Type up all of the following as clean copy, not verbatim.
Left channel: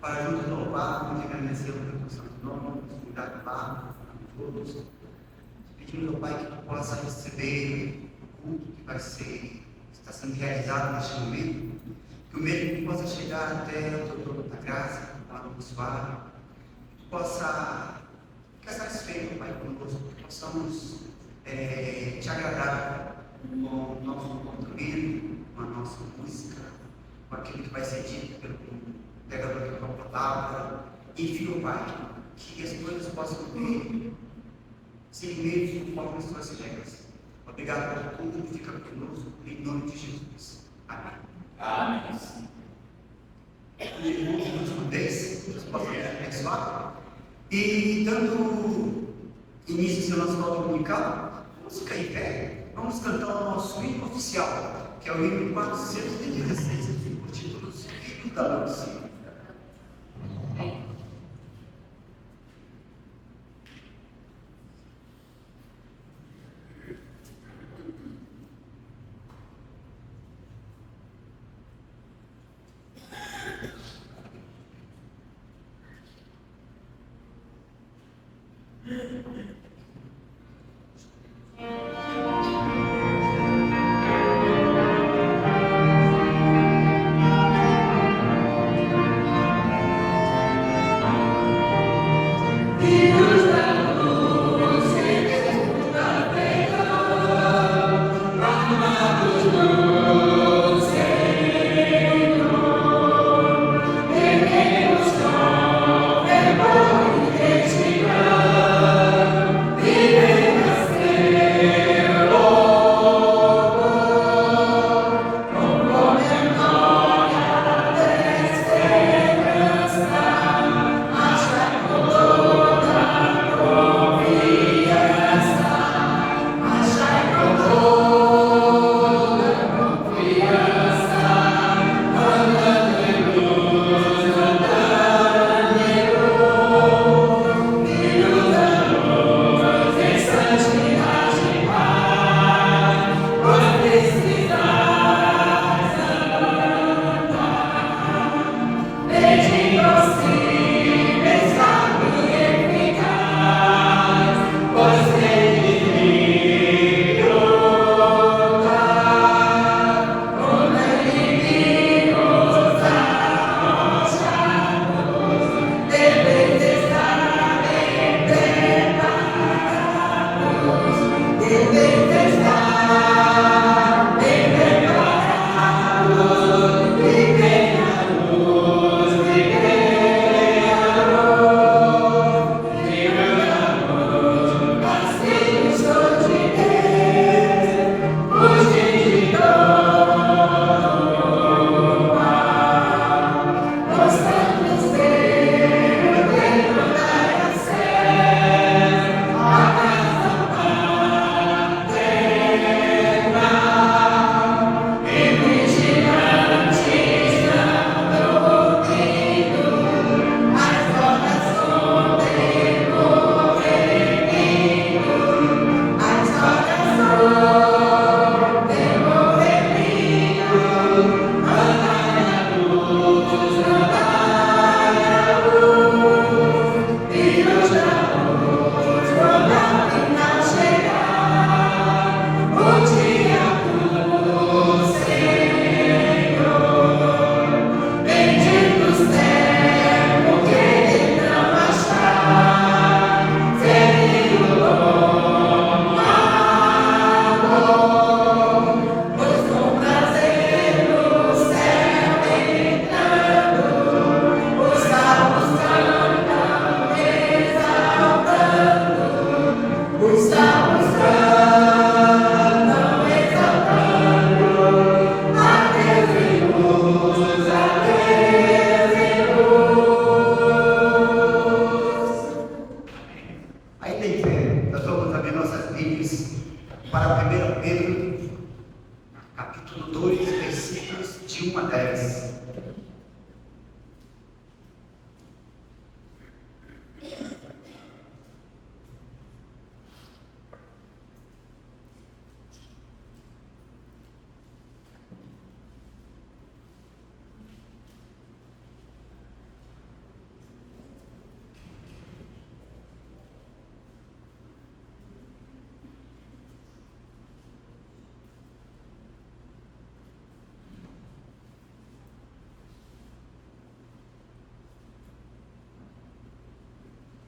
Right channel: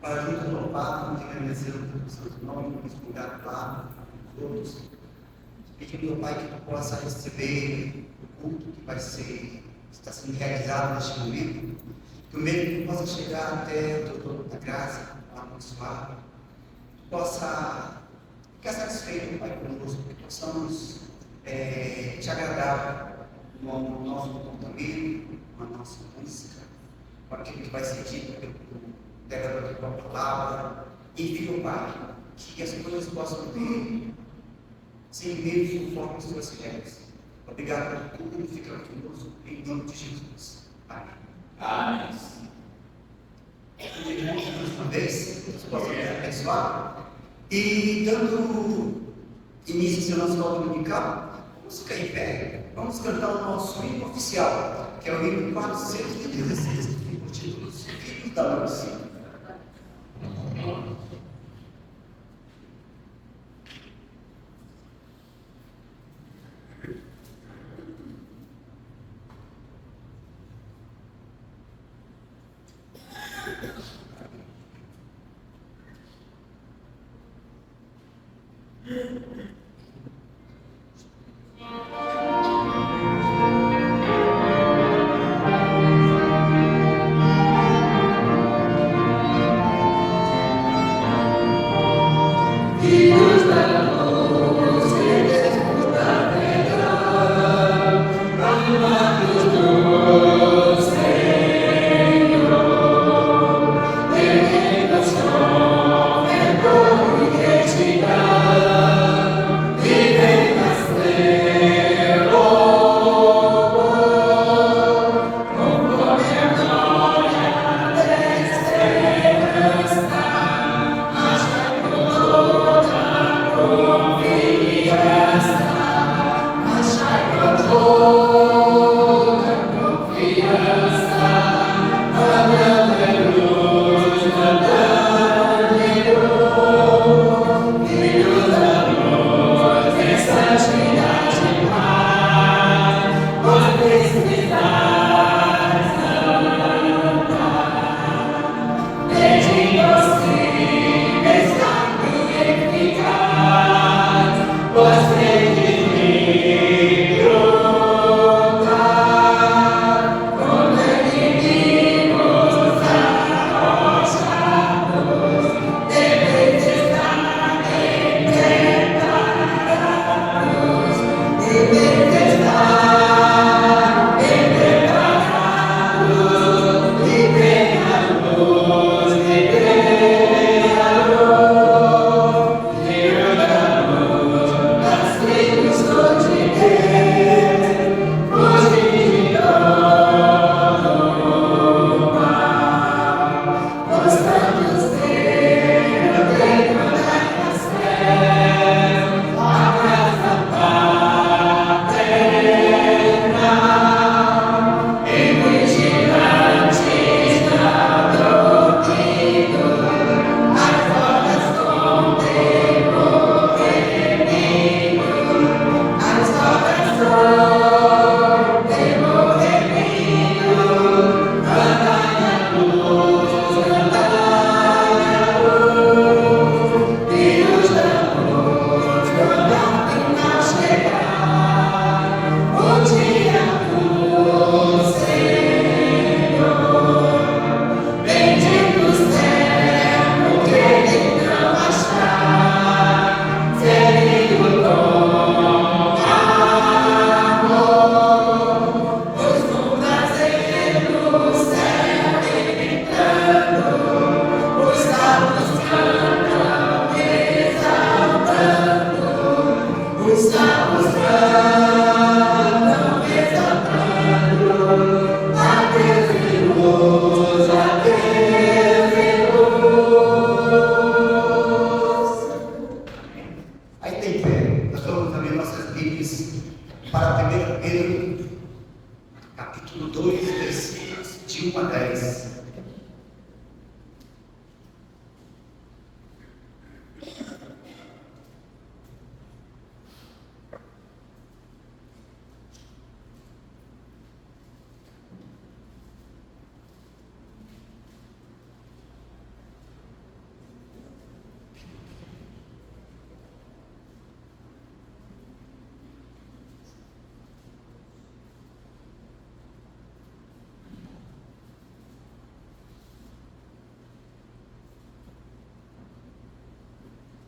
para juntos louvar, vamos agradecer o santo nome, nos cuidar do lado, todos. Pedindo, meu Pai, que tu possa receber o culto que está sendo realizado neste momento, que o mesmo possa chegar até o teu trono da graça, abençoar, que tu possa ficar satisfeito, Pai, conosco, que possamos te agradar com o nosso comportamento, com a nossa música, com aquilo que vai ser dito pelo pregador da tua palavra. Enfim, Pai, que as coisas possam ter sem meios conforme as tuas regras. Obrigado por tudo, fica conosco, em nome de Jesus. Amém. Amém. Irmãos, mais uma vez, vocês possam me abençoar. E dando início ao nosso voto dominical, vamos ficar em pé. Vamos cantar o nosso hino oficial, que é o hino 416, que fica o título dos Filhos da Luz.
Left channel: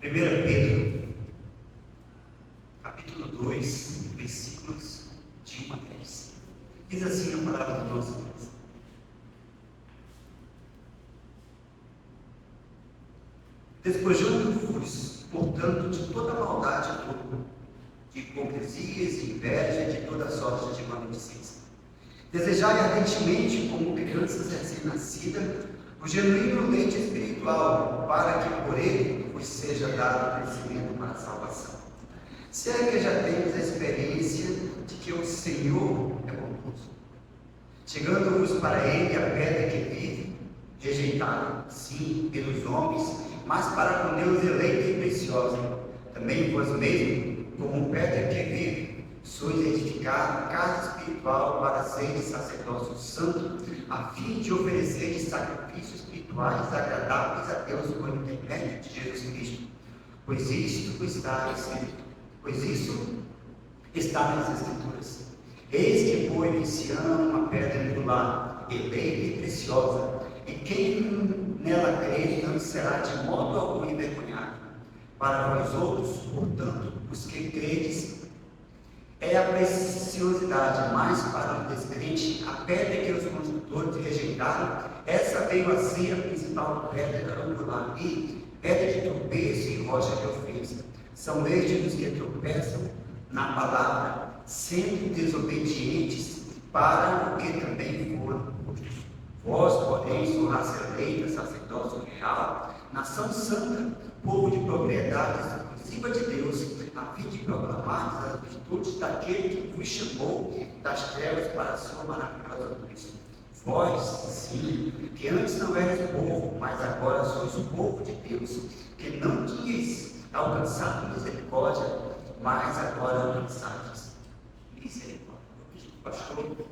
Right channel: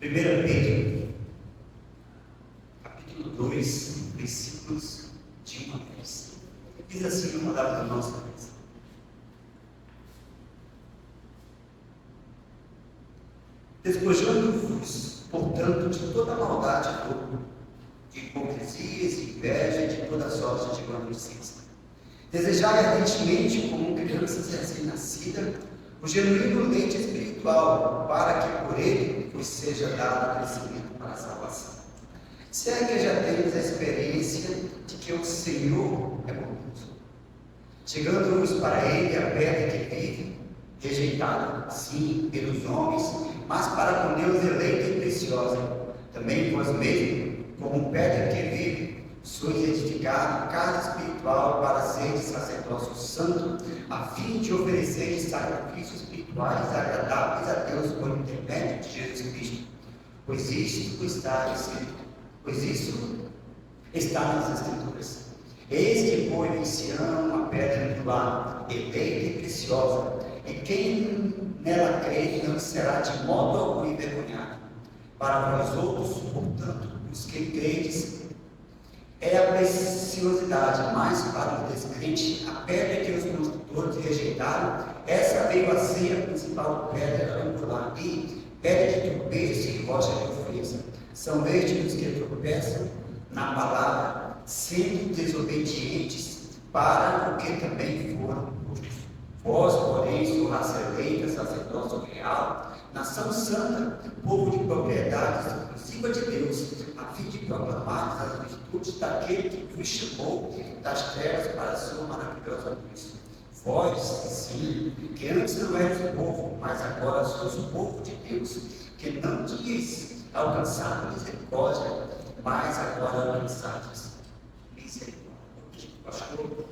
1 Pedro, capítulo 2, versículos de 1 a 10. Diz assim a palavra do nosso Deus. Despojando-vos, portanto, de toda maldade de hipocrisias, de inveja e de toda sorte de maledicência. Desejai ardentemente, como crianças recém-nascidas, o genuíno leite espiritual, para que por ele vos seja dado crescimento para a salvação. Se é que já temos a experiência de que o Senhor é bondoso, chegando-vos para ele a pedra que vive, rejeitada, sim, pelos homens, mas para com Deus eleita e preciosa. Também vós mesmos, como pedra que vive, sois edificado casa espiritual para ser sacerdócio santo, a fim de oferecer sacrifícios espirituais agradáveis a Deus por intermédio de Jesus Cristo. Pois isso está nas Escrituras. Eis que põe em Sião a pedra angular, eleita e preciosa, e quem nela crê não será de modo algum envergonhado. Para vós outros, portanto, os que credes, é a preciosidade, mas para o descrente, a pedra que os construtores rejeitaram, essa veio a ser a principal pedra angular, e pedra de tropeço e rocha de ofensa. São estes os que tropeçam na palavra, sendo desobedientes para o que também foram justos. Vós, porém, sois raça eleita, sacerdócio real, nação santa, povo de propriedade exclusiva de Deus, a fim de proclamar as virtudes daquele que vos chamou das trevas para a sua maravilhosa luz. Vós, sim, que antes não eras povo, mas agora sois o povo de Deus, que não tinhas alcançado misericórdia, mas agora alcançaste misericórdia. Pastor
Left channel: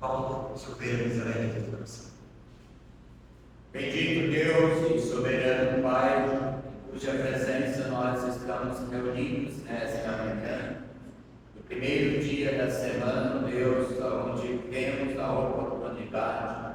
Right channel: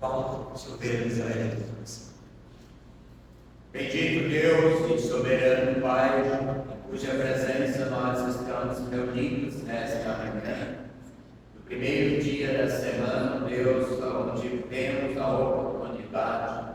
Paulo Silveira, Israel de França. Bendito Deus e soberano Pai, em cuja presença nós estamos reunidos nesta manhã, no primeiro dia da semana, Deus, onde temos a oportunidade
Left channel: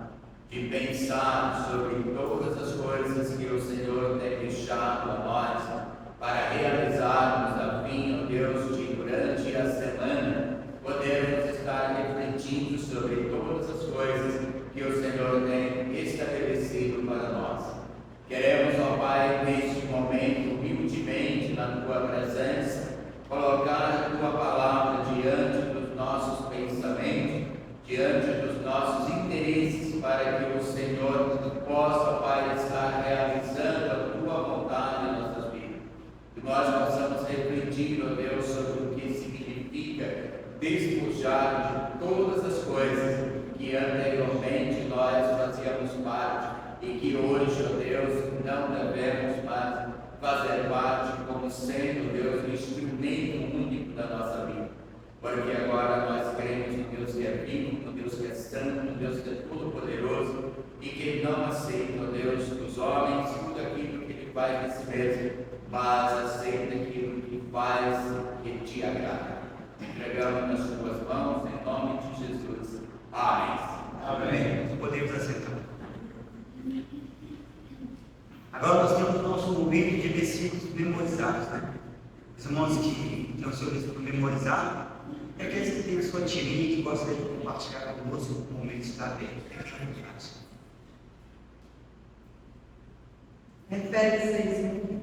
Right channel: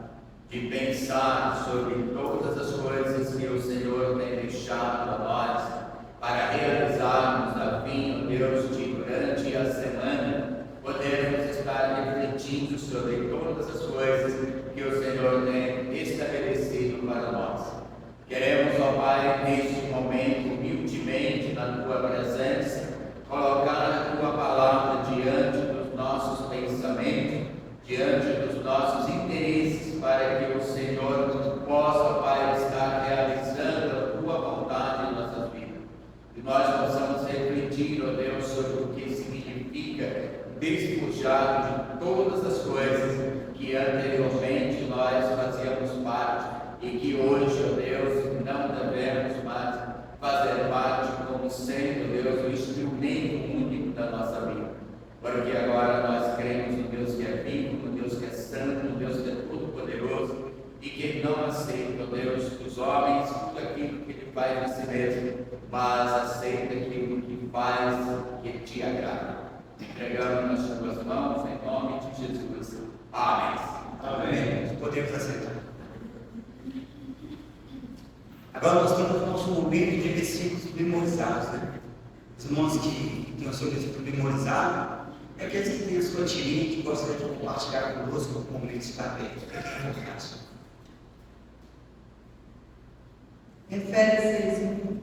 de pensar sobre todas as coisas que o Senhor tem deixado a nós para realizarmos a fim, ó Deus, de durante a semana podermos estar refletindo sobre todas as coisas que o Senhor tem estabelecido para nós. Queremos, ó Pai, neste momento, humildemente na Tua presença, colocar a Tua palavra diante dos nossos pensamentos, diante dos nossos interesses, para que o Senhor possa, ó Pai, estar realizando a Tua vontade em nossas vidas. Que nós possamos refletir, ó Deus, sobre o que significa despojar de todas as coisas que anteriormente nós fazíamos parte e que hoje, ó Deus, não devemos mais fazer parte como sendo, Deus, o instrumento único da nossa vida. Porque agora nós cremos no Deus que é vivo, no Deus que é santo, no Deus que é todo-poderoso e que não aceita, ó Deus, dos homens tudo aquilo que Ele faz de si mesmo, mas aceita aquilo que faz que te agrada. Entregamos nas Tuas mãos, em nome de Jesus. Amém. Amém. Podemos aceitar. Agora nós temos o nosso momento de versículos memorizados, né? Os irmãos que têm o seu versículo memorizado, é aqueles que têm a sua tirinha e que gostam de compartilhar conosco o momento de estar bem. Efésios 6:1.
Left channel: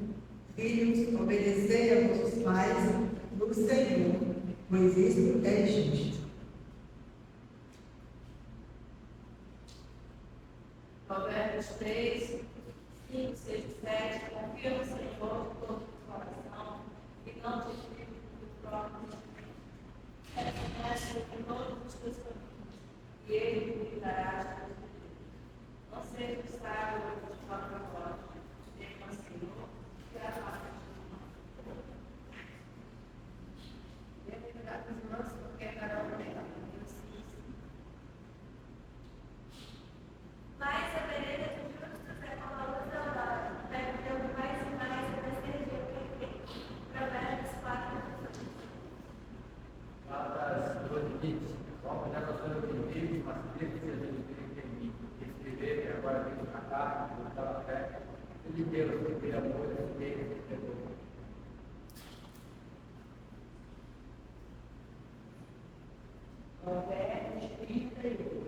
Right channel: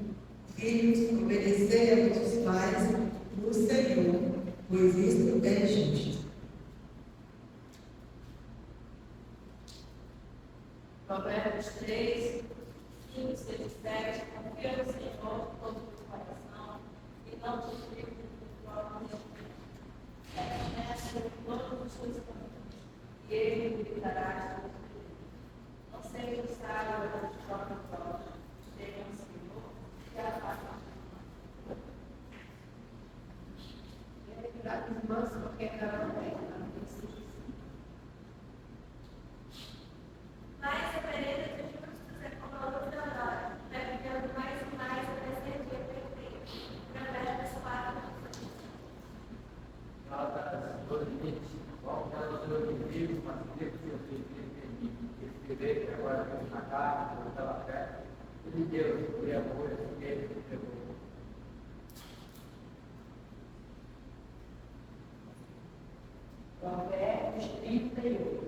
Filhos, obedecei a vossos pais no Senhor, pois isto é justo. Provérbios 3, 5, 6 e 7. Confia no Senhor de todo o coração e não te fie do próprio entendimento. Reconhece em todos os teus caminhos e Ele te guiará. Não seja sábio de própria voz, tema o Senhor e a paz. Deve dar as mãos porque cada um tem. Mas a vereda de justos é como a luz da aurora, vai brilhando mais e mais até ser dia perfeito. Provérbios 4, 18. de Deus, de amor, de Deus, de amor. Provérbios 38.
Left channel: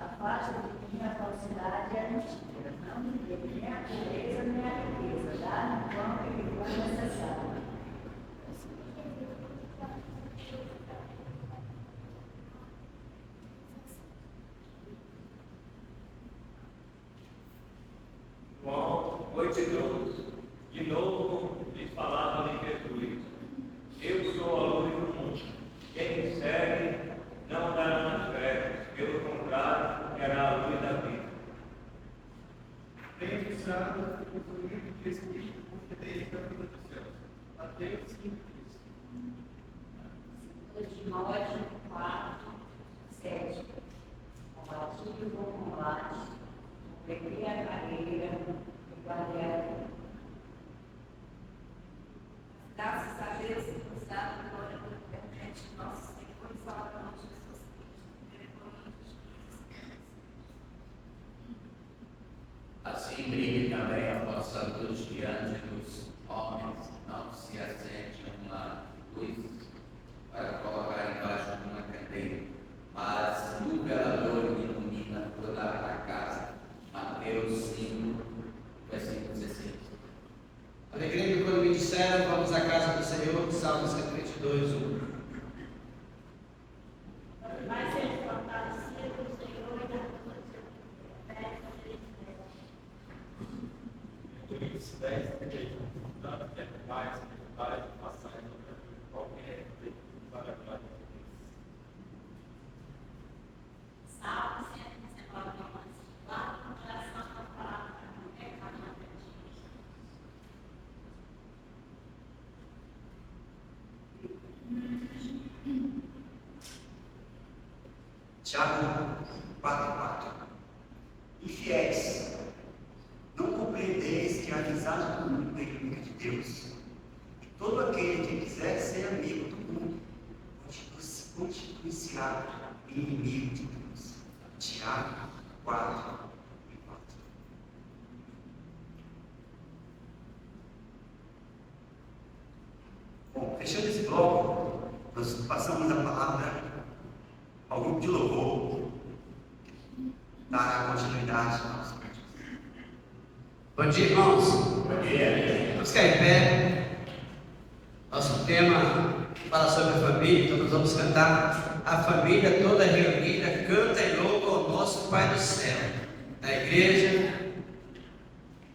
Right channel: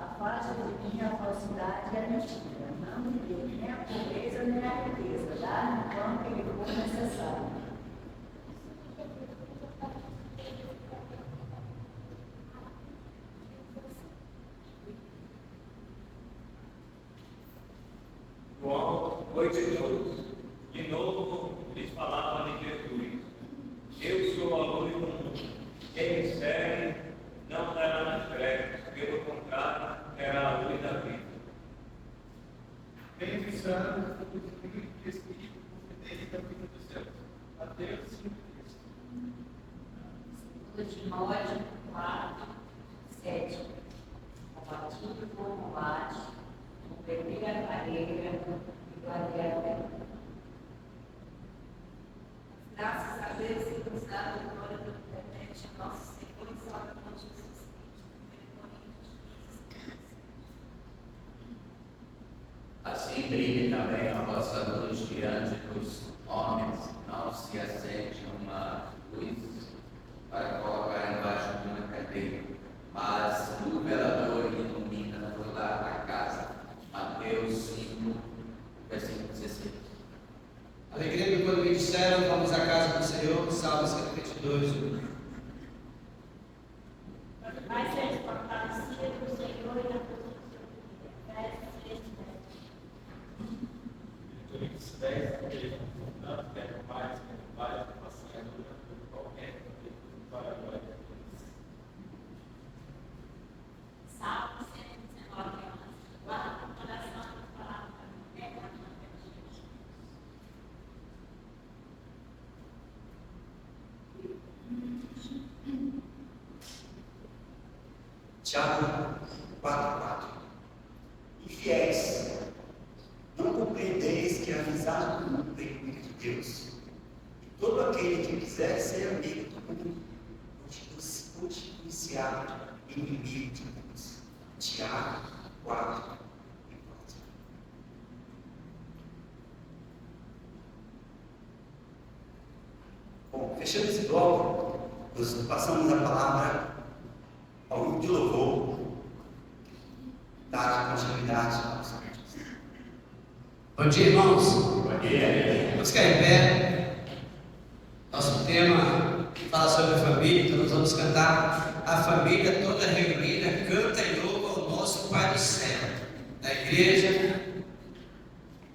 Afasta de mim a falsidade e a mentira. Não me dê nem a pobreza nem a riqueza. Dá-me quanto lhe for necessário. João 8:12. De novo lhes falava de Jesus. Eu sou a luz do mundo. Quem me segue não andará nas trevas, pelo contrário, terá a luz da vida. Bem-aventurado o filho de Espírito, porque dele é a vida dos céus. Mateus 5:3. 2 Timóteo 4, 7. Compartilhe o bom combate, cumprir a carreira e guardar a fé. Graças a Deus e nos dá a glória pela internet, nosso Senhor e Salvador Jesus Cristo. 1 Coríntios 15. Assim brilhe também a vossa luz diante dos homens, não se acende uma luz para colocar embaixo de uma candeia, mas no velador ilumina toda a casa. Mateus 5, versículo 16. Alegrei-me quando me disseram, vamos à casa do Senhor, Salmo 122:1. Vai ser fortalecido do Senhor e da força do seu Efésios 3:10. Coríntios 10:3. Portanto, quer mais, passar em qualquer tempo para a glória de Deus. Salmo 119, lá no coração da palavra, é caminhada de Jesus. Tiago 4:4. Infiéis, não compreendeis que a amizade do mundo é inimiga de Deus. E todo aquele que quiser ser amigo do mundo constitui-se-á inimigo de Deus. Tiago 4:4. Bom, fechando esse bloco, nós passamos a palavra ao grupo de louvor, dará continuidade aos cantos. Bom dia, irmãos. Bom dia. Vamos ficar em pé. Nosso tema fala sobre a família, então nós vamos cantar a família toda reunida, canta e louva ao nosso Pai do céu. Na igreja,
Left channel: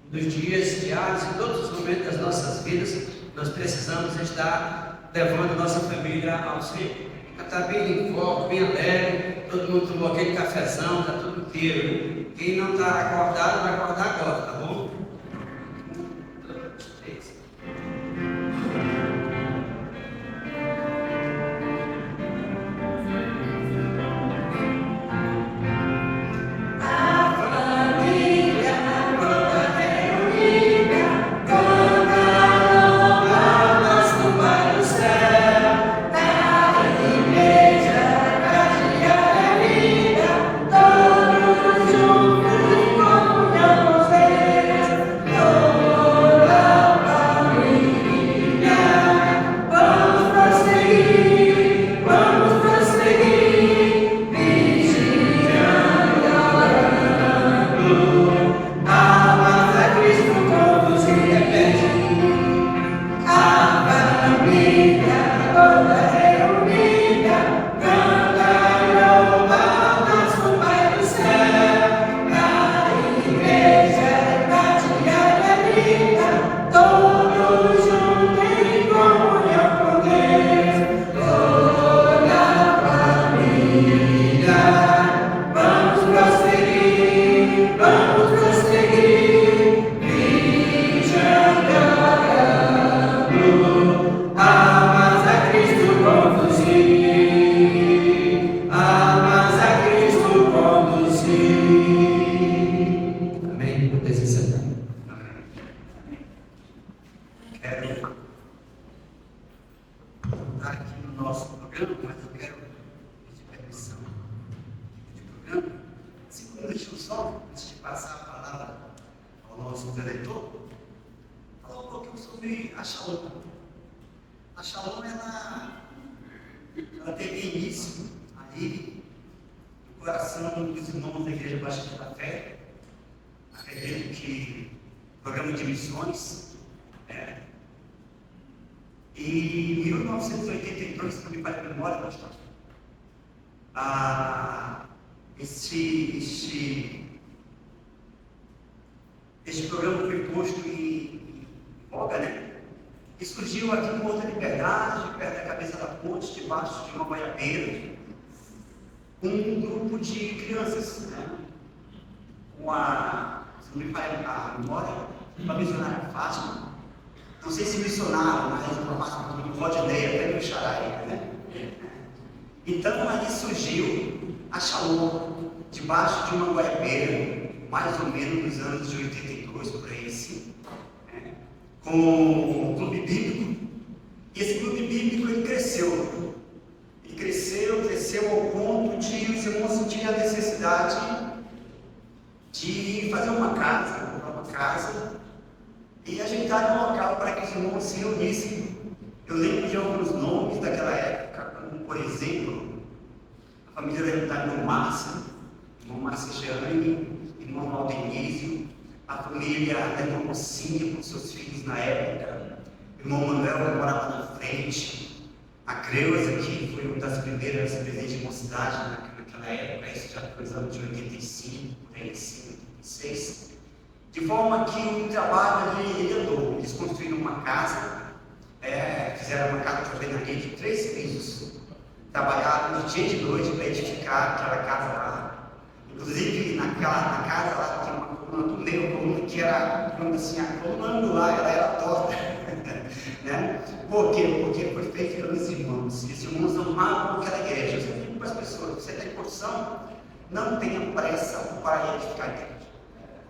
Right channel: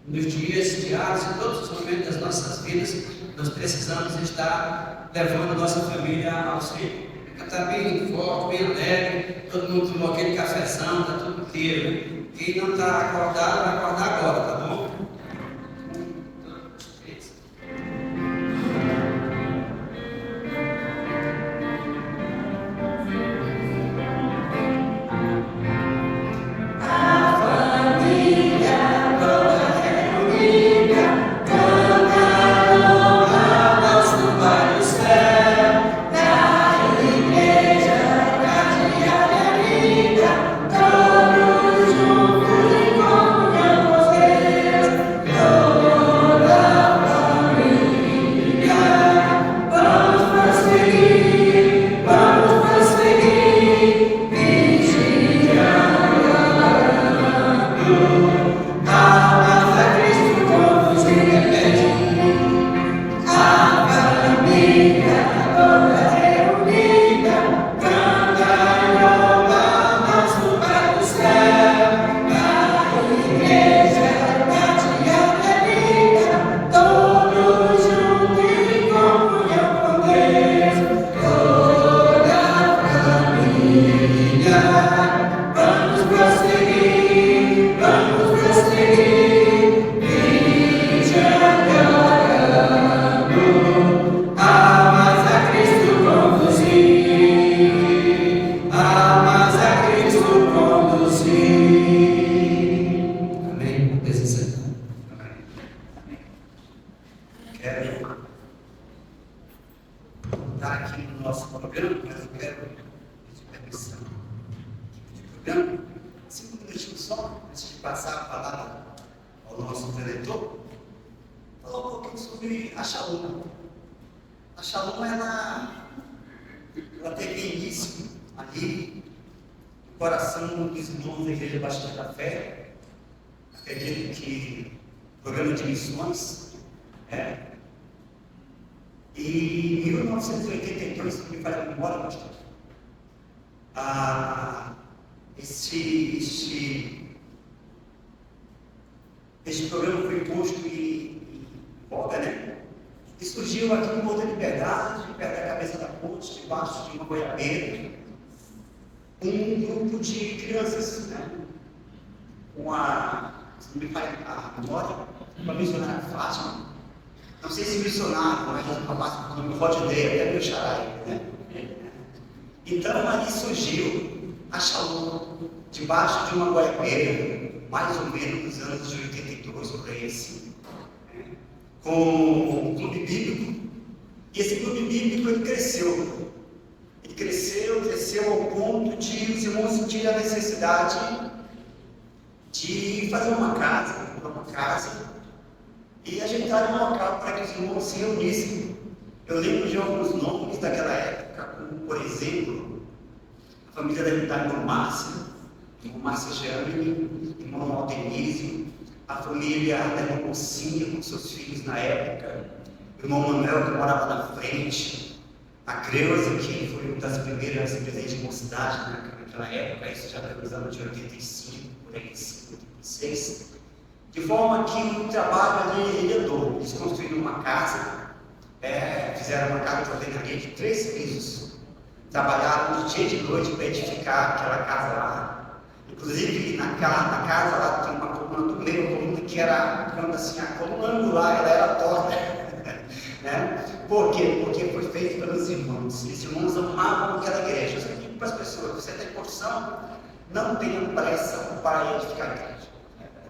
nos dias diários, em todos os momentos das nossas vidas, nós precisamos estar levando a nossa família ao Senhor. Está bem forte, bem alegre, todo mundo tomou aquele cafezão, está tudo inteiro. Quem não está acordado, vai acordar agora, tá bom? 1, 2, 3. Todos juntos em comunhão. nosso preletor, falou um pouquinho sobre a Shalom. A Shalom, ela teve início ali no coração dos irmãos da Igreja Batista da Fé. Acredito que programa de missões, E em 1982, se não me falha a memória, pastor, este programa foi posto em voga, né? E surgiu aqui em Morro da Liberdade, perto da cabeça da ponte, debaixo de uma goiabeira, um grupo de crianças, né? Se não me falha a memória, uma missionária Fátima. Não sei se missionário, mas não pode ideia, até meu xará, né? Então ali surgiu a Shalom, debaixo de uma goiabeira, mais ou menos nos anos de 82, por aí assim, com um clube bíblico. E esse clube bíblico ele cresceu. Ele cresceu ao ponto de os irmãos sentirem a necessidade de fazer uma casa, e ajeitar um local para que os irmãos se reunissem. Eu lembro de alguns nomes daquela época, como, por exemplo, a família da irmã Márcia Jeane, irmão Aldenísio, a família da irmã Mocinha, com seus filhos na época, o irmão Manuel, que morava na frente, a Creuza, que foi uma das primeiras presidentes de mocidade naquela época, isso já foi nos anos de 85, 86. De forma que o trabalho ali ele andou. Eles construíram uma casa, fizeram uma casa de alvenaria de 3 pisos, trabalharam de dia e de noite para edificar aquela casa lá. Inclusive, na casa lá tinha uma coluna do meio, uma coluna que era, digamos assim, a coluna angular, ela era torta. Por quê? Porque foi feito pelos irmãos. E os irmãos amavam aquela igreja. Eu sempre digo para as pessoas: você tem porção, não tenha pressa para edificar a igreja.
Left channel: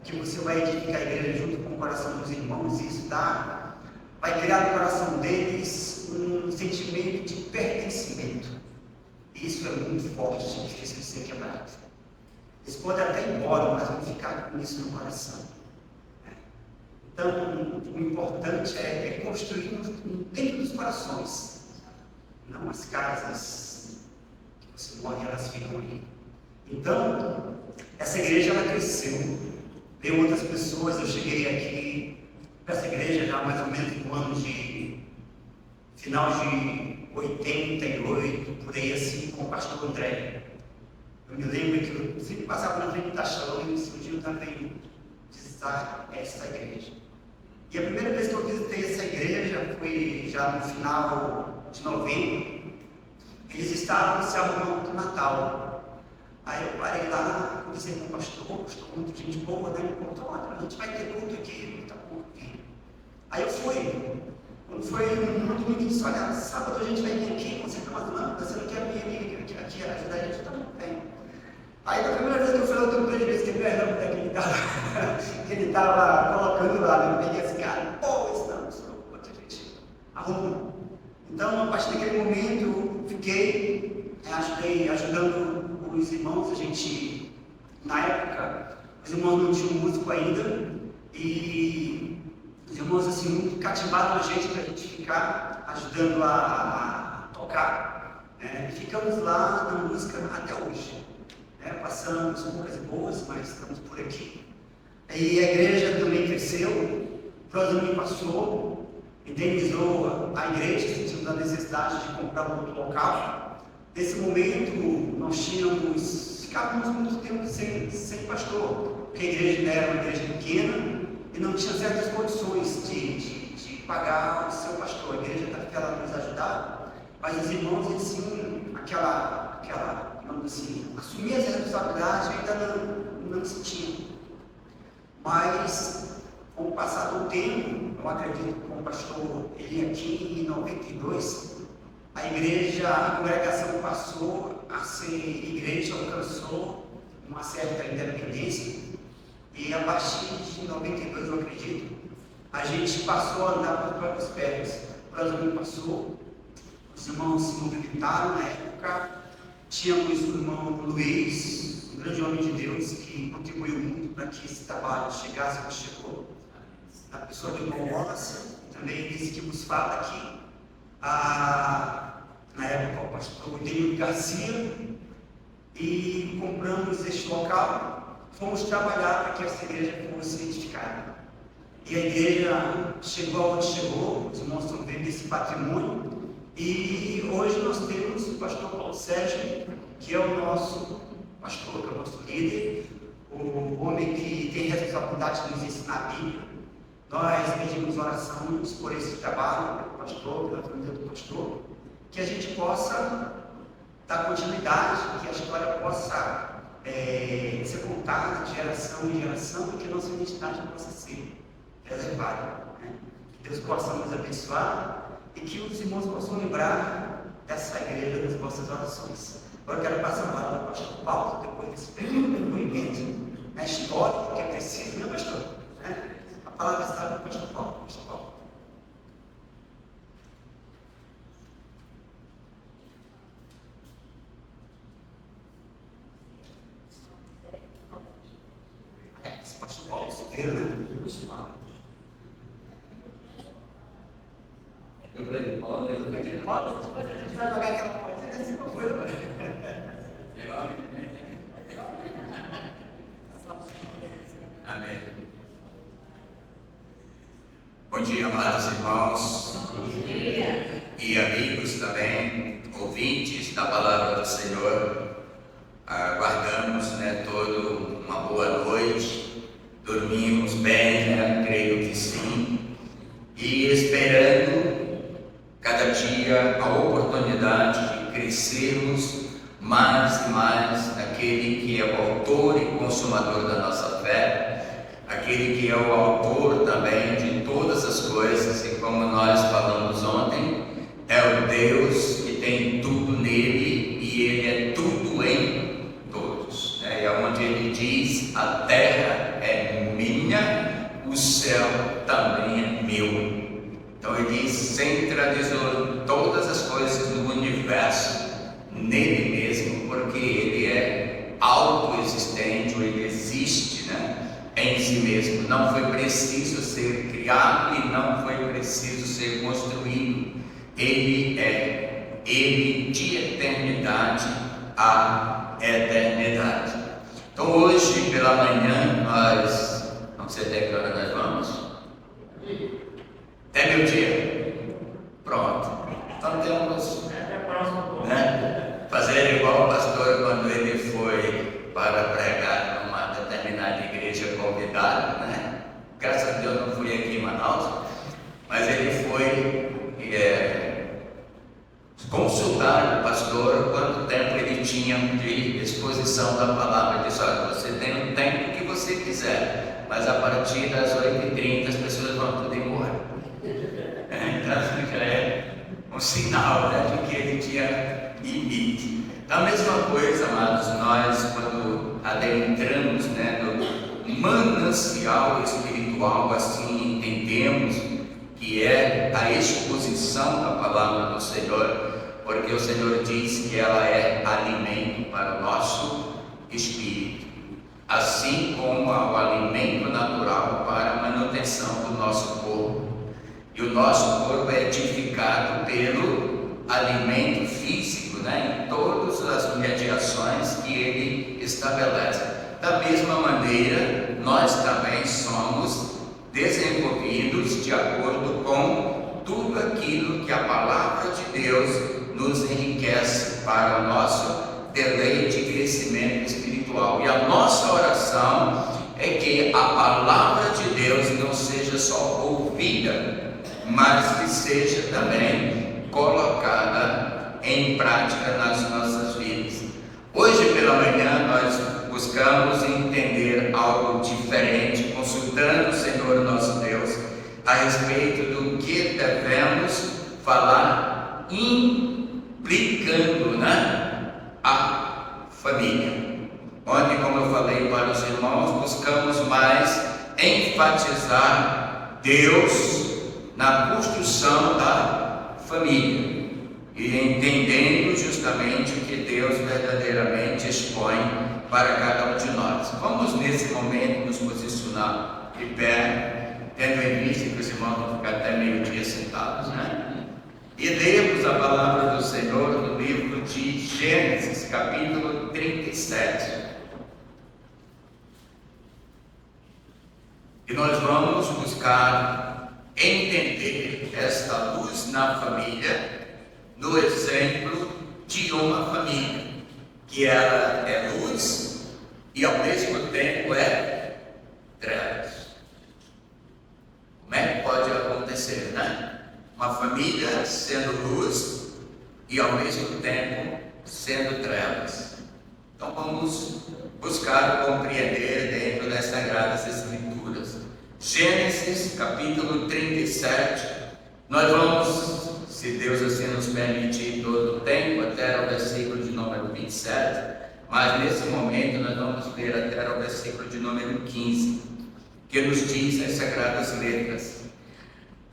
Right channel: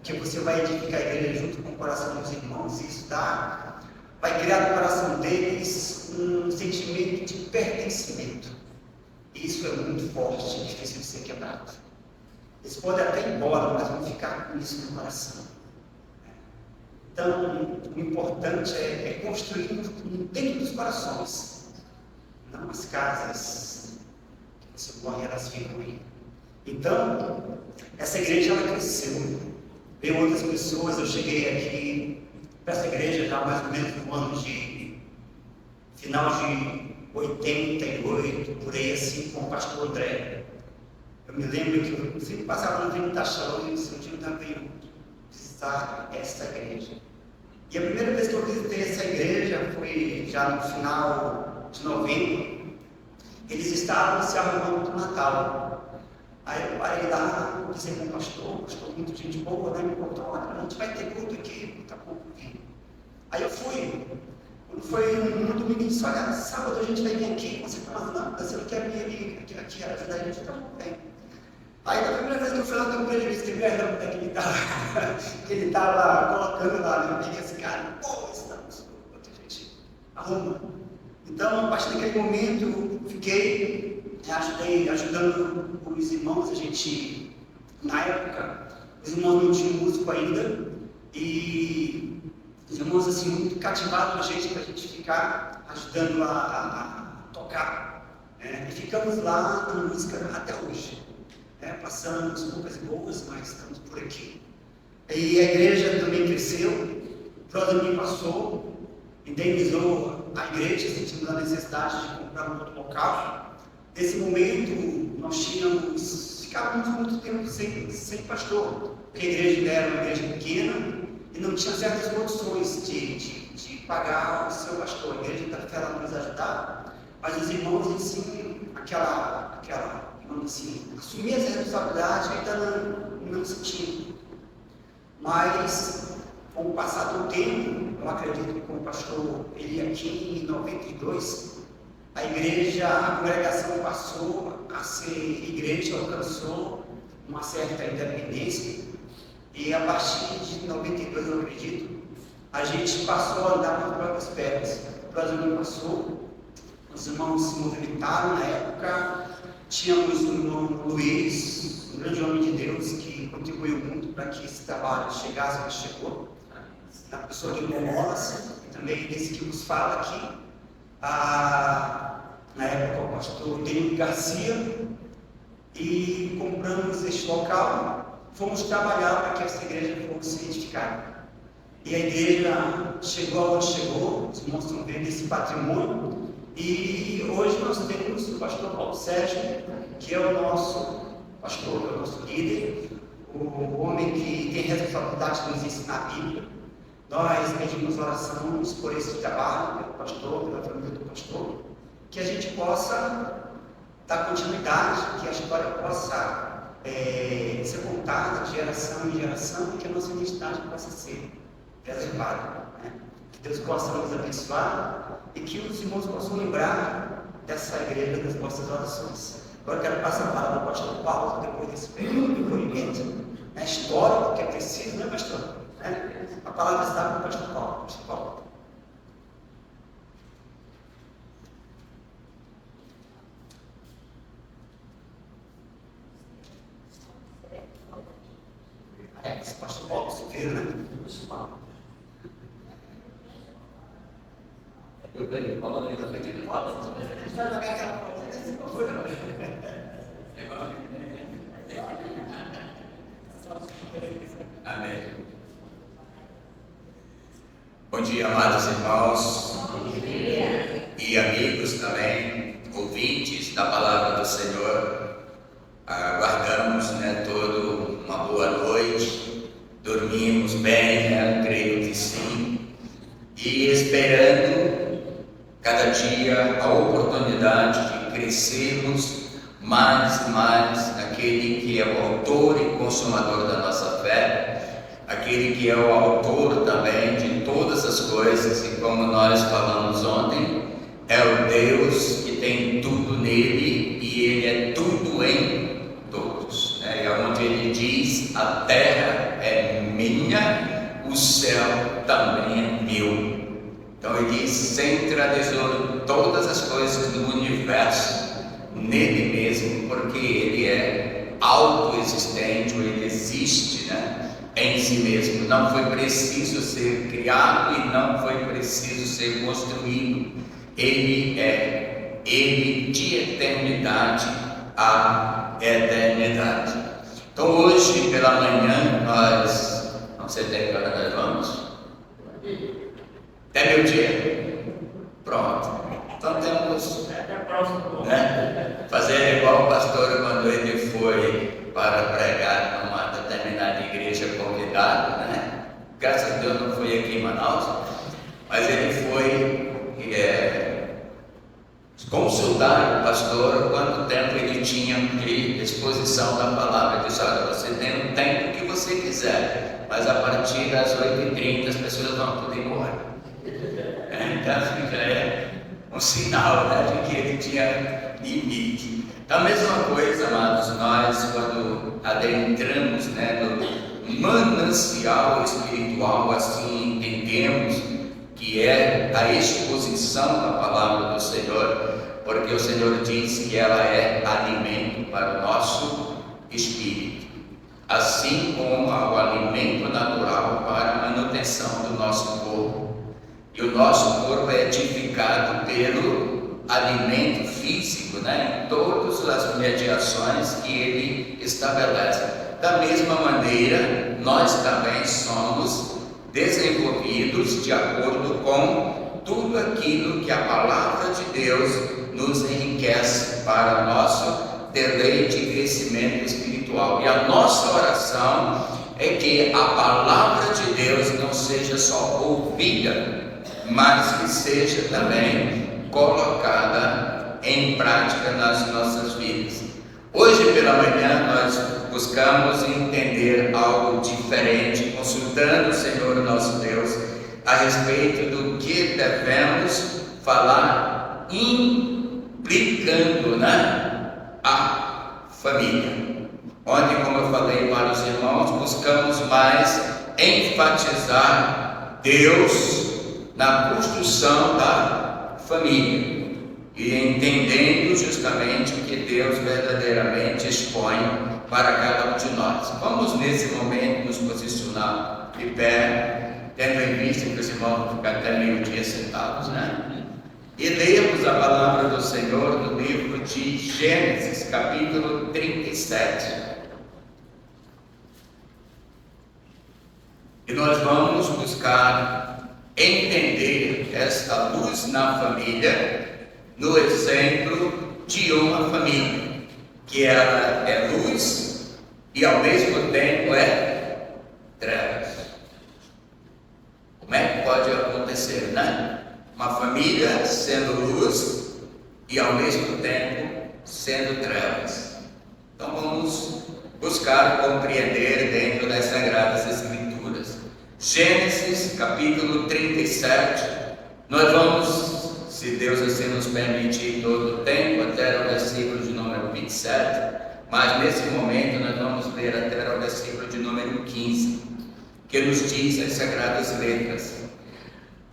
Que você vai edificar a igreja junto com o coração dos irmãos, e isso vai criar no coração deles um sentimento de pertencimento. E isso é muito forte, que precisa ser quebrado. Eles podem até ir embora, mas vão ficar com isso no coração. Então, o importante é construir dentro dos corações, não as casas que você morre, elas ficam ali. Então, essa igreja ela cresceu. Tem outras pessoas, eu cheguei aqui para essa igreja já mais ou menos no ano de final de 88, por aí assim, com o pastor André. Eu me lembro que eu sempre passava na frente da Shalom e eu também visitar esta igreja. E a primeira vez que eu visitei essa igreja foi já no final de novembro. Eles estavam se arrumando para o Natal. Aí eu parei lá, disse ao pastor, muito gente boa, né? Me contou: a gente vai ter culto aqui, tá bom. Aí eu fui. Quando foi no domingo, disse: olha, sábado a gente vai vir aqui. Você está falando, você não quer vir aqui ajudar a gente? Tá bom, tem. Aí da primeira vez que eu fui lá, eu estou ele disse: perdão, que ele estava colocando lá, né? Peguei esse cara, quanta gente arruma. Então, a partir daquele momento, eu fiquei ajudando os irmãos. A gente, na época, os irmãos não tinham músico ainda, e os irmãos assim muito cativaram a gente para a gente ficar ajudando a tocar, e ficamos lá na música até hoje, passamos poucas boas, mas estamos por aqui. E a igreja também cresceu, o Próximo passou, indenizou a igreja, sentindo a necessidade de comprar um outro local. Nesse momento, nós ficávamos muito tempo sem pastor, porque a igreja era uma igreja pequena e não tinha certas condições de pagar o seu pastor. A igreja da fé nos ajudava, mas os irmãos ensinam vamos assim, assumir essa responsabilidade ainda não se tinha. Mas, com o passar do tempo, eu acredito que com o pastor Eli aqui em 92, a igreja, a congregação passou a ser igreja, alcançou uma certa independência, e a partir de 92, eu acredito, a gente passou a andar por próprias pernas. O Brasil passou, os irmãos se movimentaram na época. Tínhamos o irmão Luiz, um grande homem de Deus, que contribuiu muito para que esse trabalho chegasse onde chegou. na pessoa de Irmão Wallace, e também desse que nos fala aqui, na época o pastor Denil Garcia, e compramos este local, fomos trabalhar para que essa igreja fosse edificada. E a igreja chegou onde chegou, os irmãos estão vendo esse patrimônio, e hoje nós temos o pastor Paulo Sérgio, que é o nosso pastor, o nosso líder, o homem que tem responsabilidade de nos ensinar a Bíblia. Nós pedimos orações por esse trabalho, pelo pastor, pela família do pastor, que a gente possa dar continuidade, que a história possa ser contada de geração em geração, e que a nossa identidade possa ser reservada. Né? Que Deus possa nos abençoar e que os irmãos possam lembrar dessa igreja das nossas orações. Agora eu quero passar a palavra para o pastor Paulo, depois desse depoimento, a história, porque é preciso, né, pastor? A palavra está para o pastor Paulo. Pastor Paulo. Esse pastor Paulo se vê, né? Eu falei, Paulo, eu falei, Paulo, você vai jogar aquela coisa. Amém. Bom dia, amados irmãos. Bom dia. E amigos também, ouvintes da palavra do Senhor. Aguardamos, toda uma boa noite. Dormimos bem, creio que sim. E esperando cada dia a oportunidade de crescermos mais e mais naquele que é o autor e consumador da nossa fé, aquele que é o autor também de todas as coisas, e como nós falamos ontem, é o Deus que tem tudo nele e ele é tudo em todos. É onde ele diz: a terra é minha, o céu também é meu. Então ele centralizou todas as coisas do universo nele mesmo, porque ele é autoexistente, ou ele existe, em si mesmo. Não foi preciso ser criado e não foi preciso ser construído. Ele é, ele de eternidade a eternidade. Então hoje pela manhã nós, não sei até que hora nós vamos. Até meio-dia. Pronto. Então temos fazer igual o pastor quando ele foi para pregar numa determinada igreja convidado, Graças a Deus não fui aqui em Manaus, mas ele foi consultar o pastor quanto tempo ele tinha de exposição da palavra. Ele disse: olha, você tem o tempo que você quiser, mas a partir das 8h30 as pessoas vão poder ir embora. Então já é um sinal de que ele tinha limite. Da mesma coisa, amados, nós quando adentramos no manancial espiritual, assim entendemos que é a exposição da palavra do Senhor, porque o Senhor diz que ela é alimento para o nosso espírito, assim como o alimento natural para a manutenção do nosso corpo. E o nosso corpo é edificado pelo alimento físico, em todas as mediações que ele estabelece. Da mesma maneira, nós também somos desenvolvidos de acordo com tudo aquilo que a palavra de Deus nos enriquece para o nosso deleite e crescimento espiritual. E a nossa oração é que a palavra de Deus não seja só ouvida, mas que seja também colocada em prática nas nossas vidas. Hoje pela manhã nós buscamos entender algo diferente, consultando o Senhor nosso Deus a respeito do que devemos falar, implicando a família. Ontem, como eu falei para os irmãos, buscamos mais enfatizar Deus na construção da família, e entendendo justamente que Deus verdadeiramente expõe para cada um de nós. Vamos nesse momento nos posicionar de pé, tendo em vista que os irmãos vão ficar até meio-dia sentados, né? E lemos a palavra do Senhor no livro de Gênesis, capítulo 37. E nós vamos buscar entender esta luz na família no exemplo de uma família, que ela é luz e ao mesmo tempo é trevas. Como é que pode acontecer, né? Uma família sendo luz e ao mesmo tempo sendo trevas. Então vamos buscar compreender dentro das Sagradas Escrituras. Gênesis capítulo 37, nós vamos, se Deus assim nos permitir todo o tempo, até o versículo de número 27, mas nesse momento nós vamos ler até o versículo de número 15, que nos diz as Sagradas Letras:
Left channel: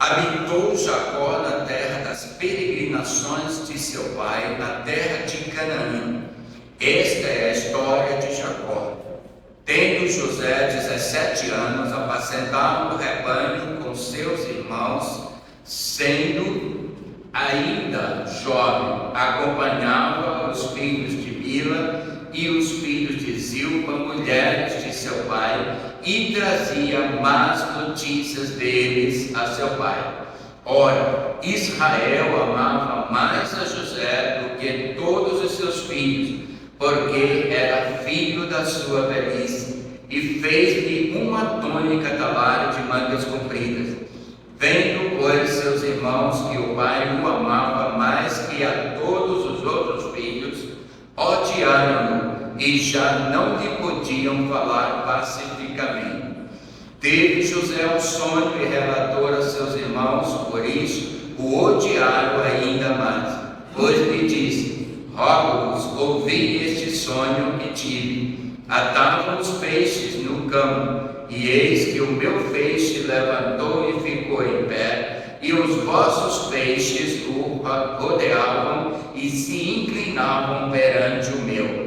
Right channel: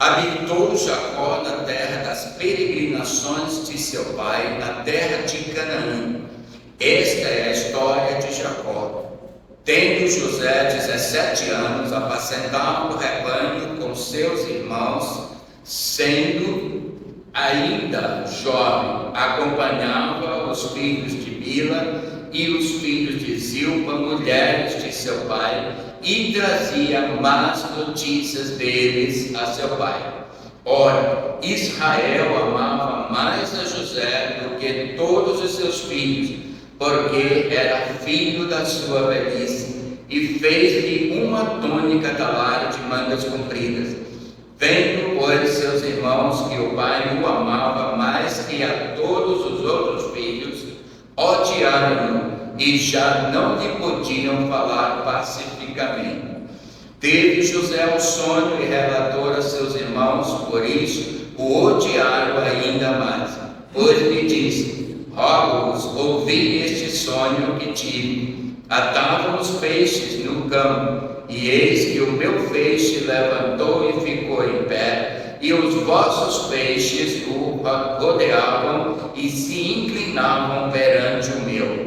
habitou Jacó na terra das peregrinações de seu pai, na terra de Canaã. Esta é a história de Jacó. Tendo José 17 anos, apacentava o rebanho com seus irmãos, sendo ainda jovem, acompanhava os filhos de Bila e os filhos de Zilpa, mulheres de seu pai, e trazia más notícias deles a seu pai. Ora, Israel amava mais a José do que todos os seus filhos, porque era filho da sua velhice, e fez-lhe uma túnica talara de mangas compridas. Vendo, pois, seus irmãos que o pai o amava mais que a todos os outros filhos, odiaram-no e já não lhe podiam falar pacificamente. Teve José um sonho e relatou a seus irmãos, por isso o odiaram ainda mais. Pois lhe disse: rogo-vos, ouvi este sonho que tive. Atavam os peixes no campo, e eis que o meu feixe levantou e ficou em pé, e os vossos peixes o rodeavam e se inclinavam perante o meu.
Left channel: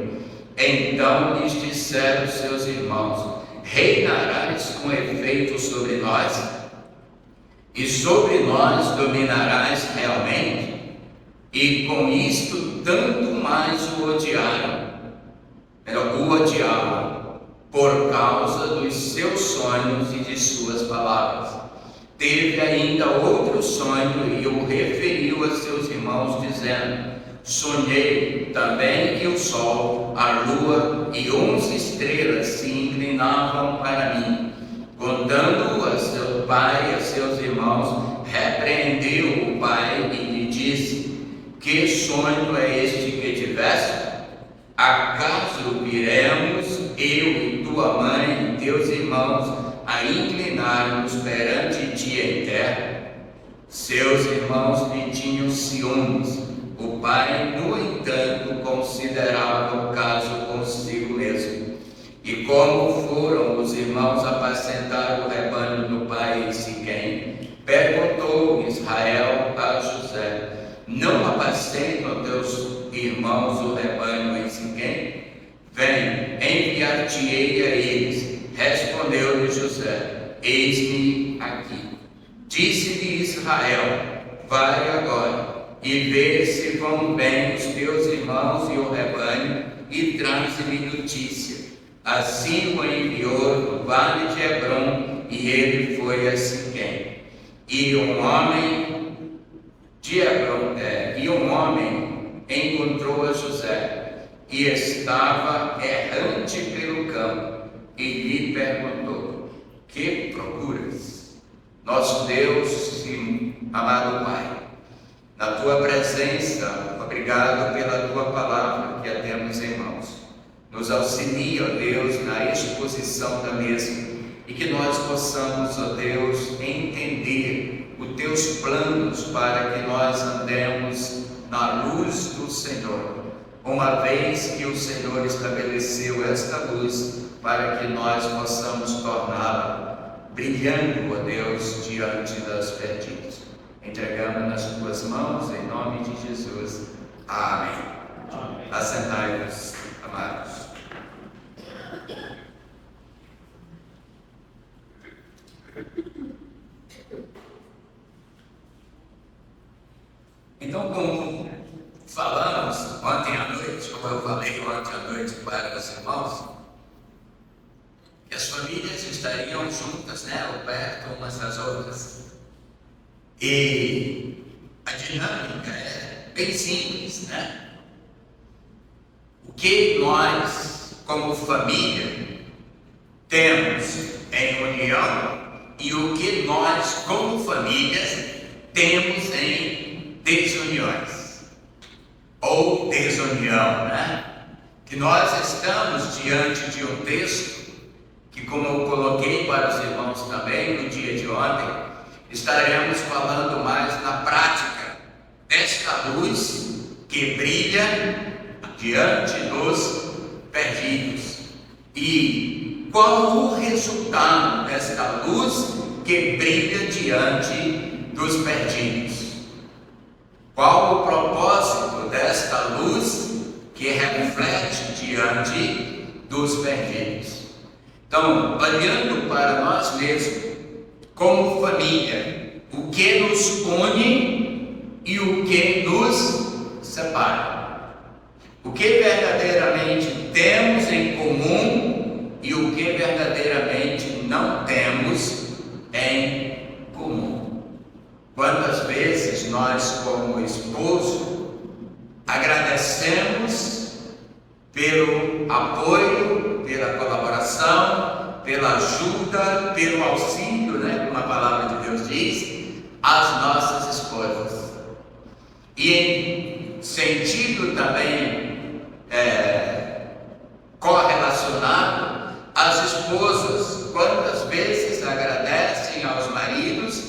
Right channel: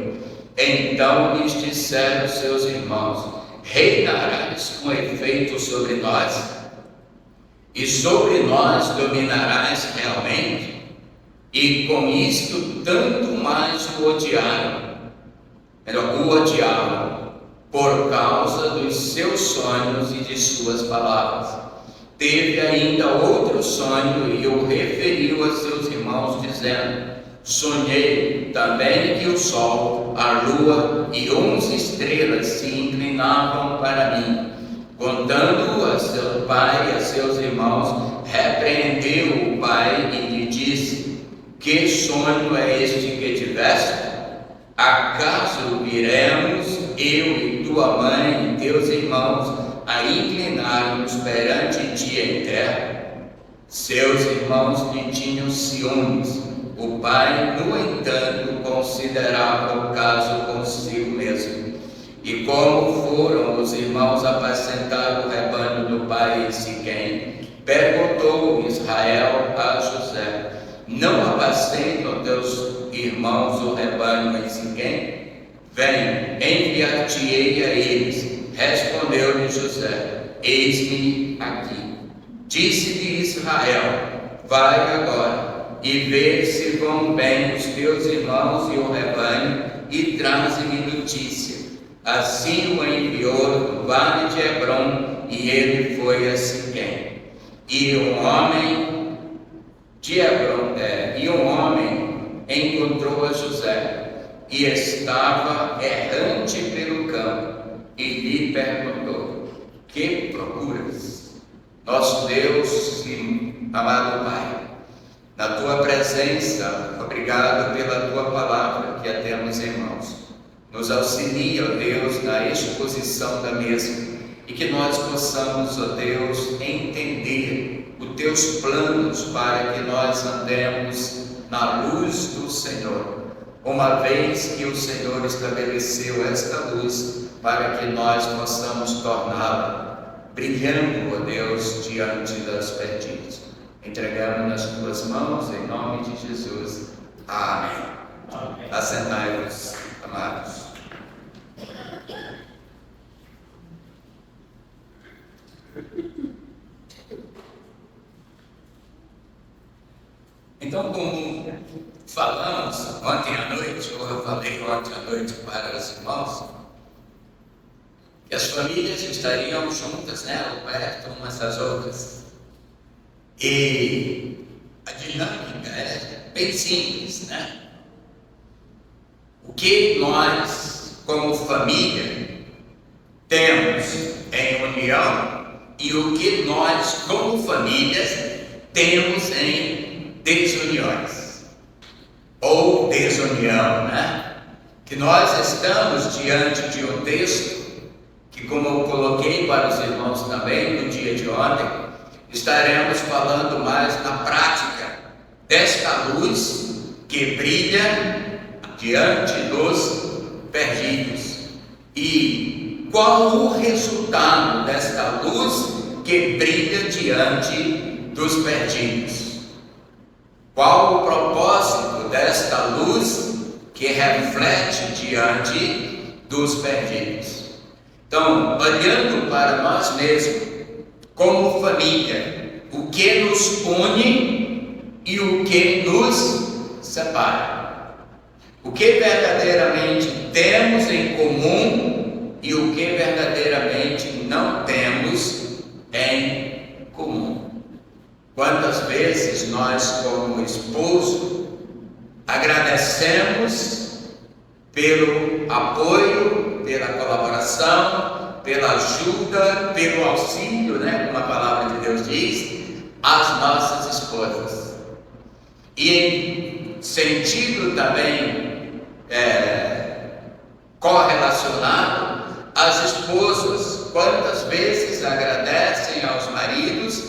Então lhes disseram seus irmãos: reinarás com efeito sobre nós? E sobre nós dominarás realmente? E com isto tanto mais o odiavam, por causa dos seus sonhos e de suas palavras. Teve ainda outro sonho e o referiu a seus irmãos, dizendo: sonhei também que o sol, a lua e 11 estrelas se inclinavam para mim. Contando a seu pai e a seus irmãos, repreendeu o pai e lhe disse: que sonho é este que tiveste? Acaso viremos, eu e tua mãe e teus irmãos, a inclinar-nos perante ti em terra? Seus irmãos lhe tinham ciúmes. O pai, no entanto, considerava o caso consigo mesmo. E como foram os irmãos apacentar o rebanho do pai em Siquém, perguntou Israel a José: não apacentam teus irmãos o rebanho em Siquém? Vem, enviar-te-ei a eles. Respondeu-lhe José: eis-me aqui. Disse-lhe Israel: vai agora e vê se vão bem os teus irmãos e o rebanho, e traze-me notícia. Assim o enviou do vale de Hebrom, e ele foi a Siquém. E um homem encontrou a José, e estava errante pelo campo, e lhe perguntou: que procuras? Nosso Deus e amado Pai, na tua presença, obrigado pela tua palavra que a temos em mãos. Nos auxilia, ó Deus, na exposição da mesma, e que nós possamos, ó Deus, entender os teus planos para que nós andemos na luz do Senhor, uma vez que o Senhor estabeleceu esta luz para que nós possamos torná-la brilhando, ó Deus, diante das perdidas. Entregamos nas tuas mãos, em nome de Jesus. Amém. Amém. Assentai-vos, amados. Então, como falamos ontem à noite, ou eu falei ontem à noite para os irmãos, que as famílias estariam juntas, né, perto umas das outras. E a dinâmica é bem simples, né? O que nós, como família, temos em união e o que nós, como famílias, temos em desuniões ou desunião, né? Que nós estamos diante de um texto que, como eu coloquei para os irmãos também no dia de ontem, estaremos falando mais na prática desta luz que brilha diante dos perdidos. E qual o resultado desta luz que brilha diante dos perdidos? Qual o propósito desta luz que reflete diante dos perdidos? Então, olhando para nós mesmos, como família, o que nos une e o que nos separa? O que verdadeiramente temos em comum e o que verdadeiramente não temos em comum? Quantas vezes nós, como esposo, agradecemos pelo apoio, pela colaboração, pela ajuda, pelo auxílio, né, como a palavra de Deus diz, às nossas esposas. E em sentido também correlacionado, as esposas, quantas vezes agradecem aos maridos,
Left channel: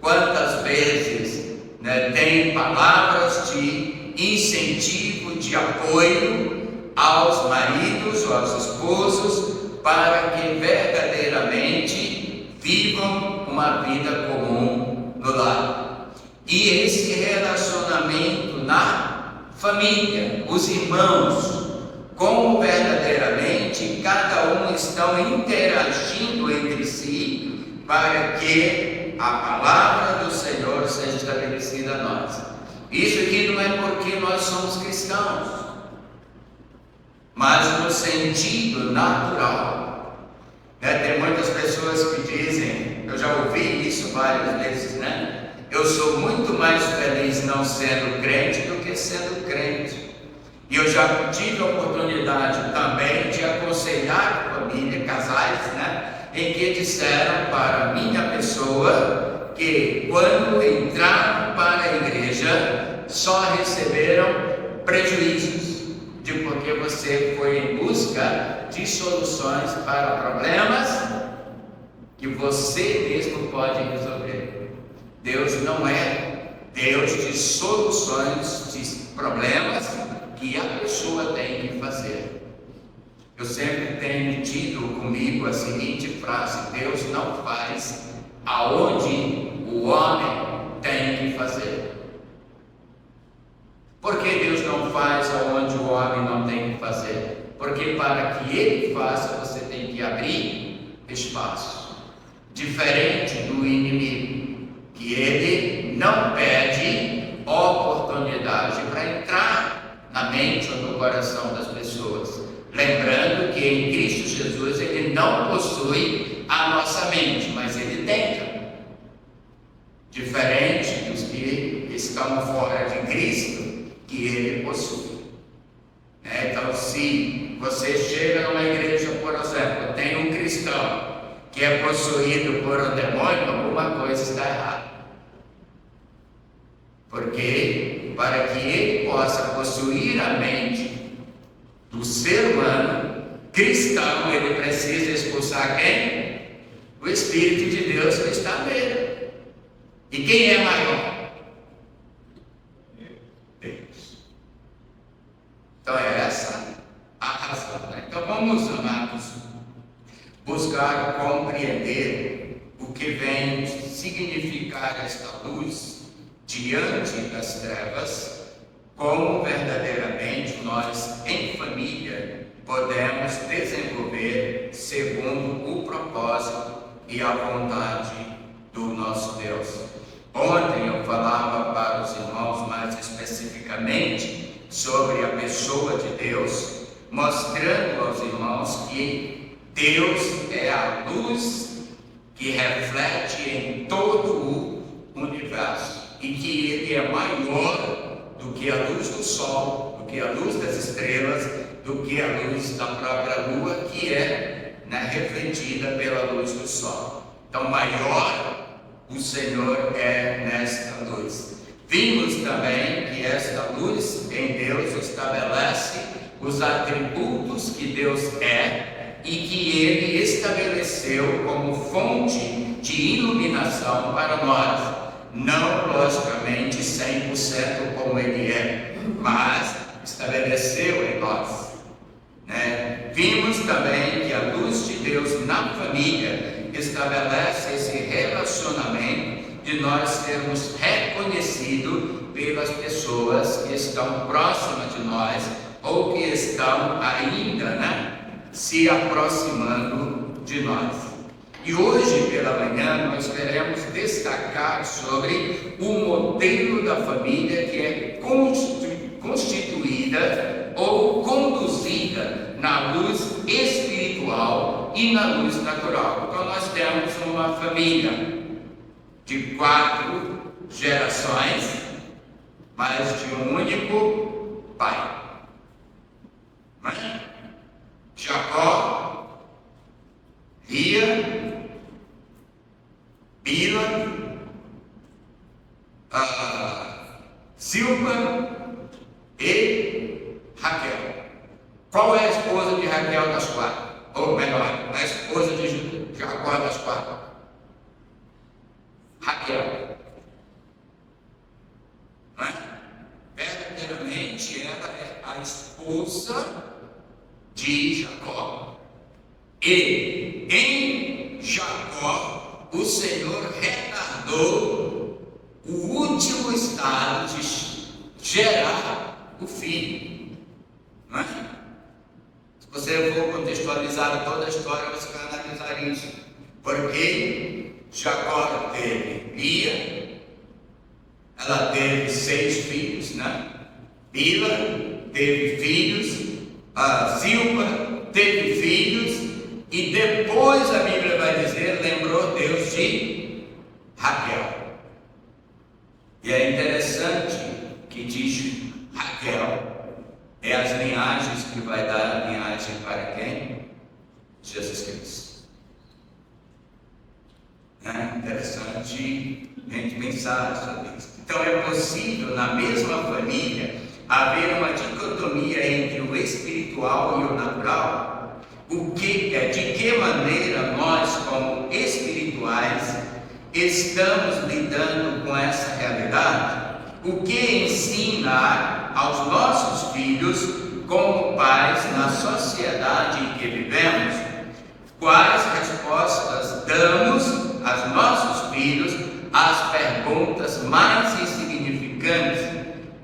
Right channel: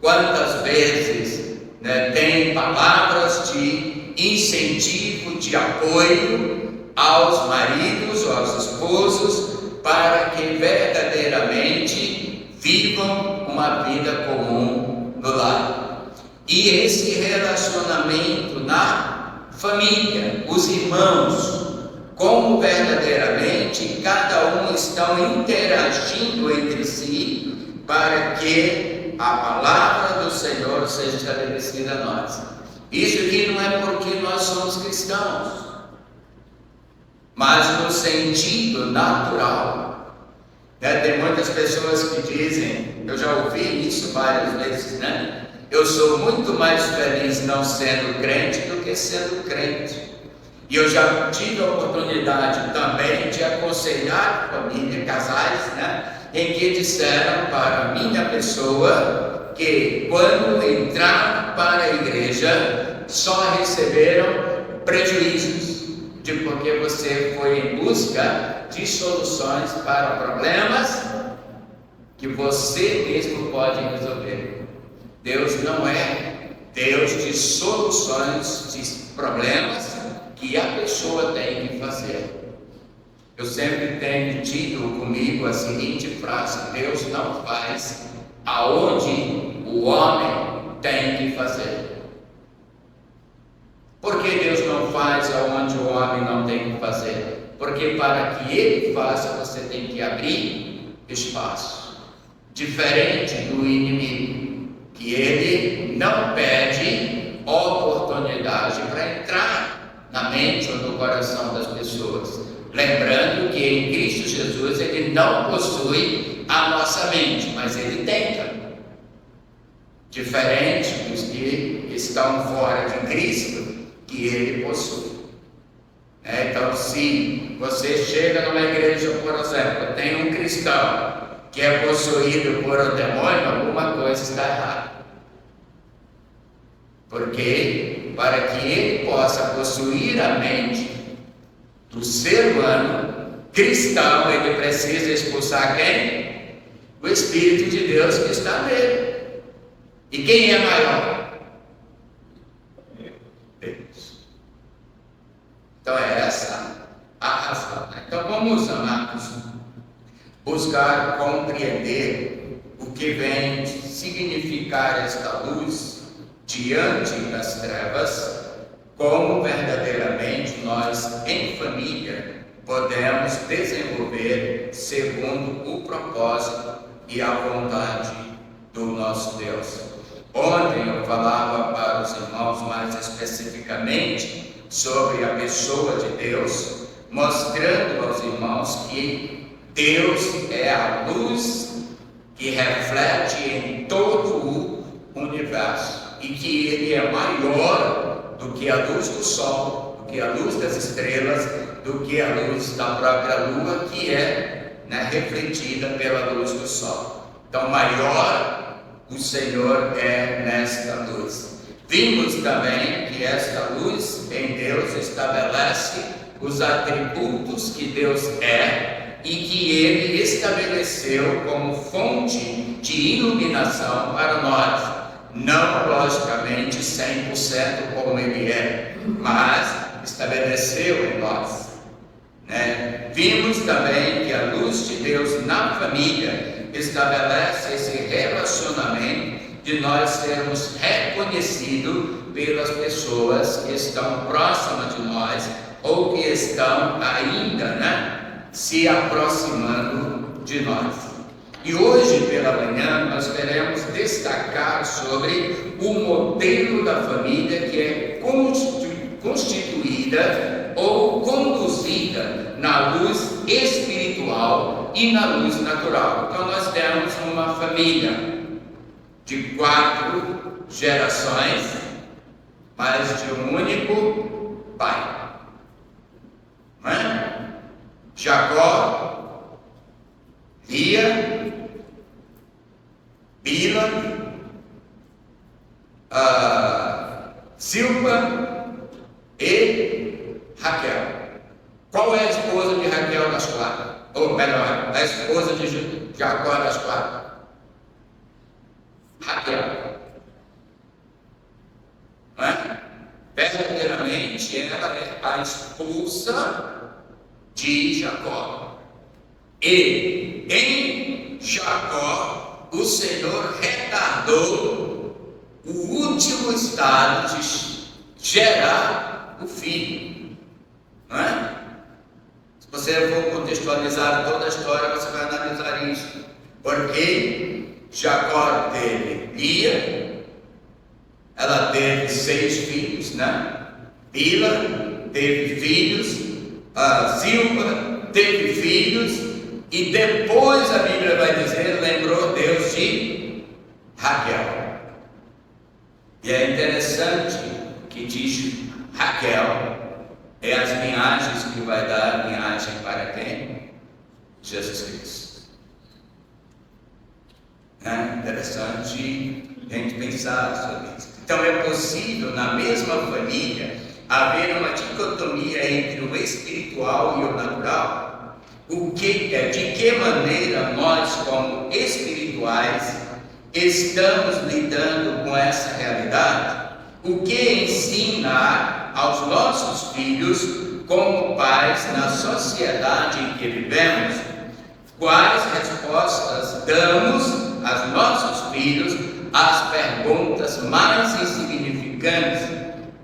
quantas vezes têm palavras de incentivo, de apoio aos maridos ou aos esposos, para que verdadeiramente vivam uma vida comum no lar. E esse relacionamento na família, os irmãos, como verdadeiramente cada um estão interagindo entre si para que a palavra do Senhor seja estabelecida a nós. Isso aqui não é porque nós somos cristãos, mas no sentido natural. Tem muitas pessoas que dizem, eu já ouvi isso várias vezes, né? Eu sou muito mais feliz não sendo crente do que sendo crente. E eu já tive a oportunidade também de aconselhar família, casais, né? Em que disseram para a minha pessoa que quando entraram para a igreja só receberam prejuízos, de porque você foi em busca de soluções para problemas que você mesmo pode resolver. Deus não é Deus de soluções de problemas que a pessoa tem que fazer. Eu sempre tenho tido comigo a seguinte frase: Deus não faz aonde o homem tem que fazer. Por que Deus não faz aonde o homem não tem que fazer? Porque para que Ele faça, você tem que abrir espaço. Diferente do inimigo, que ele não pede oportunidade para entrar na mente ou no coração das pessoas. Lembrando que em Cristo Jesus Ele não possui a nossa mente, mas Ele tenta. Diferente dos que estão fora de Cristo, que Ele possui. Então, se você chega numa igreja, por exemplo, tem um cristão que é possuído por um demônio, alguma coisa está errada. Porque para que ele possa possuir a mente do ser humano cristão, ele precisa expulsar quem? O Espírito de Deus que está nele. E quem é maior? Deus. Então é essa a razão. Então vamos, amados, buscar compreender o que vem significar esta luz diante das trevas, como verdadeiramente nós, em família, podemos desenvolver segundo o propósito e a vontade sobre a pessoa de Deus, mostrando aos irmãos que Deus é a luz que reflete em todo o universo e que Ele é maior do que a luz do sol, do que a luz das estrelas, do que a luz da própria lua, que é refletida pela luz do sol. Então, maior o Senhor é nesta luz. Vimos também que esta luz em Deus estabelece os atributos que Deus é e que Ele estabeleceu como fonte de iluminação para nós. Não, logicamente, 100% como Ele é, mas estabeleceu em nós. Vimos também que a luz de Deus na família estabelece esse relacionamento de nós sermos reconhecidos pelas pessoas que estão próximas de nós ou que estão ainda se aproximando de nós. E hoje pela manhã nós queremos destacar sobre o modelo da família que é constituída ou conduzida na luz espiritual e na luz natural. Então nós temos uma família de 4 gerações, mas de um único pai. Não é? Jacó, Lia, Bila, Silpa e Raquel. Qual é a esposa de Raquel das 4? Ou melhor, a esposa de Jacó das 4? Raquel. Verdadeiramente ela é a esposa de Jacó. E em Jacó o Senhor retardou o último estado de gerar o filho. Não é? Se você for contextualizar toda a história, você vai analisar isso. Porque Jacó teve Lia, ela teve 6 filhos, né? Bila teve filhos, Zilpa teve filhos, e depois a Bíblia vai dizer, lembrou Deus de Raquel. E é interessante que diz Raquel, é as linhagens que vai dar a linhagem para quem? Jesus Cristo. Interessante a gente pensar sobre isso. Então é possível na mesma família haver uma dicotomia entre o espiritual e o natural? De que maneira nós, como espirituais, estamos lidando com essa realidade? O que ensinar aos nossos filhos como pais na sociedade em que vivemos? Quais respostas damos aos nossos filhos às perguntas mais insignificantes?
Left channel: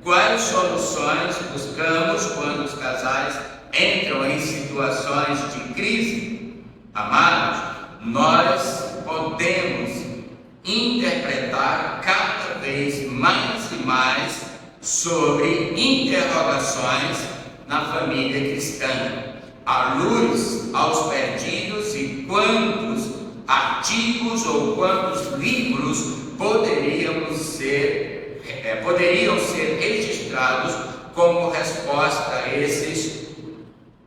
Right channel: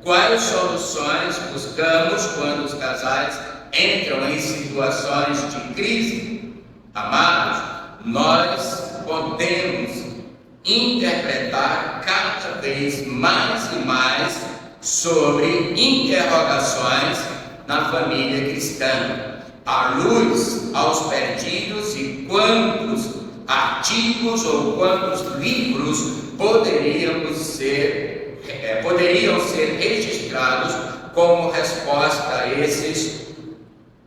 Quais soluções buscamos quando os casais entram em situações de crise? Amados, nós podemos interpretar cada vez mais e mais sobre interrogações na família cristã, à luz aos perdidos e quantos artigos ou quantos livros poderiam ser registrados como resposta a esses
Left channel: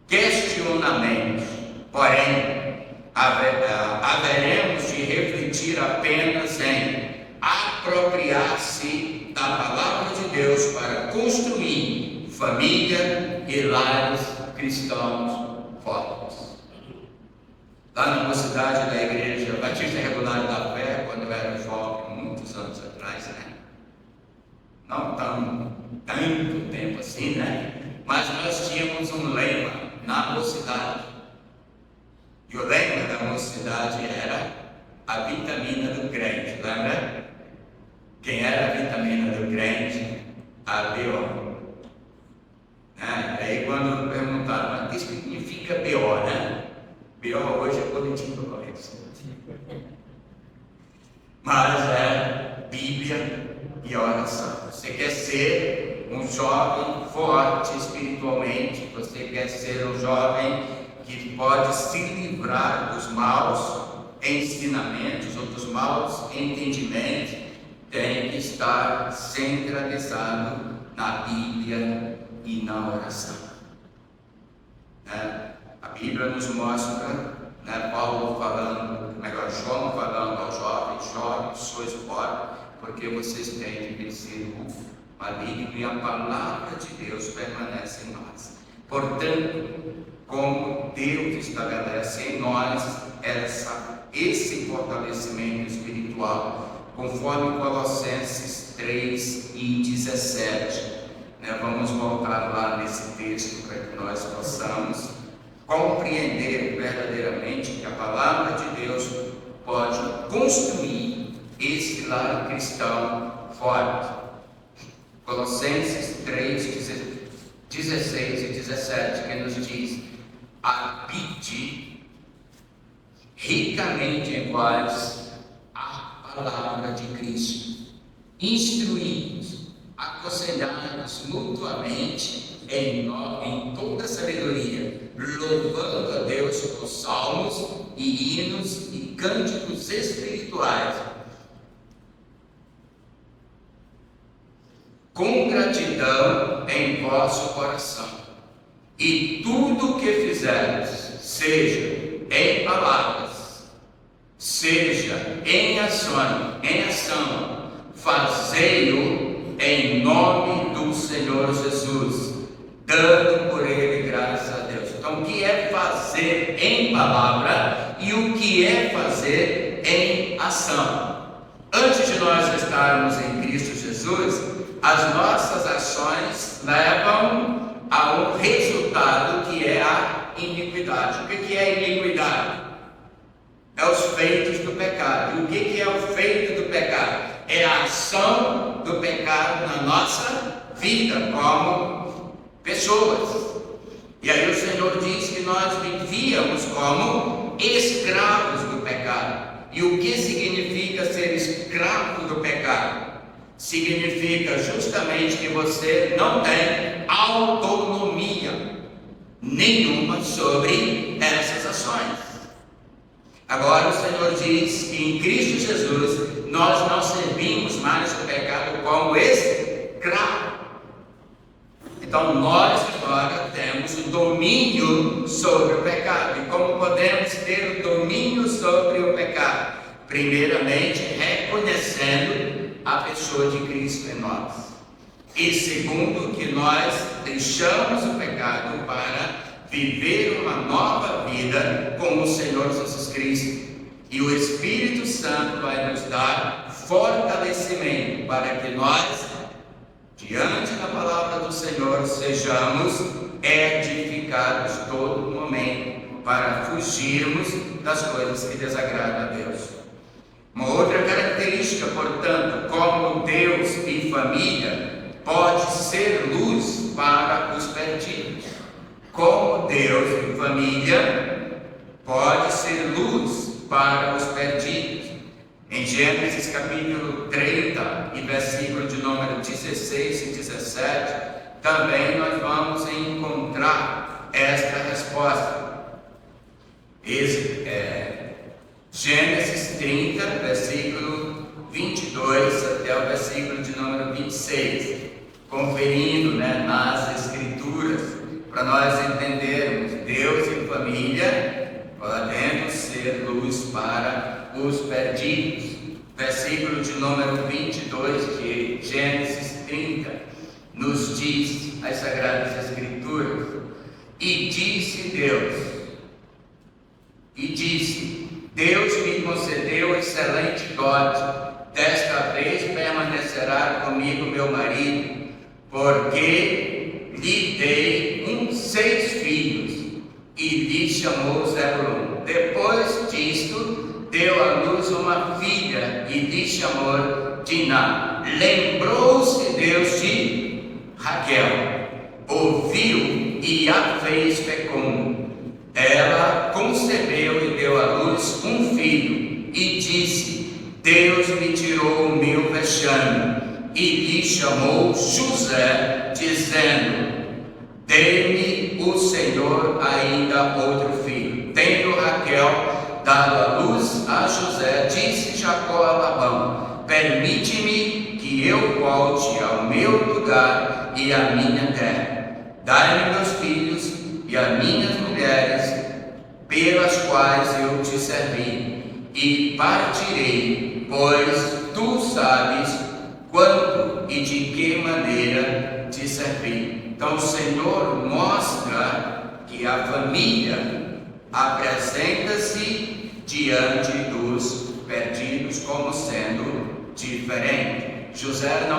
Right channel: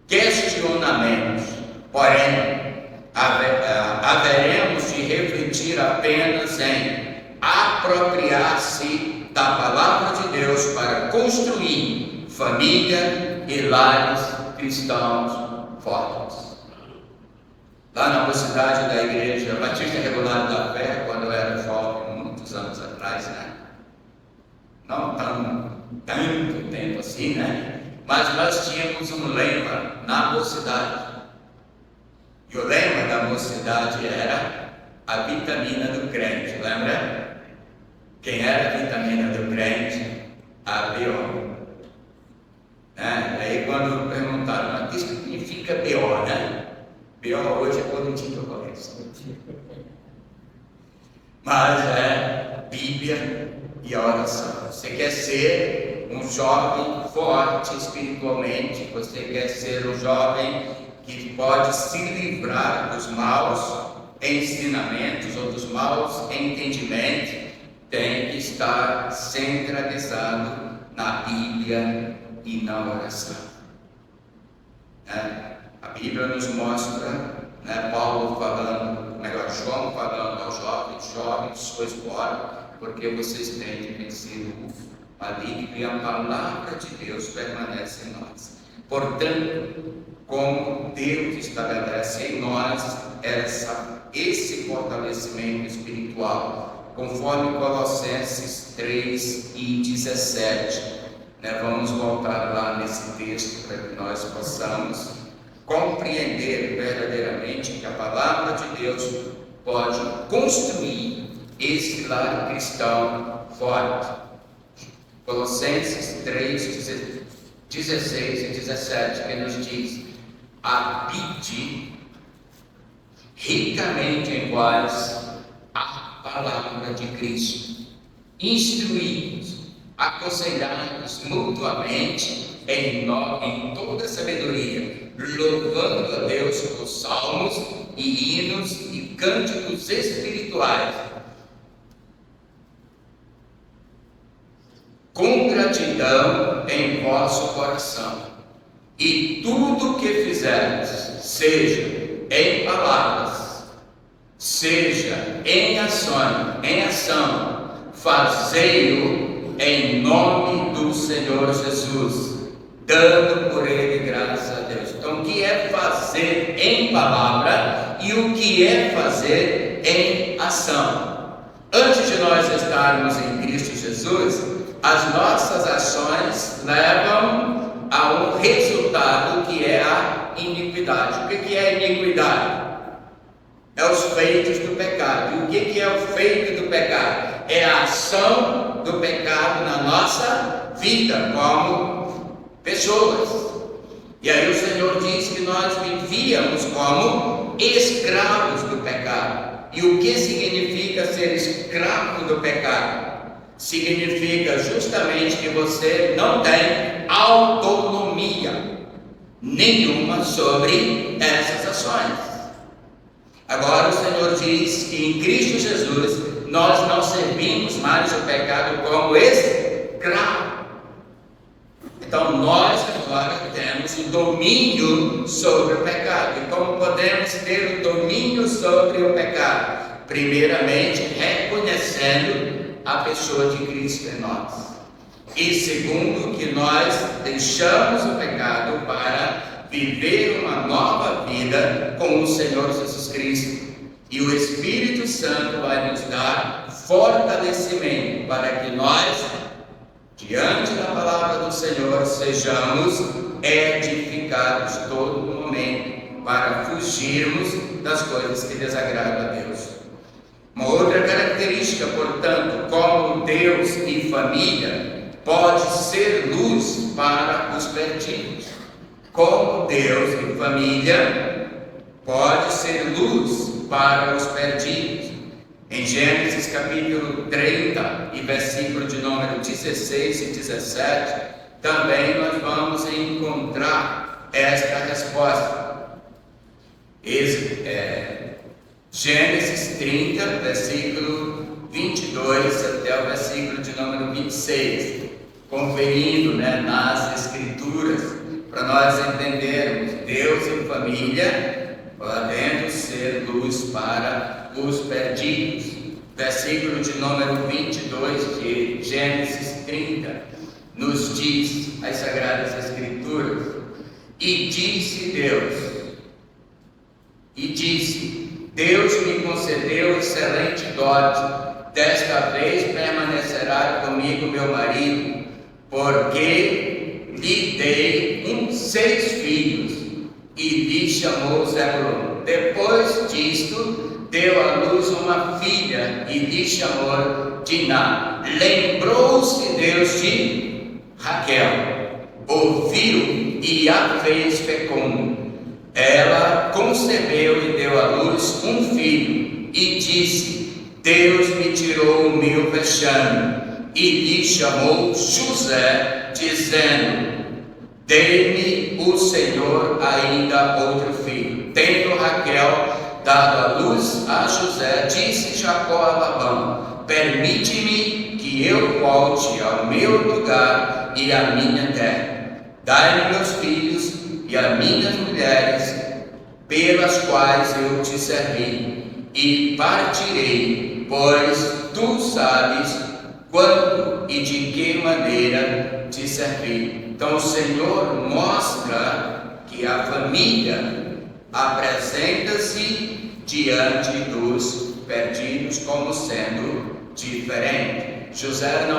questionamentos. Porém, haveremos de refletir apenas em apropriar-se da palavra de Deus para construir família e lares cristãos fortes. Lá na mocidade da Igreja Batista Regular da Fé, quando eu era jovem, muitos anos atrás, não tanto tempo assim, mas nós tínhamos um lema na mocidade. E o lema da mocidade era a vitamina do crente, lembra? Quem era a vitamina do crente? A B.O. Aí quando perguntaram, mas o que significa B.O., B.O. hoje é política correta. Mas é Bíblia e oração. Você quer ser um jovem forte espiritualmente, você quer ser um jovem que pode se livrar dos maus ensinamentos ou dos maus entendimentos, tem que estar centralizado na Bíblia e na oração. A Bíblia nos mostra, Paulo falando, João falando aos jovens, sois fortes, porque vocês têm de vencer o maligno, e a palavra de Deus permanece em nós. Portanto, como Deus estabelece em nós esse fortalecimento espiritual, conforme Colossenses 3:17, vamos voltar lá nesse texto para que nós possamos compreender verdadeiramente que a palavra de Deus pode construir esse lar cristão forte. Colossenses 3:16 e 17, que nos diz: habite ricamente em vós a palavra de Cristo, instruí-vos, aconselhai-vos mutuamente em toda sabedoria, louvando a Deus com salmos e hinos e cânticos espirituais, com gratidão em vosso coração. E tudo o que fizermos, seja em palavras, seja em ação, fazei-o em nome do Senhor Jesus, dando por ele graças a Deus. Então, o que é fazer em palavra e o que é fazer em ação? Antes de nós estarmos em Cristo Jesus, as nossas ações levam a um resultado que é a iniquidade. O que é a iniquidade? É os feitos do pecado. E o que é o feito do pecado? É a ação do pecado na nossa vida como pessoas. E aí o Senhor diz que nós vivíamos como escravos do pecado. E o que significa ser escravo do pecado? Significa justamente que você não tem autonomia nenhuma sobre essas ações. Agora o Senhor diz que em Cristo Jesus nós não servimos mais o pecado como escravo. Então nós agora temos o domínio sobre o pecado. E como podemos ter o domínio sobre o pecado? Primeiramente, reconhecendo a pessoa de Cristo em nós. E segundo, que nós deixamos o pecado para viver uma nova vida com o Senhor Jesus Cristo. E o Espírito Santo vai nos dar fortalecimento para que nós, diante da palavra do Senhor, sejamos edificados todo momento para fugirmos das coisas que desagradam a Deus. Uma outra característica, portanto, como Deus e família pode ser luz para os perdidos. Como Deus e família pode ser luz para os perdidos. Em Gênesis capítulo 30 e versículo de número 16 e 17, também nós vamos encontrar esta resposta. Gênesis 30, versículo 22 até o versículo de número 26, conferindo nas Escrituras, para nós entendermos Deus e família podendo ser luz para os perdidos. Versículo de número 22 de Gênesis 30 nos diz as Sagradas Escrituras: e disse Deus me concedeu excelente dote, desta vez permanecerá comigo meu marido, porque lhe dei 6 filhos, e lhe chamou Zebulon. Depois disto, deu à luz uma filha, e lhe chamou Diná. Lembrou-se Deus de Raquel, ouviu e a fez fecunda. Ela concebeu e deu à luz um filho, e disse: Deus me tirou o meu vexame, e lhe chamou José, dizendo: dê-me o Senhor ainda outro filho. Tendo Raquel dado a luz a José, disse Jacó a Labão: permite-me que eu volte ao meu lugar e à minha terra. Dai-me meus filhos e as minhas mulheres, pelas quais eu te servi, e partirei, pois tu sabes quando e de que maneira te servi. Então o Senhor mostra que a família apresenta-se diante dos perdidos como sendo diferente. Jacó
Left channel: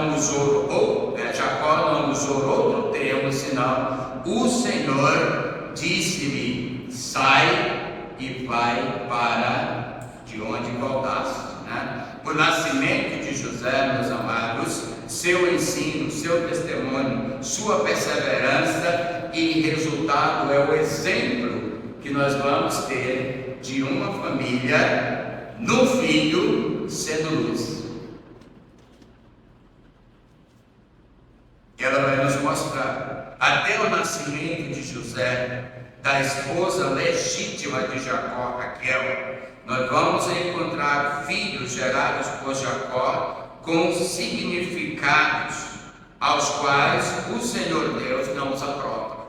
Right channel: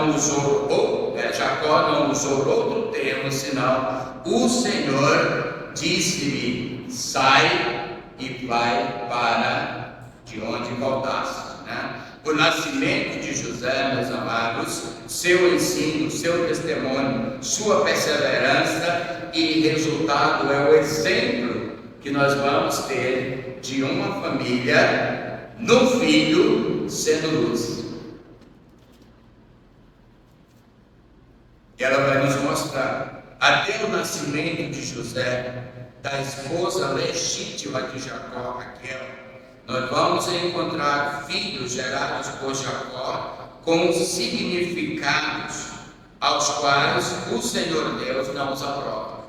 não usou outro termo, senão o Senhor disse-lhe: sai e vai para de onde voltaste. O nascimento de José, meus amados, seu ensino, seu testemunho, sua perseverança e resultado é o exemplo que nós vamos ter de uma família no filho sendo luz. Ela vai nos mostrar até o nascimento de José, da esposa legítima de Jacó, Raquel. Nós vamos encontrar filhos gerados por Jacó com significados aos quais o Senhor Deus não os aprova.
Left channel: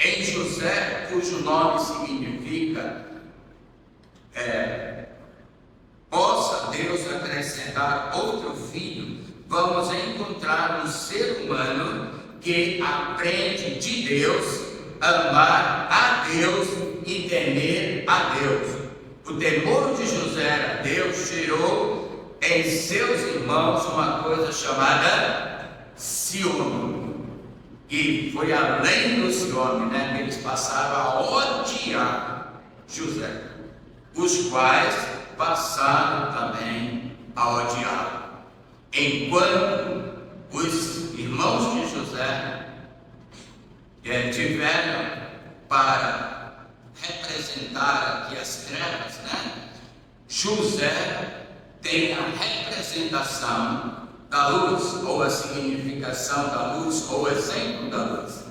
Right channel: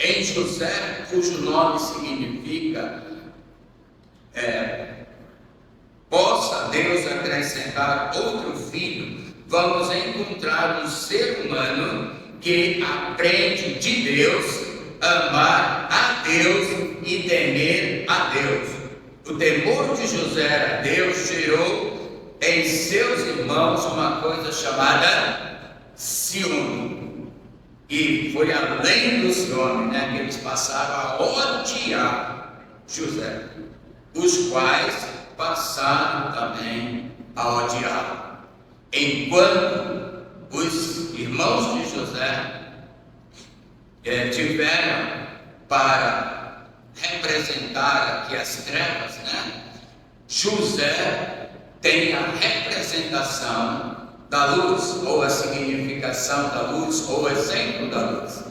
Em José, cujo nome significa possa Deus acrescentar outro filho, vamos encontrar um ser humano que aprende de Deus, amar a Deus e temer a Deus. O temor de José a Deus gerou em seus irmãos uma coisa chamada ciúme. E foi além do ciúme, que eles passaram a odiar José, os quais passaram também a odiar. Enquanto os irmãos de José tiveram para representar aqui as trevas, José tem a representação da luz, ou a significação da luz, ou o exemplo da luz.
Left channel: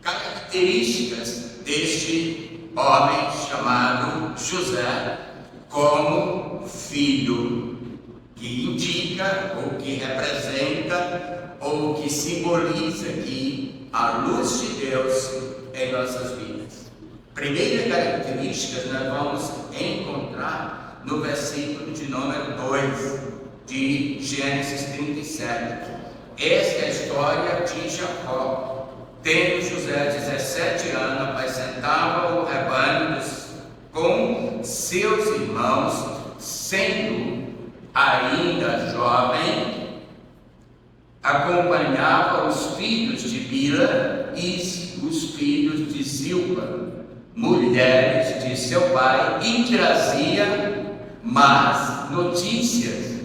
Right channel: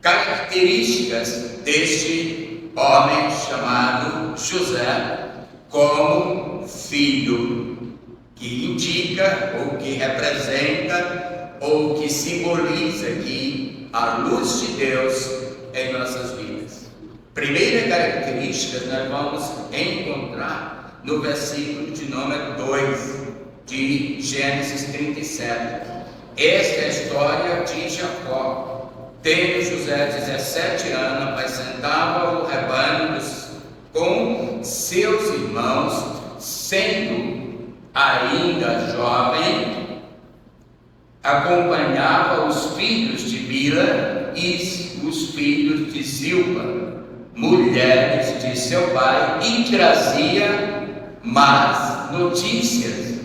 Características deste homem chamado José como filho, que indica, ou que representa, ou que simboliza aqui a luz de Deus em nossas vidas. Primeira característica nós vamos encontrar no versículo de número 2 de Gênesis 37. Esta é a história de Jacó. Tendo José 17 anos, apacentava o rebanho com seus irmãos, sendo ainda jovem, acompanhava os filhos de Bila e os filhos de Zilpa, mulheres de seu pai, e trazia más notícias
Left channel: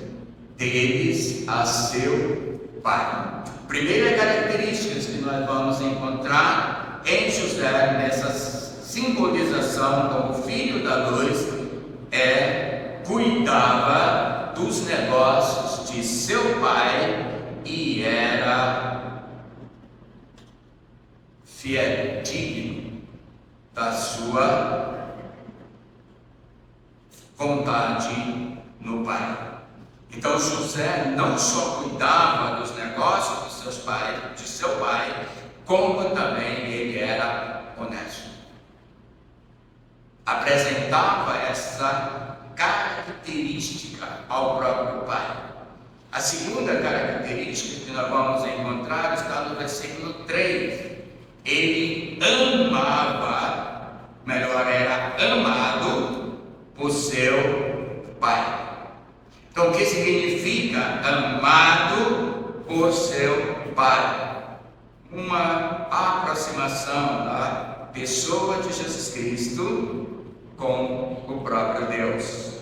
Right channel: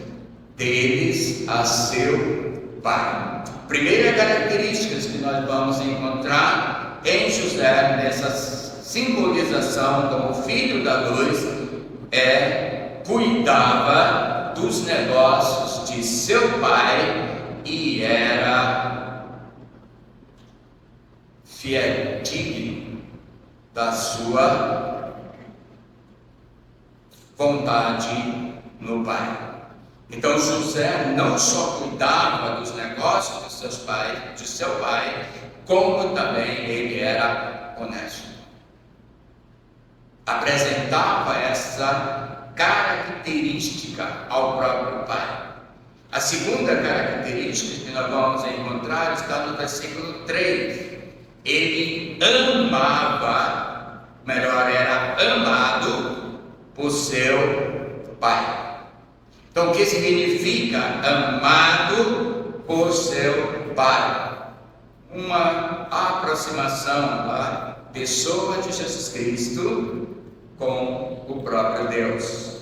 deles a seu pai. Primeira característica que nós vamos encontrar em José, nessa simbolização como filho da luz, cuidava dos negócios de seu pai e era fiel, digno da sua vontade no pai. Então José não só cuidava dos negócios de seu pai, como também ele era honesto. Apresentava essa característica ao próprio pai. A segunda característica que nós vamos encontrar está no versículo 3. Ele amava, era amado por seu pai. Então, o que significa amado por seu pai? Uma aproximação da pessoa de Jesus Cristo com o próprio Deus.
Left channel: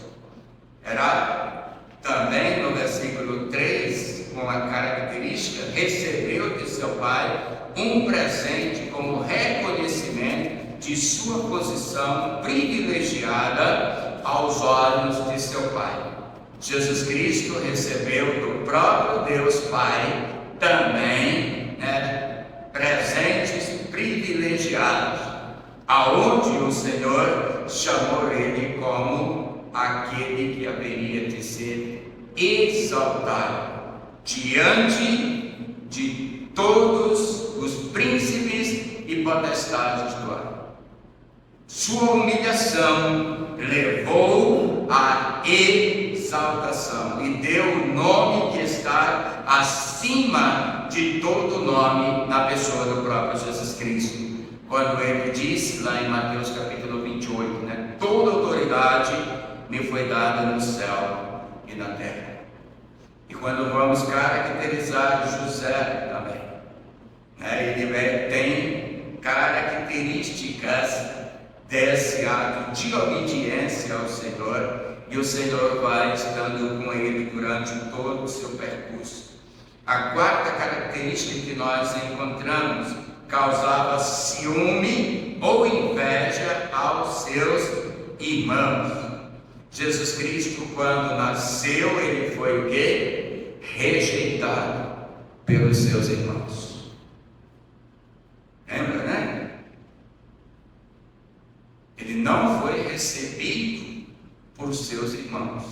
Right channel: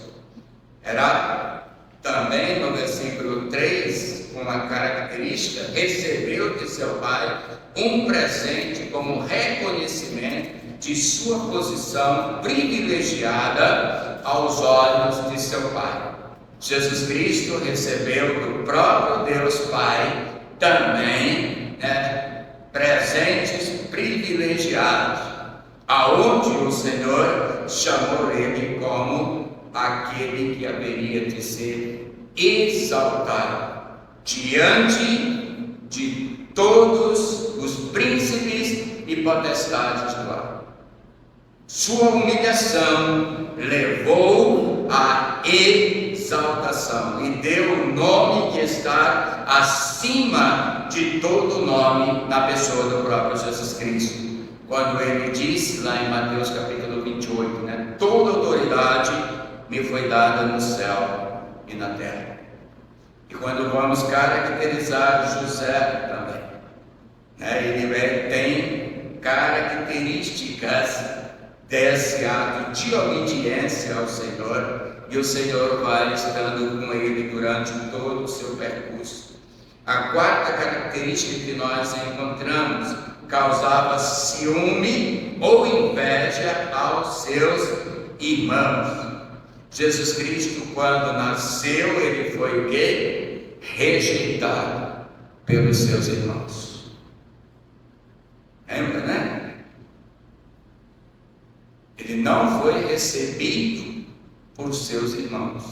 Era também no versículo 3, com a característica, recebeu de seu pai um presente como reconhecimento de sua posição privilegiada aos olhos de seu pai. Jesus Cristo recebeu do próprio Deus Pai também, presentes privilegiados, aonde o Senhor chamou ele como aquele que haveria de ser exaltado diante de todos os príncipes e potestades do ar. Sua humilhação levou à exaltação e deu o nome que está acima de todo nome na pessoa do próprio Jesus Cristo. Quando ele disse lá em Mateus capítulo 28, toda autoridade me foi dada no céu e na terra. E quando vamos caracterizar José também, ele tem características desse ato de obediência ao Senhor, e o Senhor vai estando com ele durante todo o seu percurso. A quarta característica que nós encontramos: causava ciúme ou inveja aos seus irmãos. Jesus Cristo, quando nasceu, ele foi rejeitado pelos seus irmãos. Lembra, né? Ele não foi recebido por seus irmãos,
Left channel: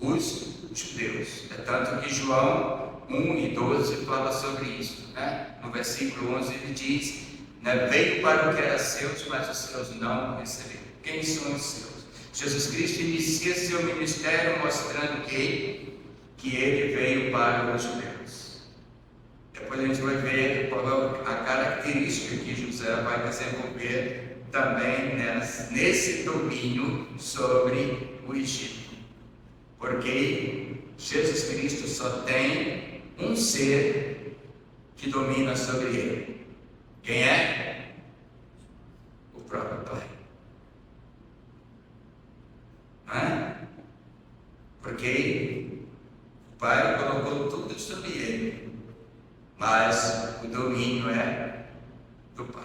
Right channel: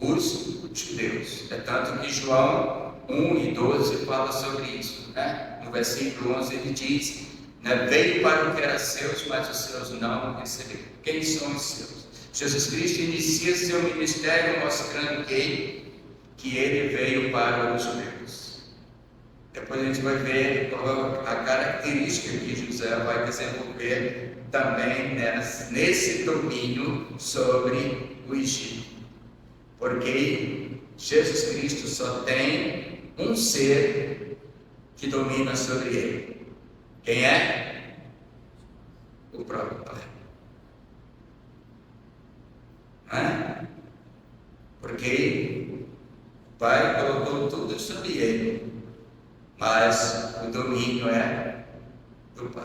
os judeus. É tanto que João 1 e 12 fala sobre isso, No versículo 11 ele diz, veio para o que era seus, mas os seus não receberam. Quem são os seus? Jesus Cristo inicia seu ministério mostrando que ele veio para os judeus. Depois a gente vai ver a característica que José vai desenvolver também nesse domínio sobre o Egito. Porque Jesus Cristo só tem um ser que domina sobre ele. Quem é? O próprio Pai. Porque o Pai colocou tudo sobre ele, mas o domínio é do Pai.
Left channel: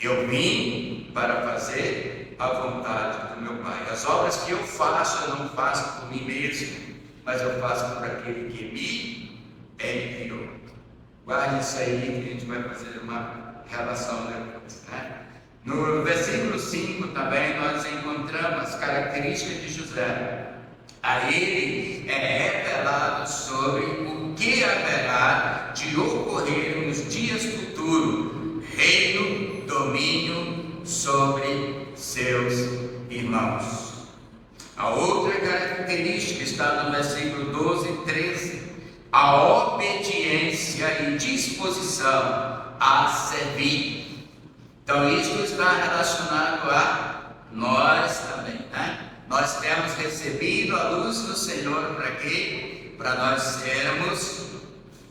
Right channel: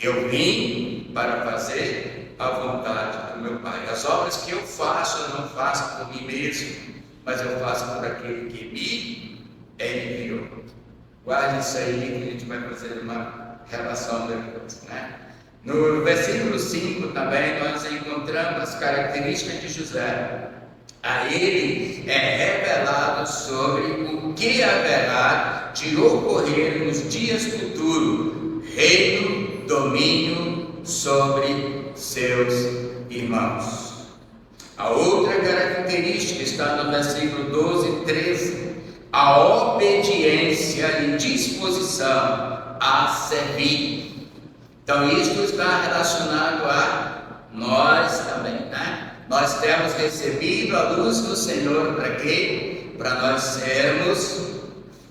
Eu vim para fazer a vontade do meu Pai. As obras que eu faço, eu não faço por mim mesmo, mas eu faço por aquele que me enviou. Guarde isso aí, que a gente vai fazer uma relação depois, No versículo 5 também nós encontramos as características de José. A ele é revelado sobre o que haverá de ocorrer nos dias futuros, reino, domínio sobre seus irmãos. A outra característica está no versículo 12 e 13, a obediência e disposição a servir. Então, isso está relacionado a nós também, Nós temos recebido a luz do Senhor para quê? Para nós sermos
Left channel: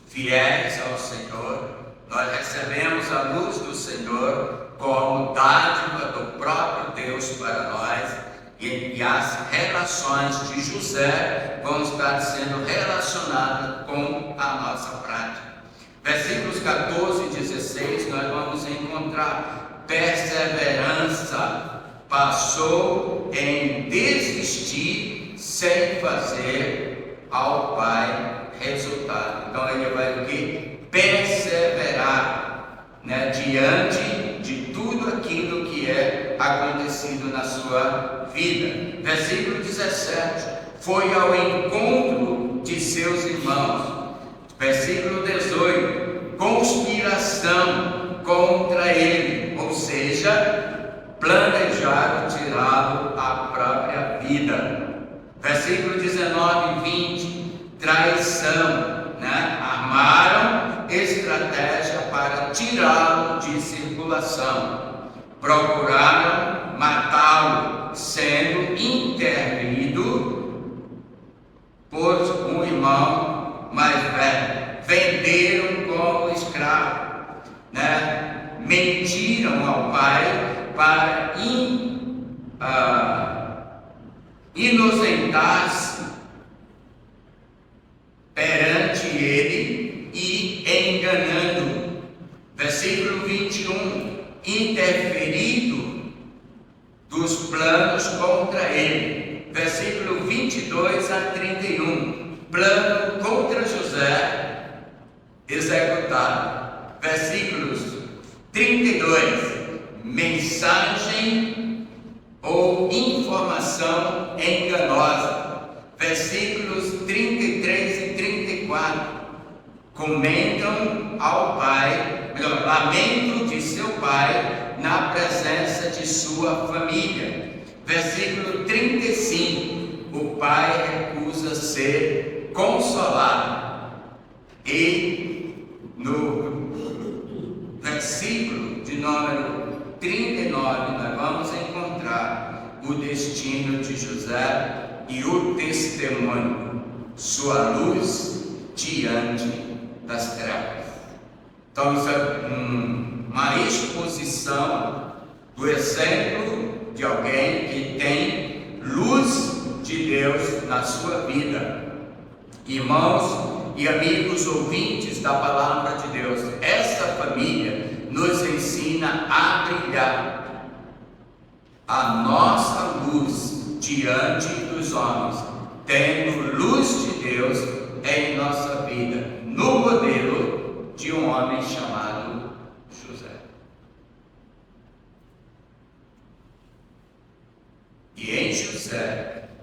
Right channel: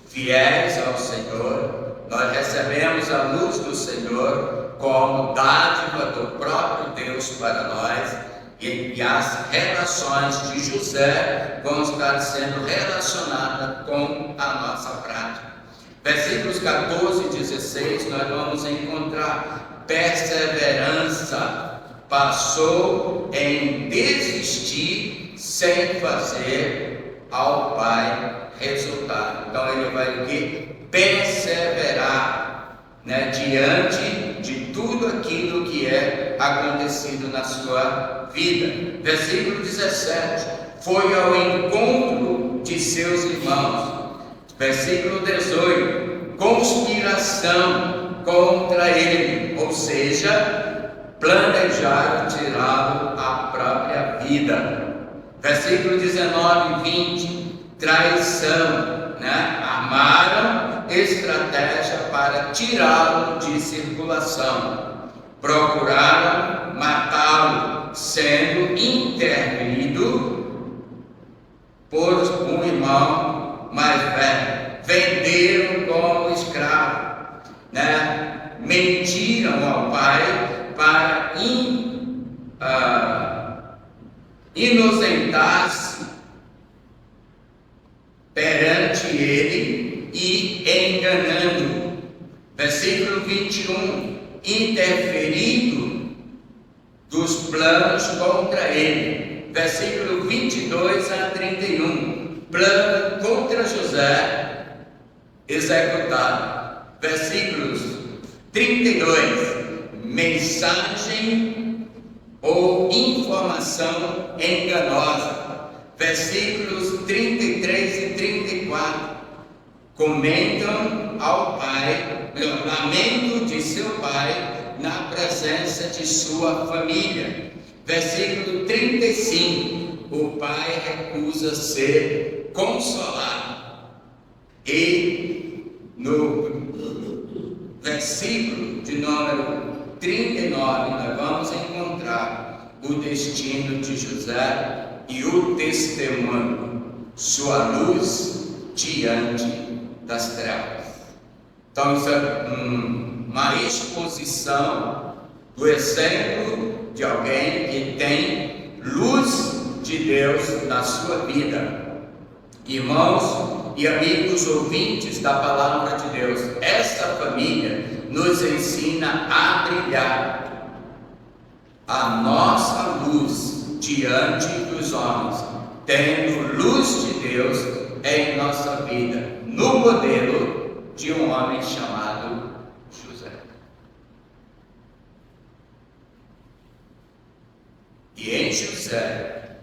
fiéis ao Senhor. Nós recebemos a luz do Senhor como dádiva do próprio Deus para nós. E as relações de José vão estar sendo relacionadas com a nossa prática. Versículos 14 e 16 nós vamos encontrar perseverança. Passou em desistir sem fazer ao Pai resultado. Então ele vai o quê? Perseverar, diante de tudo aquilo que é acontecido na sua vida. Versículo 17, foi ao encontro de seus irmãos. Versículo 18, conspiração contra ele, ou seja, planejaram tirá-lo à própria vida. Versículo 19 e 20, traição, armaram estratégia para tirá-lo de circulação, procuraram matá-lo, sendo intervido por um irmão mais velho, venderam como escravo, mentiram ao pai para inocentar-se perante ele e enganando. Versículo 21, interferido dos planos contra ele. Versículo 22, 22 a 31, plano contra José executado. Versículos 32, mensagem ou informação enganosa. Versículos 33 e 34, comentam ao pai, lamento de seu pai na presença de sua família. Versículo 35, o pai recusa ser consolado. E no versículo de número 39, nós vamos encontrar o destino de José e o testemunho, sua luz diante das trevas. Então, isso é uma exposição do exemplo de alguém que tem luz de Deus na sua vida. Irmãos e amigos ouvintes da palavra de Deus, esta família nos ensina a brilhar a nossa luz diante dos homens, tendo luz de Deus em nossa vida, no modelo de um homem chamado José. E em José,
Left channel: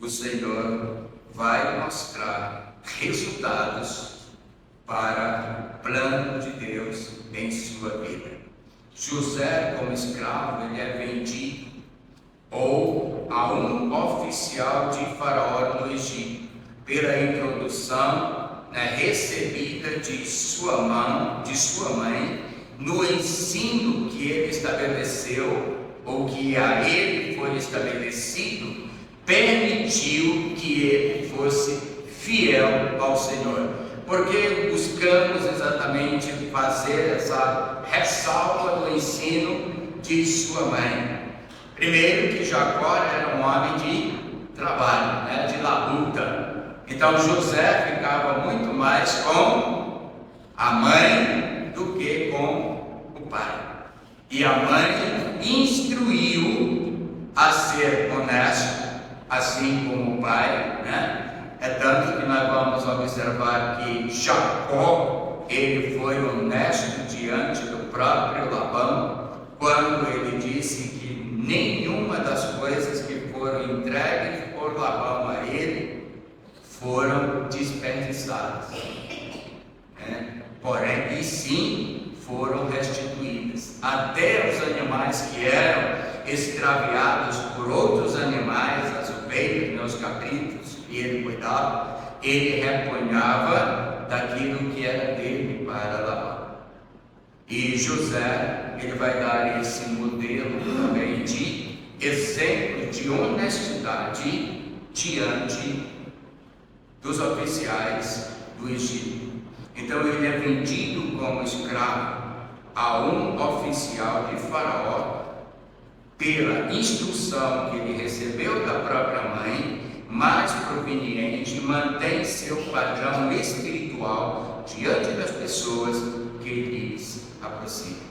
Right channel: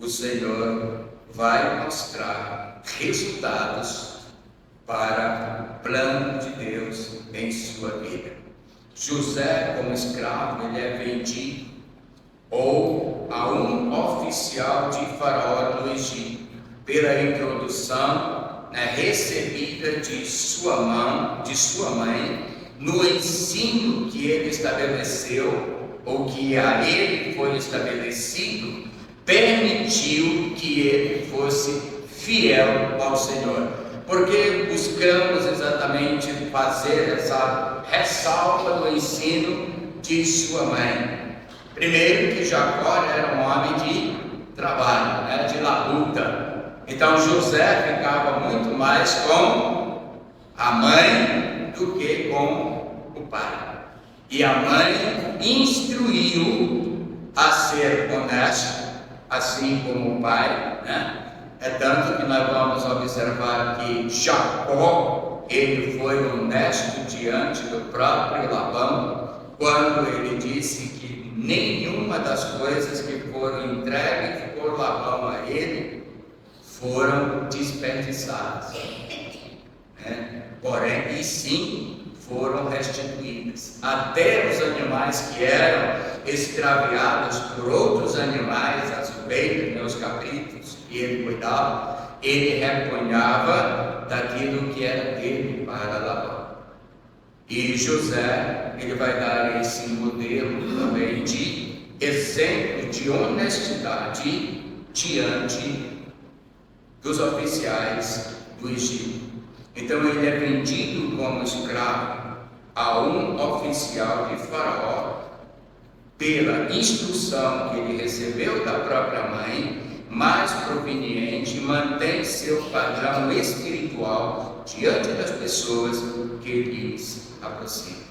o Senhor vai mostrar resultados para o plano de Deus em sua vida. José, como escravo, ele é vendido ou a um oficial de Faraó do Egito, pela introdução recebida de sua mãe, no ensino que ele estabeleceu, ou que a ele foi estabelecido, permitiu que ele fosse fiel ao Senhor. Porque buscamos exatamente fazer essa ressalva do ensino de sua mãe. Primeiro, que Jacó era um homem de trabalho, de labuta. Então José ficava muito mais com a mãe do que com o pai. E a mãe instruiu a ser honesto, assim como o pai, É tanto que nós vamos observar que Jacó, ele foi honesto diante do próprio Labão, quando ele disse que nenhuma das coisas que foram entregues por Labão a ele foram desperdiçadas, porém, e sim foram restituídas. Até os animais que eram extraviados por outros animais, as ovelhas, os cabritos, e ele cuidava, ele reponhava daquilo que era dele para Labão. E José, ele vai dar esse modelo também de exemplo de honestidade diante dos oficiais do Egito. Então ele é vendido como escravo a um oficial de Faraó, pela instrução que ele recebeu da própria mãe, mais proveniente, mantém seu padrão espiritual diante das pessoas que lhes aproximam.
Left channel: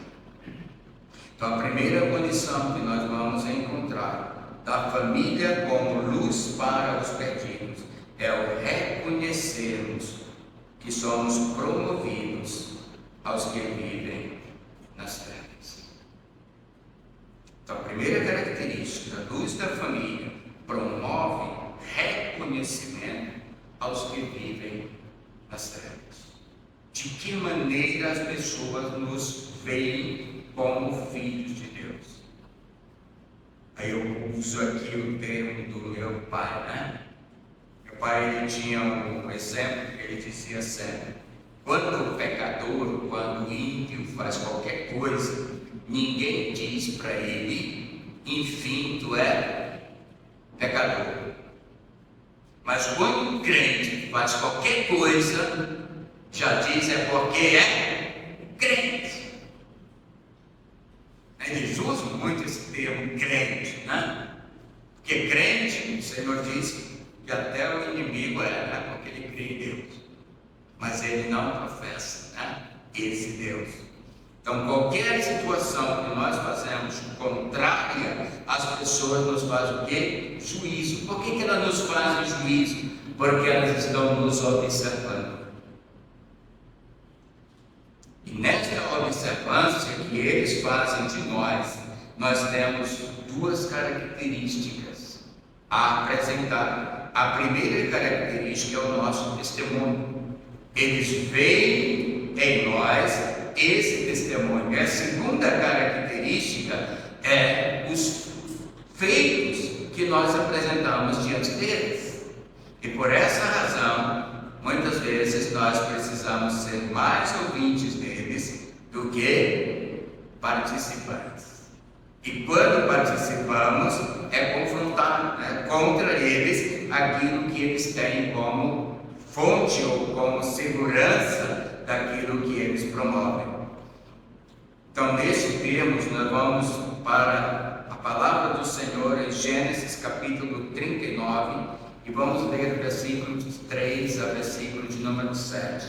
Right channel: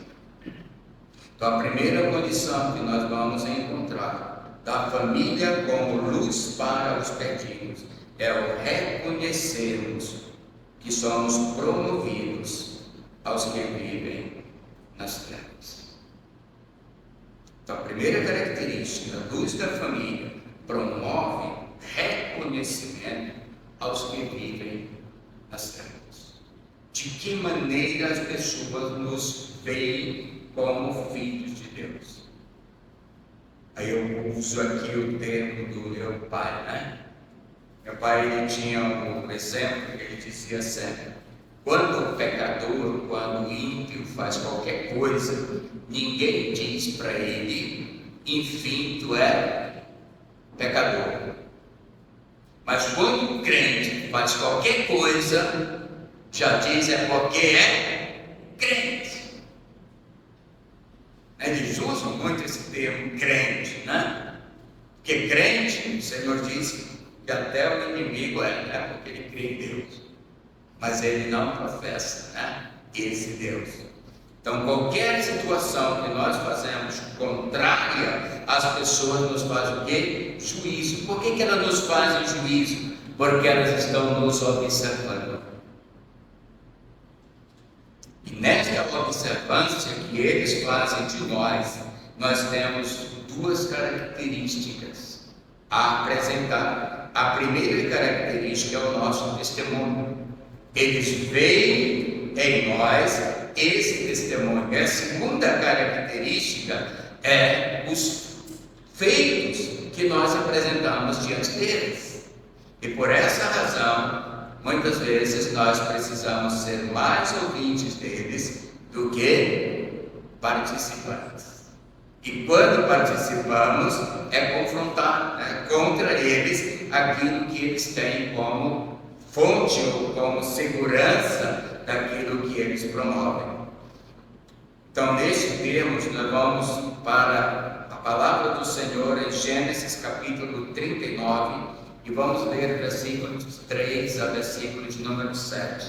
Então, a primeira condição que nós vamos encontrar da família como luz para os perdidos é o reconhecermos que somos promovidos aos que vivem nas trevas. Então, a primeira característica da luz da família promove reconhecimento aos que vivem nas trevas. De que maneira as pessoas nos veem como filhos de Deus? Aí eu uso aqui o termo do meu pai, Meu pai, ele tinha um exemplo que ele dizia sempre: quando o pecador, quando o ímpio faz qualquer coisa, ninguém diz para ele, enfim, tu é pecador. Mas quando o crente faz qualquer coisa, já diz é porque é crente. Eles usam muito esse termo crente, Porque crente, o Senhor diz que até o inimigo é porque ele crê em Deus, mas ele não professa esse Deus. Então, qualquer situação que nós fazemos contrária, as pessoas nos fazem o quê? juízo. Por que elas nos fazem juízo? Porque elas estão nos observando. E nesta observância que eles fazem de nós temos duas características a apresentar. A primeira característica é o nosso testemunho. Eles veem em nós esse testemunho. E a segunda característica é os feitos que nós apresentamos diante deles. E por essa razão, muitas vezes nós precisamos ser mais ouvintes deles do que participantes. E quando participamos, é confrontar contra eles aquilo que eles têm como fonte ou como segurança daquilo que eles promovem. Então, neste termos, nós vamos para a palavra do Senhor em Gênesis capítulo 39 e vamos ler versículos 3 a versículo de número 7,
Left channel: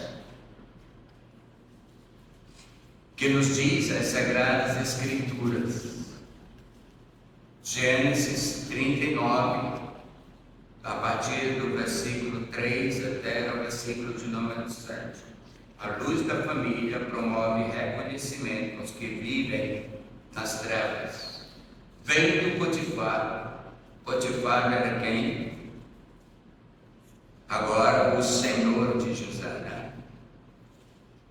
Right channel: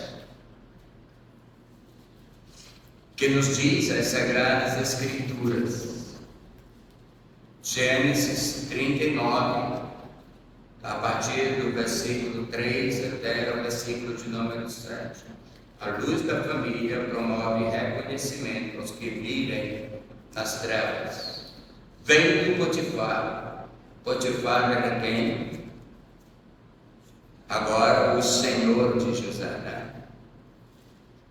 que nos diz as Sagradas Escrituras. Gênesis 39, a partir do versículo 3 até o versículo de número 7. A luz da família promove reconhecimento aos que vivem nas trevas. Vem do Potifar. Potifar era quem? Agora o senhor de José, né?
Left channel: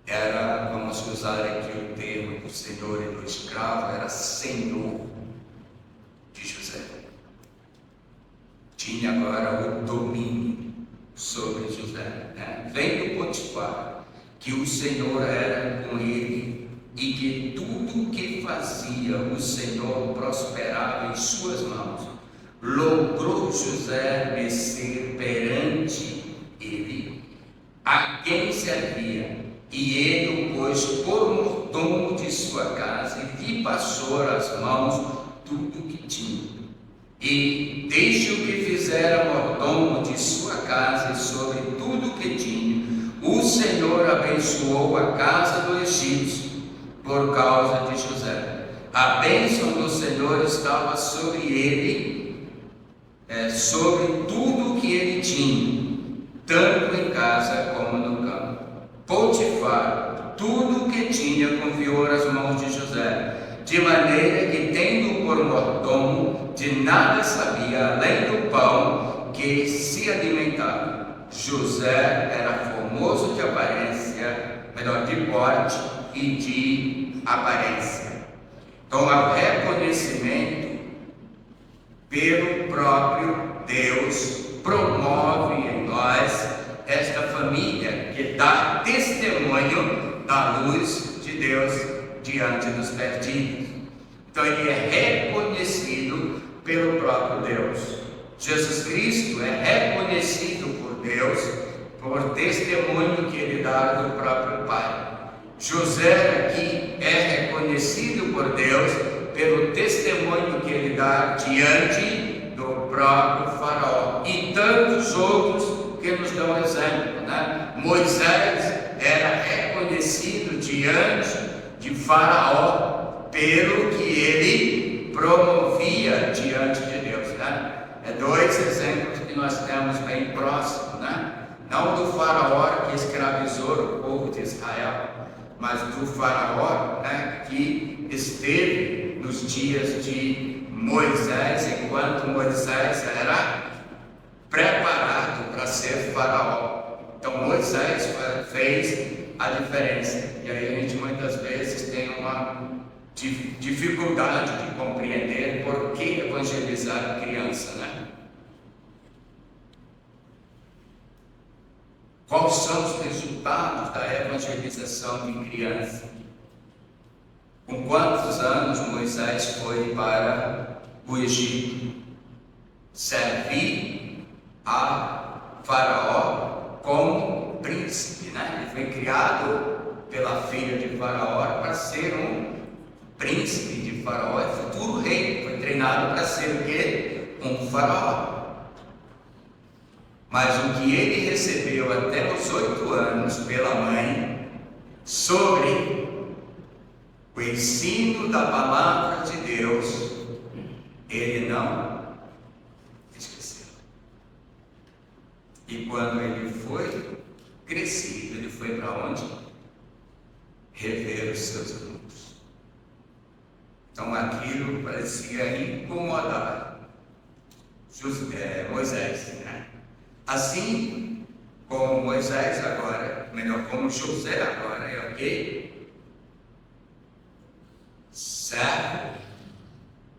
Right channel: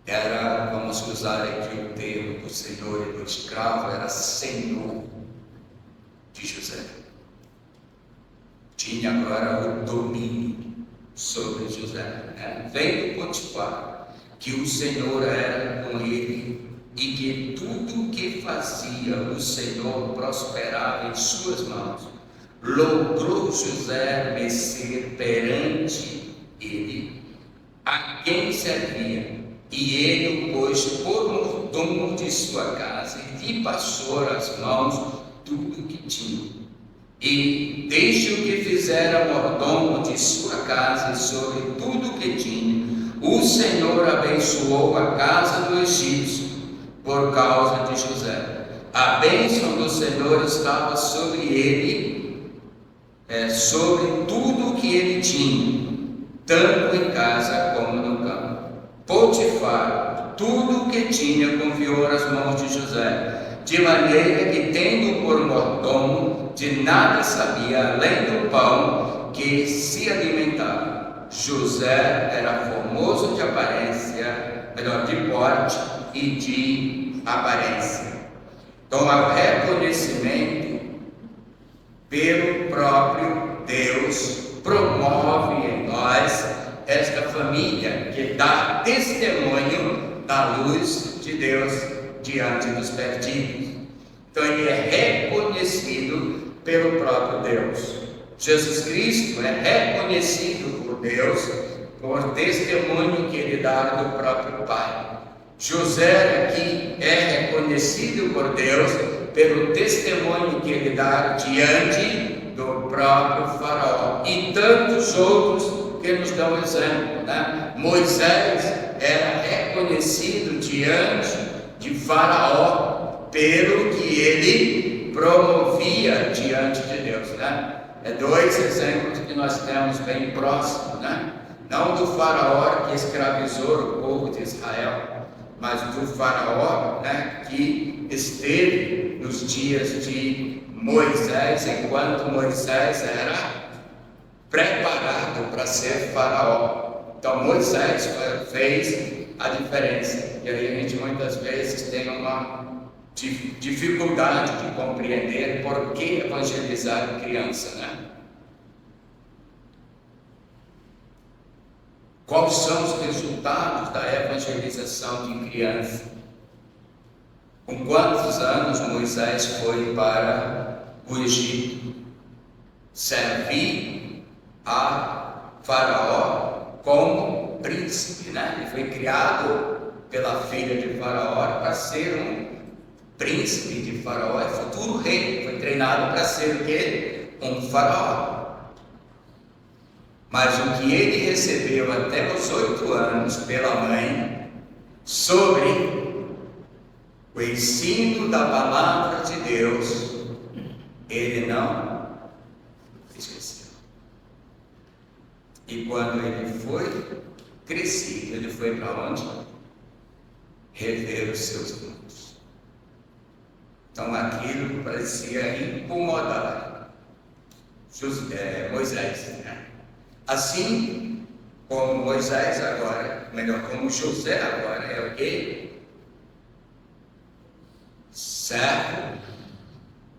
Era, vamos usar aqui o termo do senhor e do escravo, era senhor de José. Tinha agora o domínio sobre José, né? Vem do Potifar, que o Senhor era com ele e que tudo que fazia o Senhor prosperava em suas mãos. Logrou José descer perante ele, a quem servia, e ele o pôs por mordomo de sua casa e lhe passou às mãos tudo que tinha. E desde o que fizera mordomo de sua casa e sobre tudo que tinha, o Senhor abençoou a casa do egípcio por causa de José. A bênção do Senhor estava sobre ele, sobre tudo o que ele tinha, tanto em casa como no campo. Potifar, tudo o que tinha, confiou às mãos de José, de maneira que, tendo por mordomo, de nada sabia além do pão que se alimentava. José era formoso de aparência, de porte e de aparência. Então, há reconhecimento pelo próprio Deus, promove em nós esta família que dá testemunho da luz de Deus diante dos perdidos. Então, ele é reconhecido pelo próprio Deus. Jesus Cristo é reconhecido por Deus por testemunho que ele dá do próprio Pai. José aqui é reconhecido por Deus pelo testemunho que ele dá diante do próprio Faraó. E tantos outros que nos dão exemplo, né? Moisés era reconhecido diante de Faraó pelo que ele promovia diante de Deus, né? É dois exemplos que nós temos bem próximos, né? Não do Faraó que escravizou o povo de Israel, mas do Faraó, né, que esteve nos dias de Moisés, enquanto Moisés era preparado para ser Faraó. Então Moisés fez a diferença. E aí a gente muitas vezes tem uma dificuldade de compreender por que evangelizar criança, né? Quais são os resultados da evangelização de criança? Com quantos anos Moisés foi para o Egito? Servir a Faraó como príncipe, né? Ele foi criado pela filha de Faraó para ser um príncipe de Faraó, é futuro rei, foi treinado para ser o quê? Um Faraó. Mas o que ele recebeu até os 8 anos pela mãe, sobre o ensino da palavra de Deus, ele não E quando ele foi crescido, ele foi para onde? Rever os seus lutos. Então aquilo parecia incomodar Moisés, né? Assim como Moisés agora, melhor, como José agora é o quê? Servo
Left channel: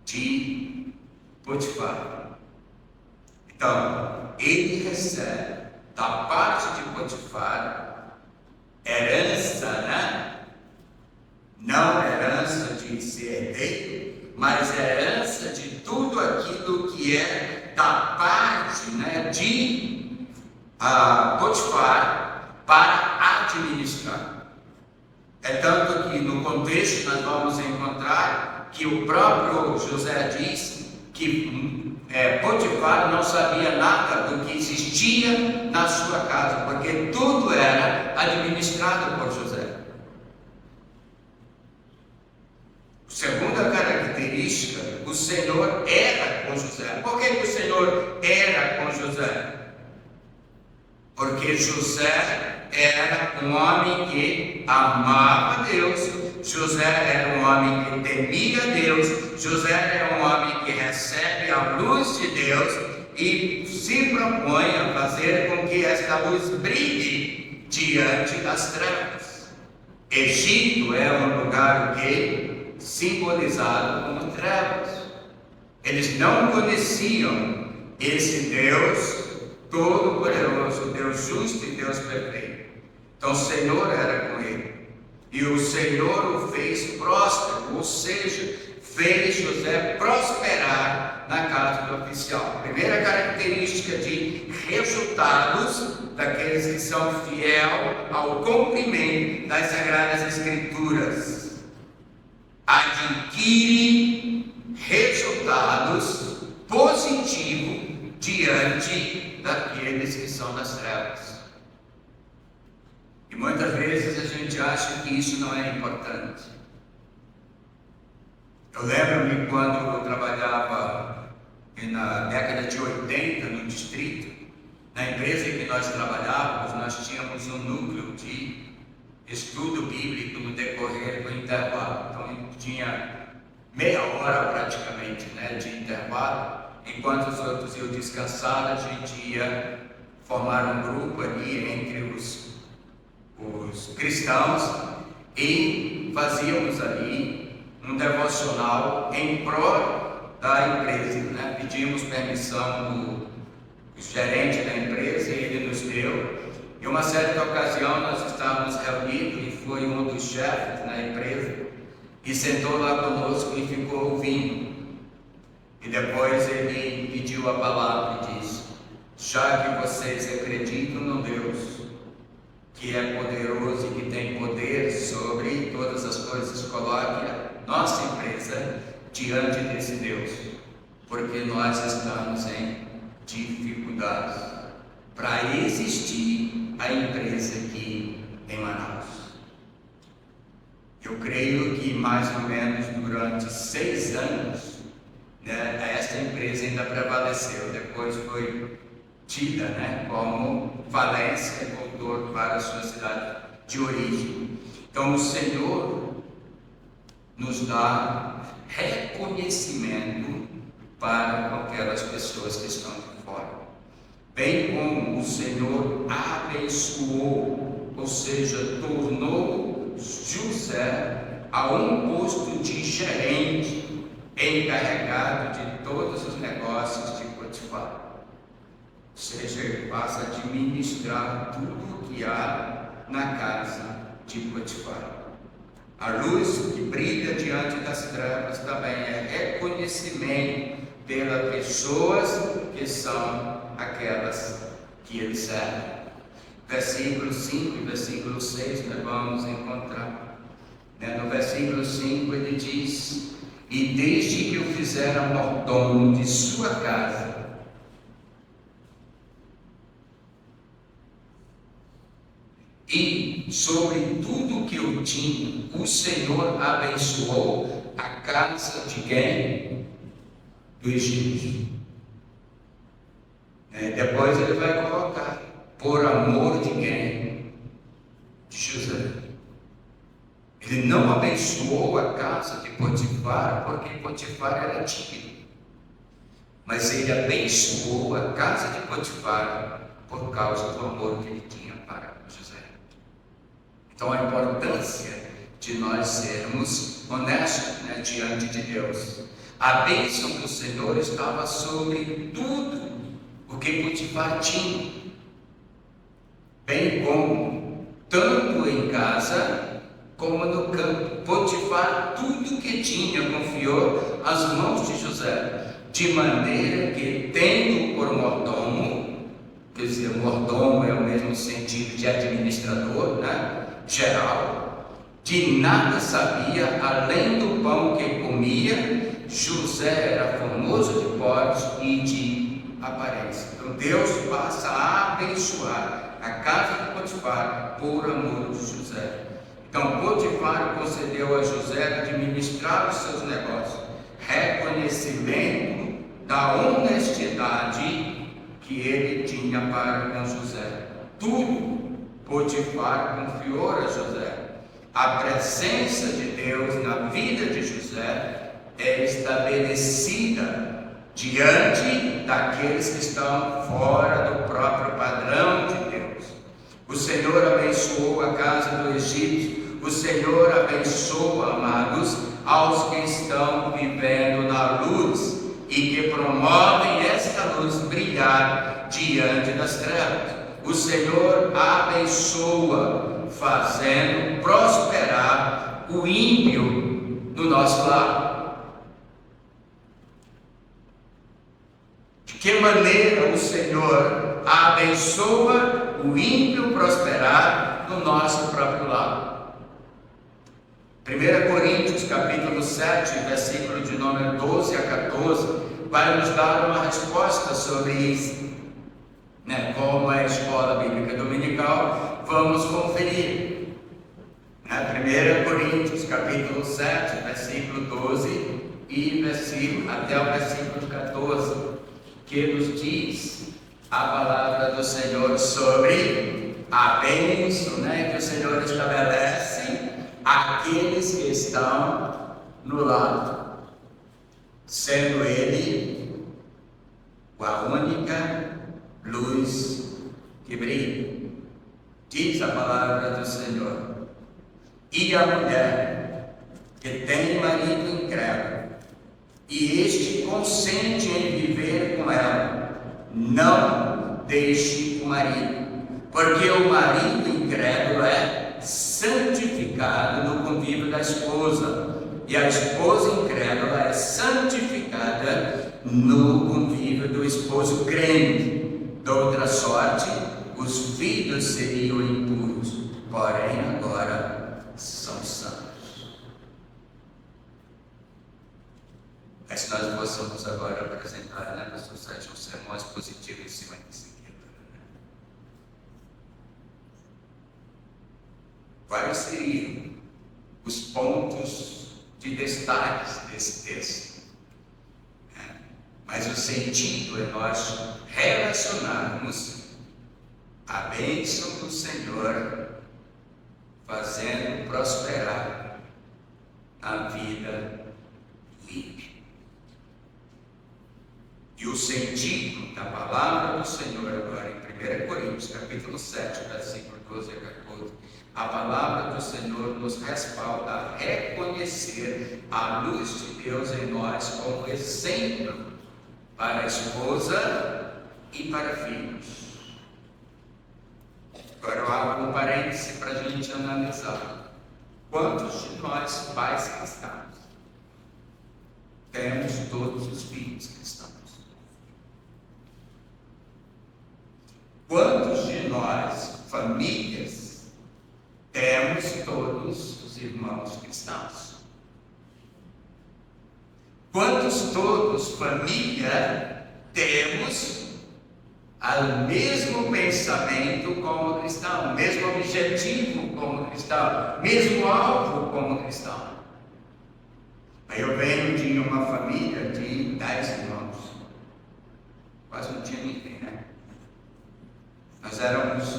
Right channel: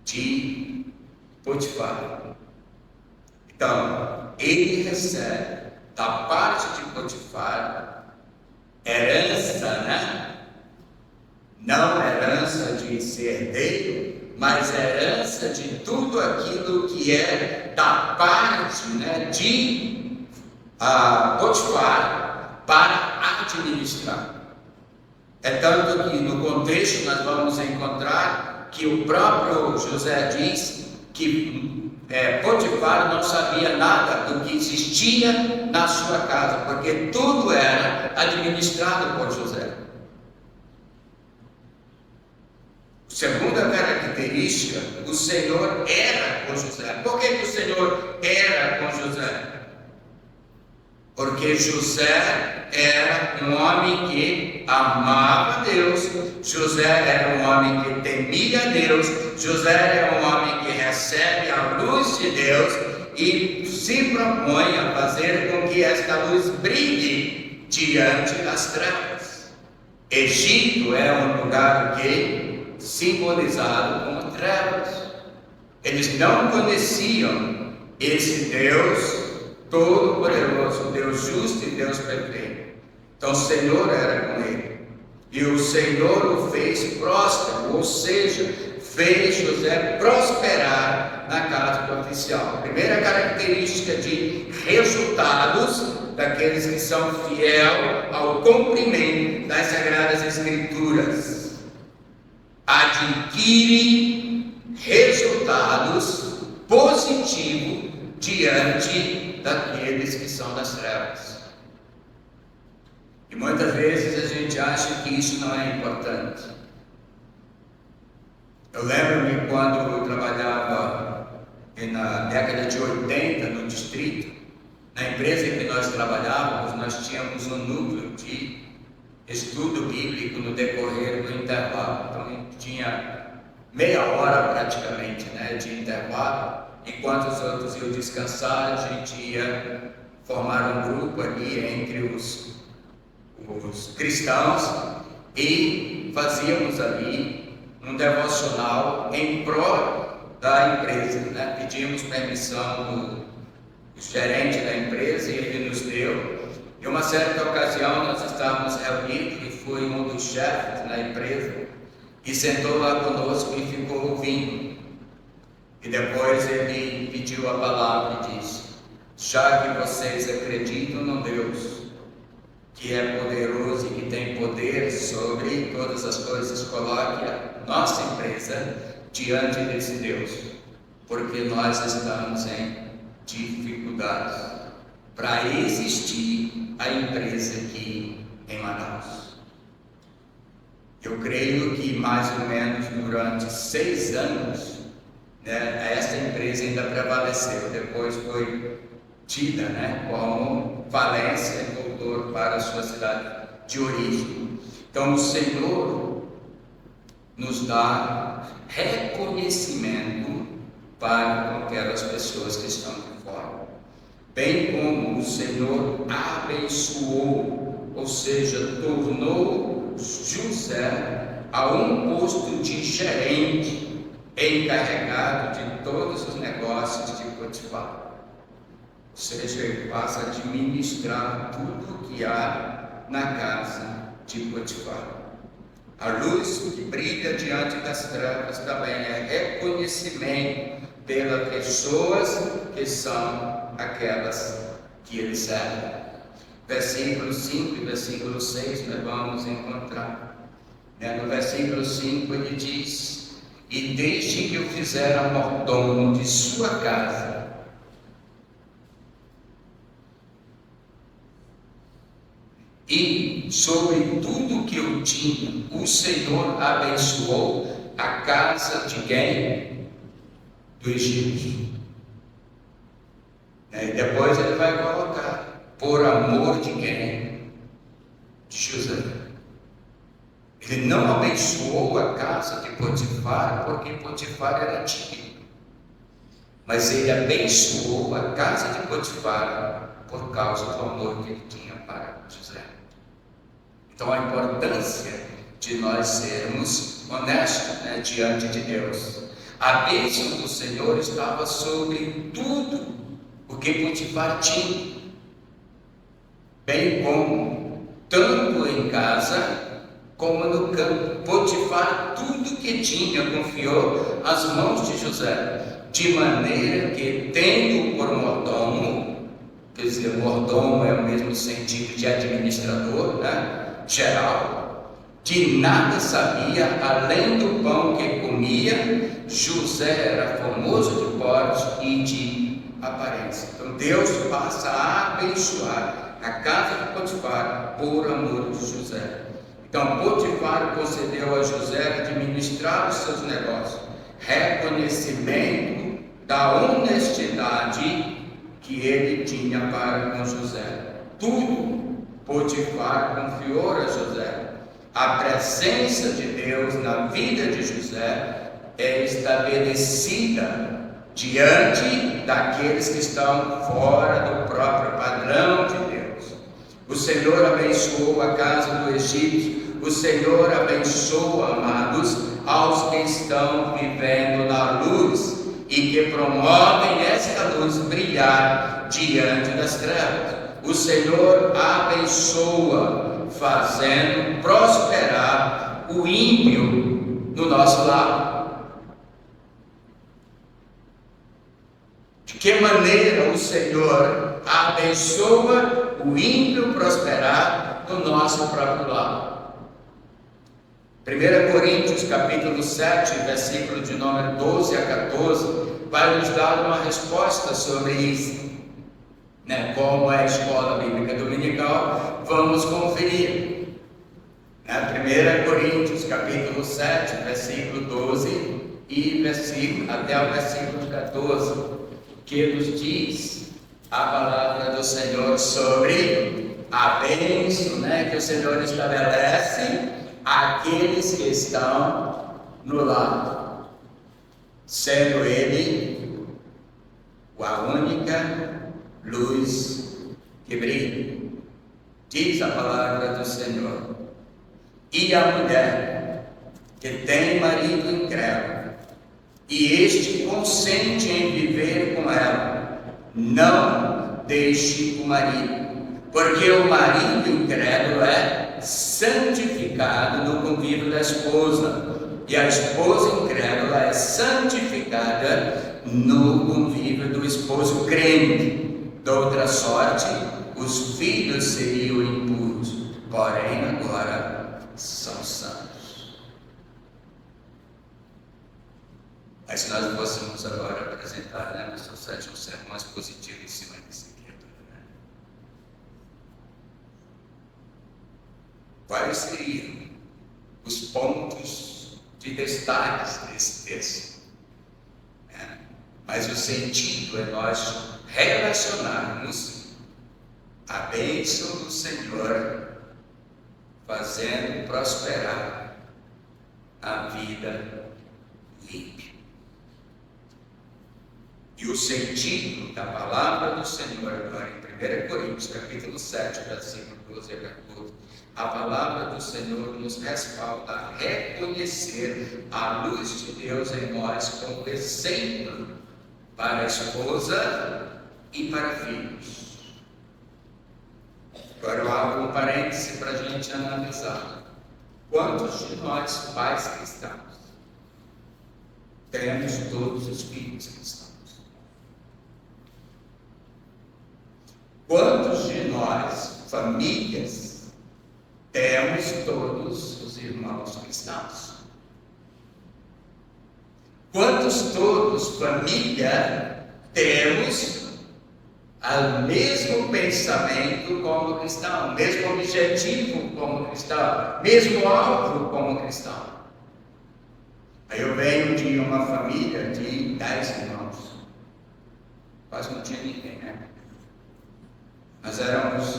de Potifar. Então, ele recebe da parte de Potifar herança, né? Não herança de ser herdeiro, mas herança de tudo aquilo que é da parte, né, de Potifar para administrar. É tanto que no contexto nós vamos encontrar que o próprio José diz que Potifar não sabia nada do que existia na sua casa, porque tudo era administrado por José. Segunda característica, o Senhor era com José. Por que o Senhor era com José? Porque José era um homem que amava Deus, José era um homem que temia Deus, José era um homem que recebe a luz de Deus e se propõe a fazer com que esta luz brilhe diante das trevas. Egito era um lugar que simbolizado como trevas. Eles não conheciam esse Deus todo-poderoso, Deus justo e Deus perfeito. Então o Senhor era com ele. E o Senhor o fez próspero, ou seja, fez José prosperar na casa do oficial. Primeira característica de resultados daqueles que são fiéis ao cumprimento das Sagradas Escrituras. Adquire resultados positivos diante daqueles que são das trevas. E muitas vezes a gente acha que isso não é importante. Eu lembro-me quando eu trabalhava na década de 80 no distrito, na empresa em que nós trabalhávamos, nós tínhamos um núcleo de estudo bíblico no decorrer do intervalo. Então tinha meia hora praticamente, né, de intervalo. Enquanto os outros iam descansar, a gente ia formar um grupo ali entre os cristãos e fazíamos ali um devocional em prol da empresa, né? Pedimos permissão do gerente da empresa e ele nos deu. Em uma certa ocasião nós estávamos reunidos e foi um dos chefes da empresa e sentou lá conosco e ficou ouvindo. E depois ele pediu a palavra e disse: já que vocês acreditam no Deus que é poderoso e que tem poder sobre todas as coisas, coloque a nossa empresa diante desse Deus, porque nós estamos em dificuldades para existir a empresa aqui em Manaus. Eu creio que mais ou menos durante 6 anos, né, esta empresa ainda prevaleceu, depois foi tida, né, como falência, voltou para a sua cidade de origem. Então o Senhor nos dá reconhecimento para aquelas pessoas que estão de fora, bem como o Senhor abençoou, ou seja, tornou José a um posto de gerente encarregado de todos os negócios de Potifar. Ou seja, ele passa a administrar tudo que há na casa de Potifar. A luz que brilha diante das trevas também é reconhecimento pelas pessoas que são aquelas que ele serve. Versículo 5 e versículo 6 nós vamos encontrar. No versículo 5 ele diz: e desde que o fizera mordomo de sua casa, e sobre tudo que eu tinha, o Senhor abençoou a casa de quem? Do Egito. Depois ele vai colocar: de quem? De José. Ele não abençoou a casa de Potifar, porque Potifar era tímido. Mas ele abençoou a casa de Potifar por causa do amor que ele tinha para José. Então a importância de nós sermos honestos, né, diante de Deus. A bênção do Senhor estava sobre tudo o que Potifar tinha, bem como tanto em casa como no campo. Potifar tudo que tinha confiou às mãos de José, de maneira que, tendo por mordomo, quer dizer, mordomo é o mesmo sentido de administrador, né, geral, de nada sabia além do pão que comia. José era formoso de porte e de aparência. Então Deus passa a abençoar a casa de Potifar por amor de José. Então Potifar concedeu a José administrar os seus negócios, reconhecimento da honestidade que ele tinha para com José. Tudo Potifar confiou a José. A presença de Deus na vida de José é estabelecida diante daqueles que estão fora do próprio padrão de Deus. O Senhor abençoou a casa do egípcio. O Senhor abençoa, amados, aos que estão vivendo na luz e que promovem esta luz brilhar diante das trevas. O Senhor abençoa, fazendo prosperar o ímpio do nosso lado. De que maneira o Senhor abençoa o ímpio prosperar no nosso próprio lado? 1 Coríntios capítulo 7, versículo de número 12 a 14, vai nos dar uma resposta sobre isso. Como é a escola bíblica dominical, vamos conferir. 1 Coríntios capítulo 7, versículo 12 e até o versículo 14, que nos diz a palavra do Senhor sobre a bênção, que o Senhor estabelece àqueles que estão no lado, sendo Ele a única luz que brilha. Diz a palavra do Senhor: e a mulher que tem marido incrédulo, e este consente em viver com ela, não deixe o marido, porque o marido incrédulo é santificado no convívio da esposa, e a esposa incrédula é santificada no convívio do esposo crente. De outra sorte, os filhos seriam impuros, porém agora são santos. Mas se nós possamos agora apresentar, no seu sétimo sermão, expositivo em cima desse texto. Quais seriam os pontos de destaque desse texto? Mas o sentido é nós relacionarmos a bênção do Senhor fazendo prosperar a vida do ímpio. E o sentido da palavra do Senhor agora em 1 Coríntios capítulo 7, versículo 12 a 14, a palavra do Senhor nos respalda a reconhecer a luz de Deus em nós como exemplo para a esposa e para filhos. Agora eu abro um parêntese para a gente analisar. Quantos de nós, pais cristãos, temos todos os filhos cristãos? Quantos de nós, famílias, temos todos os irmãos cristãos? Quantos todos, família, temos o mesmo pensamento como cristão, mesmo objetivo como cristão, mesmo alvo como cristão? Eu venho de uma família de 10 irmãos, quase não tinha ninguém,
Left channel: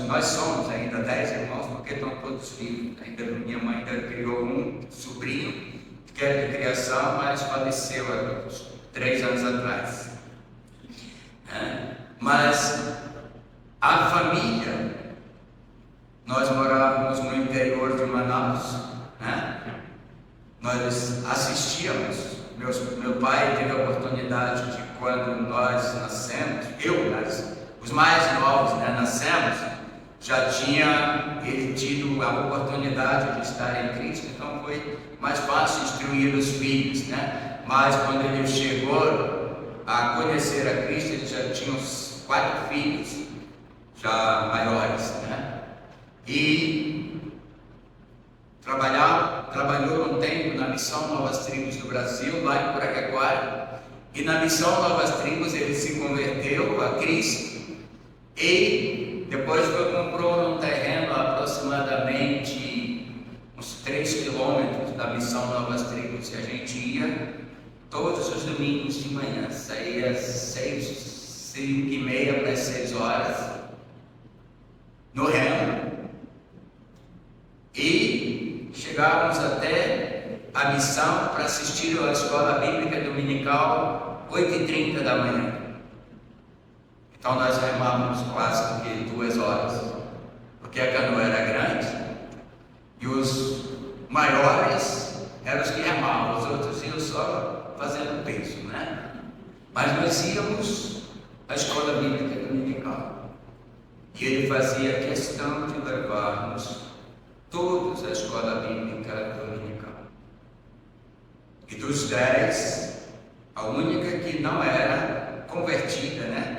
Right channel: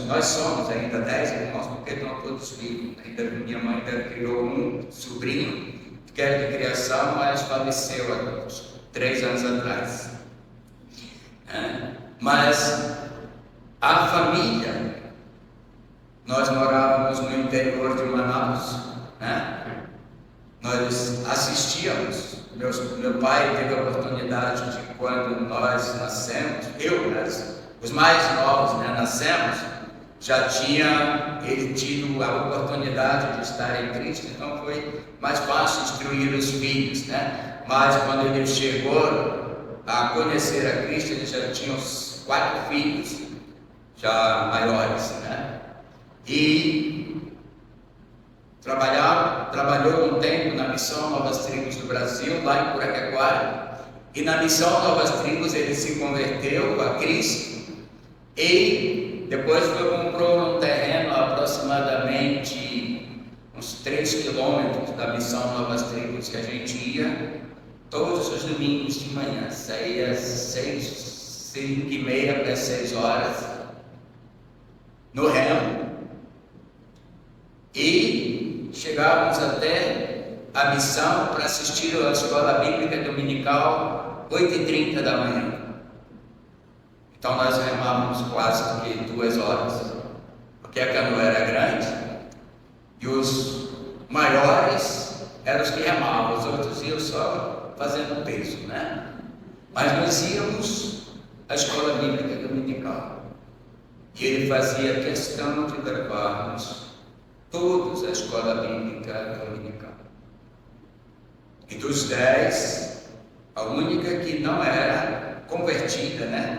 Nós somos ainda 10 irmãos, porque estão todos vivos. Ainda minha mãe criou um sobrinho que era de criação, mas faleceu há 3 anos atrás. Mas a família, nós morávamos no interior de Manaus, nós assistíamos. Meu pai teve a oportunidade de, quando nós nascemos, os mais novos, nascemos, já tinha ele tido a oportunidade de estar em Cristo, então foi mais fácil instruir os filhos, Mas quando ele chegou a conhecer a Cristo, ele já tinha uns 4 filhos, já maiores, E trabalhou um tempo na Missão Novas Tribos do Brasil, lá em Piraquequara, e na Missão Novas Tribos ele se converteu a Cristo. E depois comprou um terreno aproximadamente uns 3 quilômetros da Missão Novas Tribos, que a gente ia todos os domingos de manhã, saía às 5h30 para as 6 horas, no remo, e chegávamos até a missão para assistir a escola bíblica dominical 8h30 da manhã. Então nós remávamos quase que 2 horas, porque a canoa era grande e os maiores eram os que remavam, os outros iam só fazendo peso, Mas nós íamos à escola bíblica dominical e ele fazia questão de levarmos todos à escola bíblica dominical. E dos 10, a única que não era convertida,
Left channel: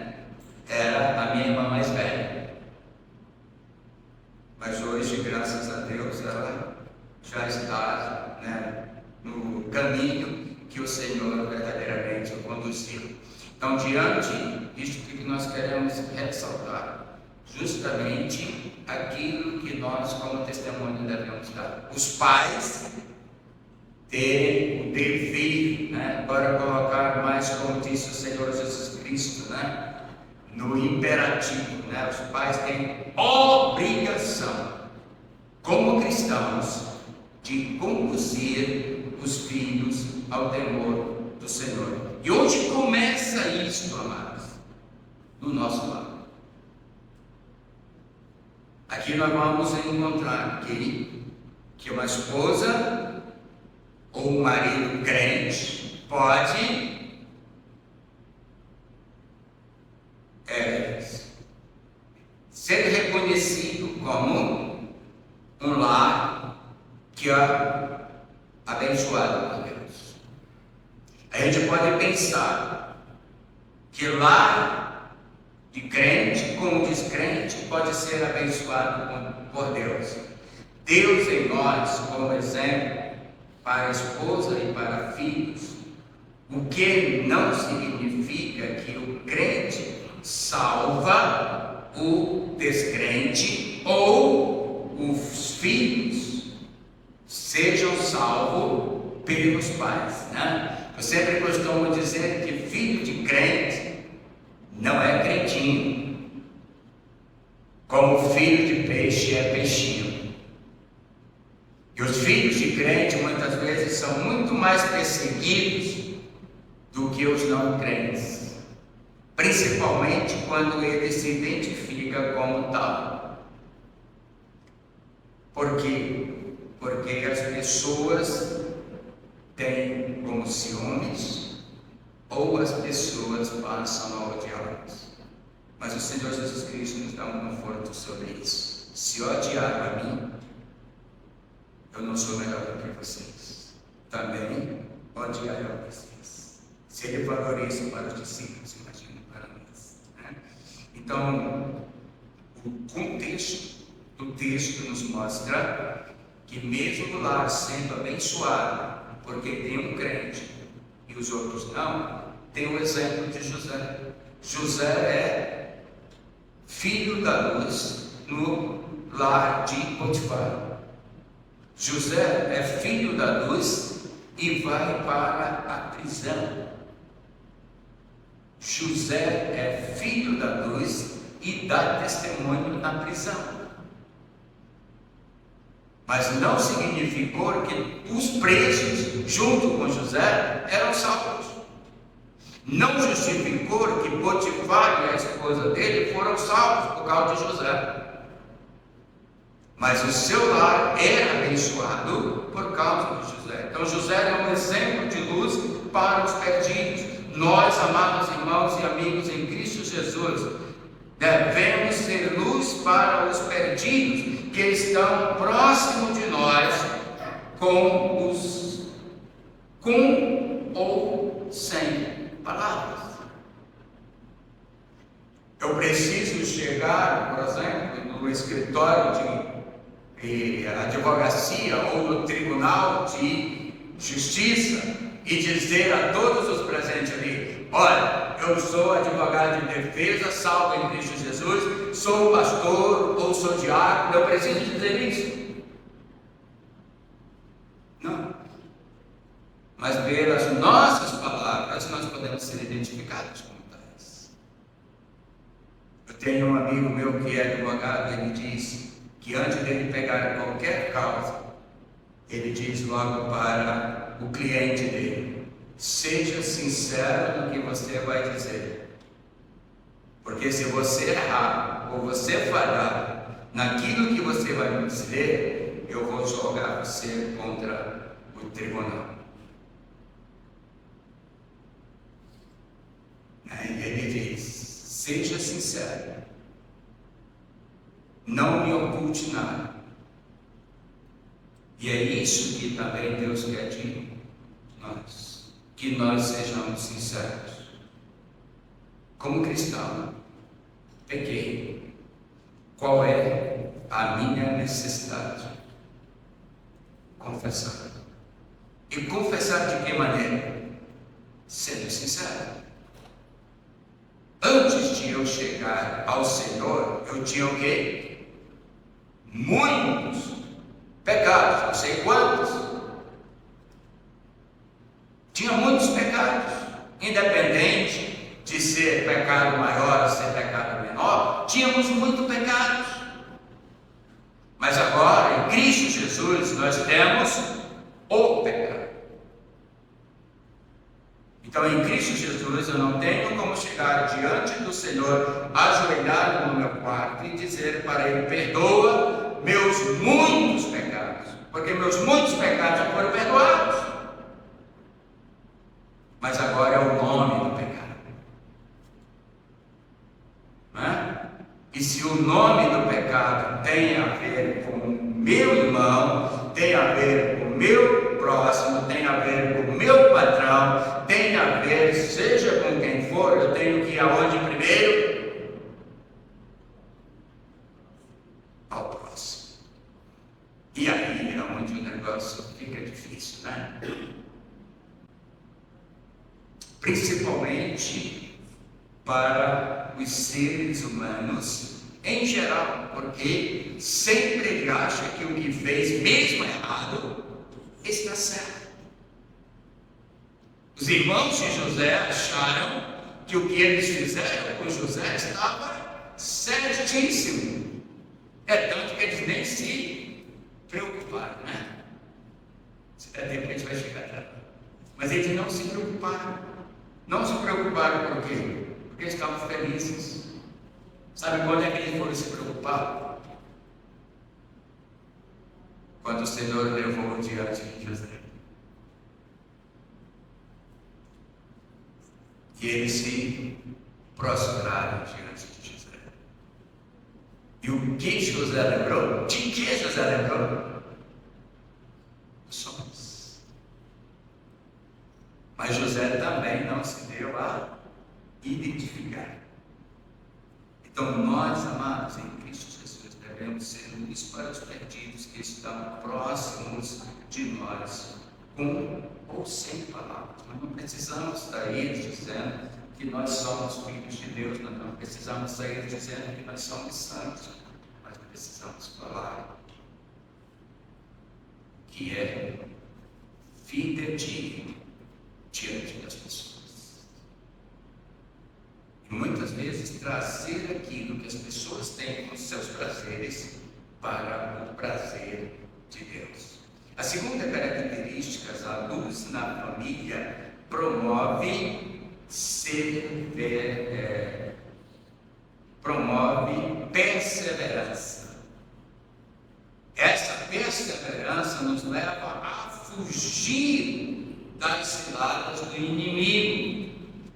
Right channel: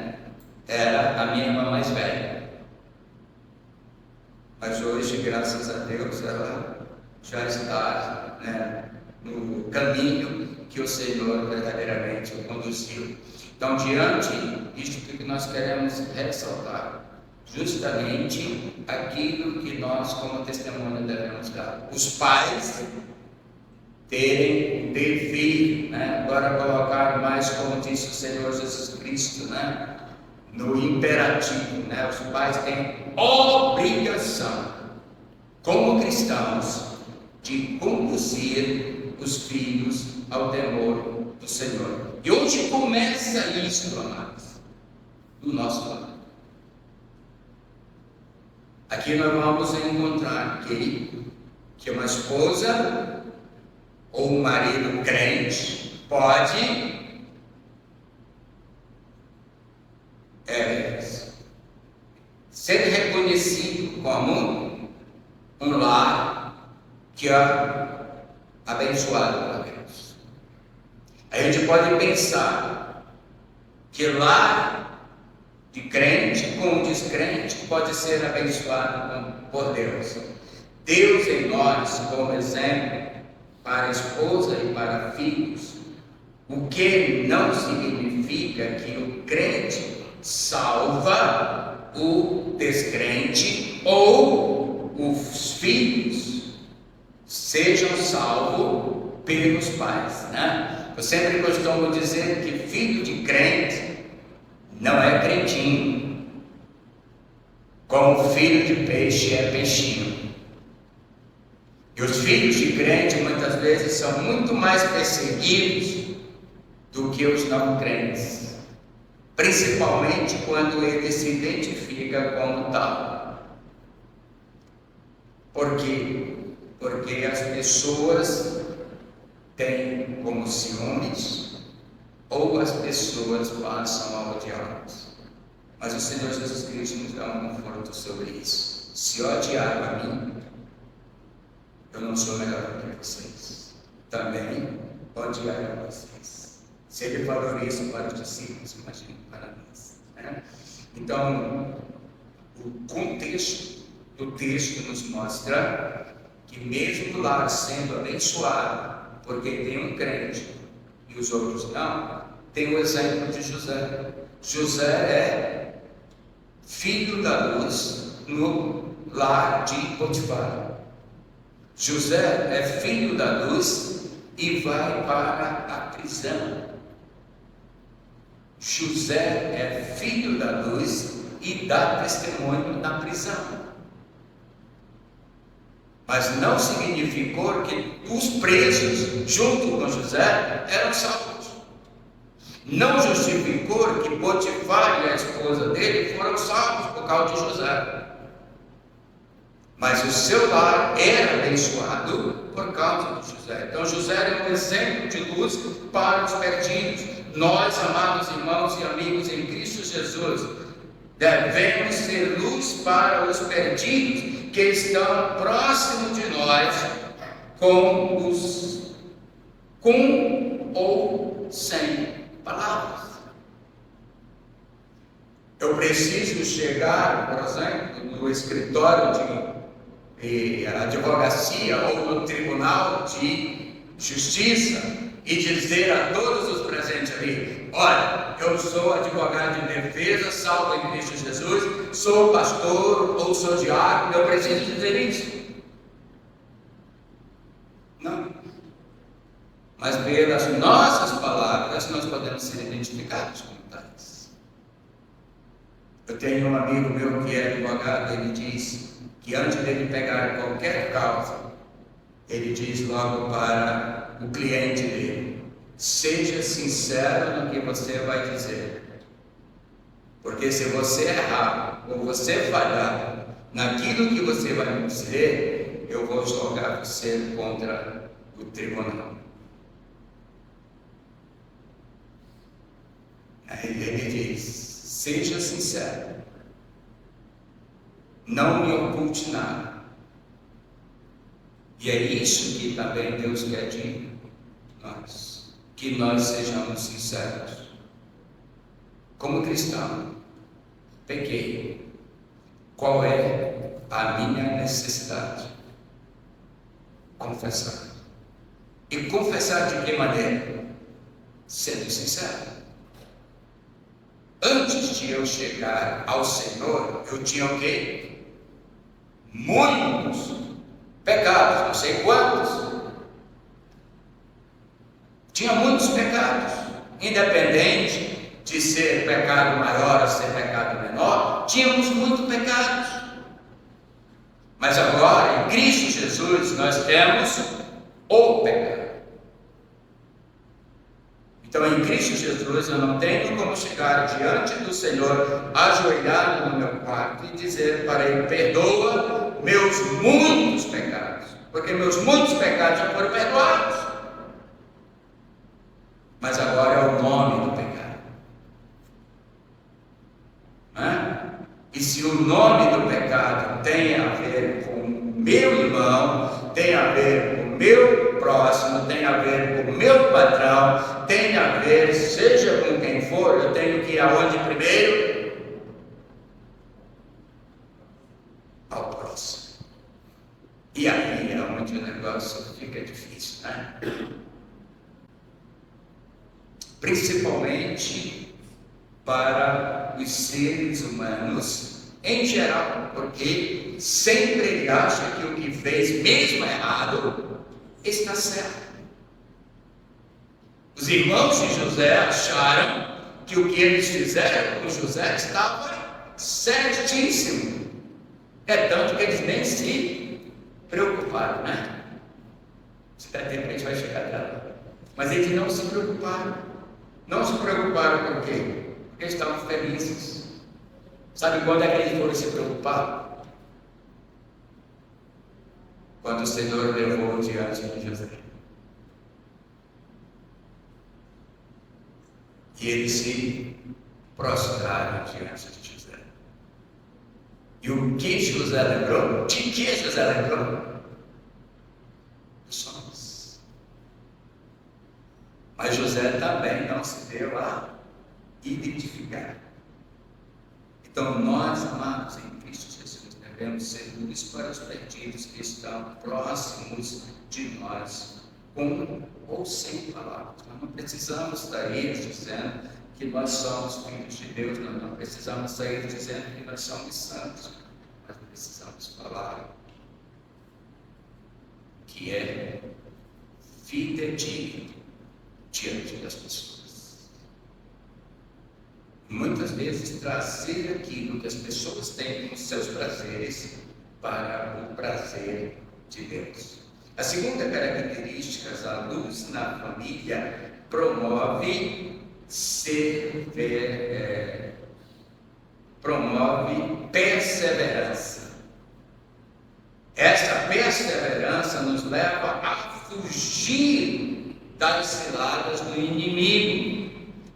era a minha irmã mais velha. Mas hoje, graças a Deus, ela já está no caminho que o Senhor verdadeiramente o conduziu. Então, diante disto que nós queremos ressaltar, justamente aquilo que nós, como testemunho, devemos dar. Os pais terem o dever, agora colocar mais, como disse o Senhor Jesus Cristo, no imperativo, os pais têm obrigação, como cristãos, de conduzir os filhos ao temor do Senhor. E onde começa isso, amados? No nosso lar. Aqui nós vamos encontrar que uma esposa ou um marido crente pode ser reconhecido como um lar que é abençoado por Deus. A gente pode pensar que lar de crente com descrente pode ser abençoado por Deus. Deus em nós, como exemplo para a esposa e para filhos, o que não significa que o crente salva o descrente ou os filhos sejam salvos pelos pais, Eu sempre costumo dizer que filho de crente não é crentinho, como filho de peixe é peixinho. E os filhos de crente muitas vezes são muito mais perseguidos do que os não crentes, principalmente quando ele se identifica como tal. Por quê? Porque as pessoas têm como ciúmes ou as pessoas passam a odiá-los. Mas o Senhor Jesus Cristo nos dá um conforto sobre isso. Se odiar a mim, eu não sou melhor do que vocês. Também odiar a vocês. Se ele falou isso para os discípulos, imagine para nós. Então, o contexto do texto nos mostra que mesmo o lar sendo abençoado, porque tem um crente e os outros não, tem o exemplo de José. José é filho da luz no lar de Potifar. José é filho da luz e vai para a prisão. José é filho da luz e dar testemunho na prisão. Mas não significou que os presos, junto com José, eram salvos. Não justificou que Potifar e a esposa dele foram salvos por causa de José. Mas o seu lar era abençoado por causa de José. Então José era um exemplo de luz para os perdidos. Nós, amados irmãos e amigos em Cristo Jesus, devemos ser luz para os perdidos que estão próximos de nós, com ou sem palavras. Eu preciso chegar, por exemplo, no escritório de advocacia ou no tribunal de justiça e dizer a todos os presentes ali: olha, eu sou advogado de defesa, salvo em Cristo Jesus, sou pastor ou sou diácono. Eu preciso dizer isso? Não. Mas pelas nossas palavras nós podemos ser identificados como tais. Eu tenho um amigo meu que é advogado, ele diz que antes de ele pegar qualquer causa, ele diz logo para o cliente dele: seja sincero no que você vai dizer, porque se você errar ou você falhar naquilo que você vai me dizer, eu vou jogar você contra o tribunal. Aí ele diz: seja sincero, não me oculte nada. E é isso que também Deus quer de nós, que nós sejamos sinceros. Como cristão, pequei. Qual é a minha necessidade? Confessar. E confessar de que maneira? Sendo sincero. Antes de eu chegar ao Senhor, eu tinha o quê? Muitos pecados, não sei quantos. Tinha muitos pecados, independente de ser pecado maior ou ser pecado menor, tínhamos muitos pecados. Mas agora, em Cristo Jesus, nós temos o pecado. Então, em Cristo Jesus, eu não tenho como chegar diante do Senhor, ajoelhado no meu quarto e dizer para Ele: perdoa meus muitos pecados, porque meus muitos pecados já foram perdoados. Mas agora é o nome do pecado. E se o nome do pecado tem a ver com o meu irmão, tem a ver com o meu próximo, tem a ver com o meu patrão, tem a ver, seja com quem for, eu tenho que ir aonde primeiro? Ao próximo. E aí realmente o negócio fica difícil, né? Principalmente para os seres humanos em geral, porque sempre ele acha que o que fez, mesmo errado, está certo. Os irmãos de José acharam que o que eles fizeram com José estava certíssimo. É tanto que eles nem se preocuparam, né? Espera aí que a gente vai chegar lá. Mas eles não se preocuparam. Não se preocuparam por quê? Porque eles estavam felizes. Sabe quando é que eles foram se preocupar? Quando o Senhor levou diante de José. E eles se prostraram diante de José. E o que José lembrou? De que José lembrou? Somos. Mas José também não se deu a identificar. Então nós, amados em Cristo Jesus, devemos ser luz para os perdidos que estão próximos de nós, com ou sem palavras. Nós não precisamos sair dizendo que nós somos filhos de Deus, nós não precisamos sair dizendo que nós somos santos, mas precisamos falar que é fidedigno diante das pessoas. E muitas vezes trazer aquilo que as pessoas têm com seus prazeres para o prazer de Deus. A segunda característica, a luz na família promove perseverança. Essa perseverança nos leva a fugir das ciladas do inimigo.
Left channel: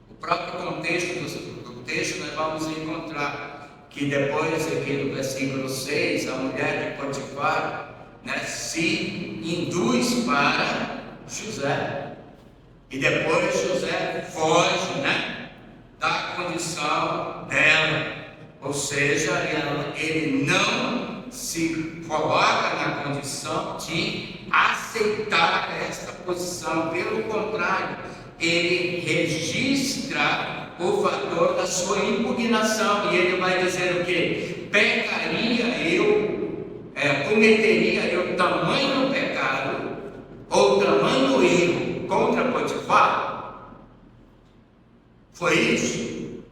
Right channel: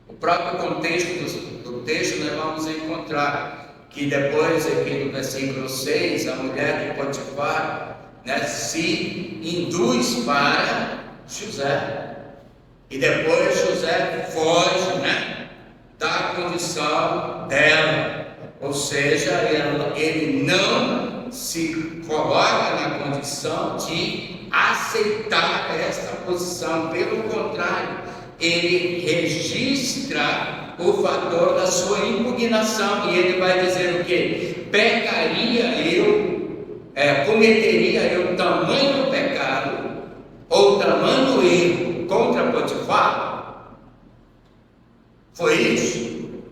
O próprio contexto do texto nós vamos encontrar que depois aqui no versículo 6, a mulher de Potifar, se induz para José. E depois José foge, da condição dela. Ou seja, ele não se coloca na condição de aceitar esta posição. Pelo contrário, ele registra o fator da sua impugnação. E ele vai dizer o quê? Cometeria eu tamanho pecado ou tamanho erro contra Potifar? Foi isso?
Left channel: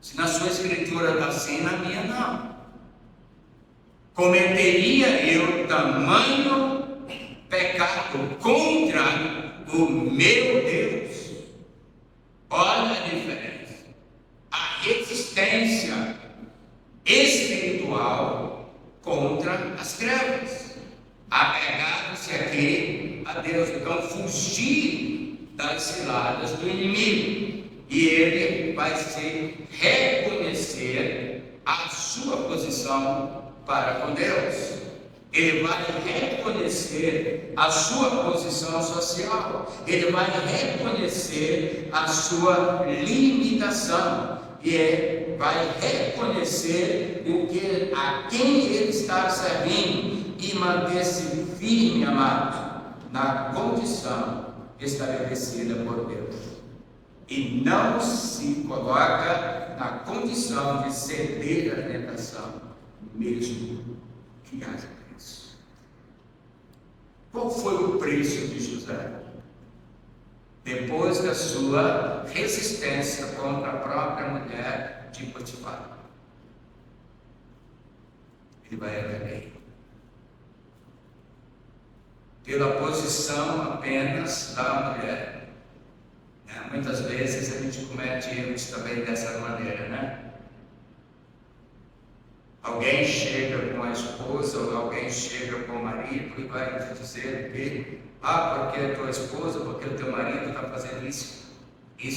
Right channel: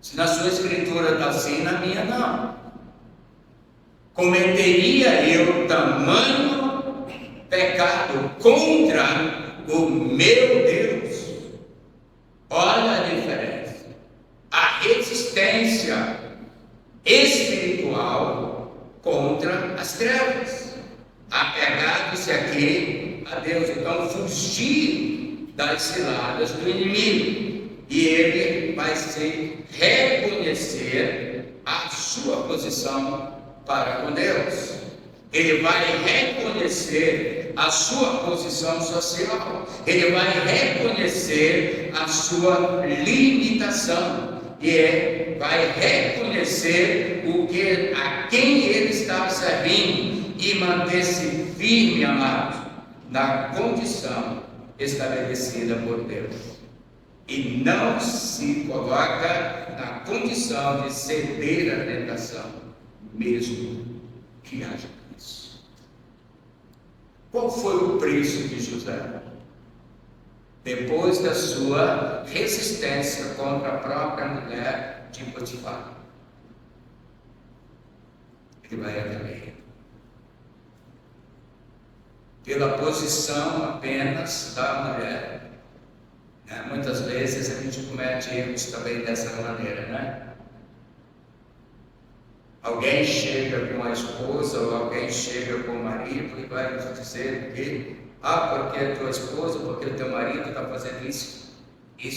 Se na sua escritura está assim, na minha não. Cometeria eu tamanho pecado contra o meu Deus? Olha a diferença. A resistência espiritual contra as trevas. Apegados aqui a Deus. Então, fugir das ciladas do inimigo. E ele vai se reconhecer a sua posição para com Deus. Ele vai reconhecer a sua posição social. Ele vai reconhecer a sua limitação. E vai reconhecer a quem ele está servindo e manter-se firme, amados, na condição estabelecida por Deus. E não se coloca na condição de ceder à tentação, mesmo que haja preço. Qual foi o preço de José? Depois da sua resistência contra a própria mulher de Potifar, ele vai também. Pela posição apenas da mulher. Muitas vezes a gente comete erros também dessa maneira, Alguém chega com a esposa ou alguém chega com o marido e vai nos dizer que porque a tua esposa, porque o teu marido está fazendo isso. E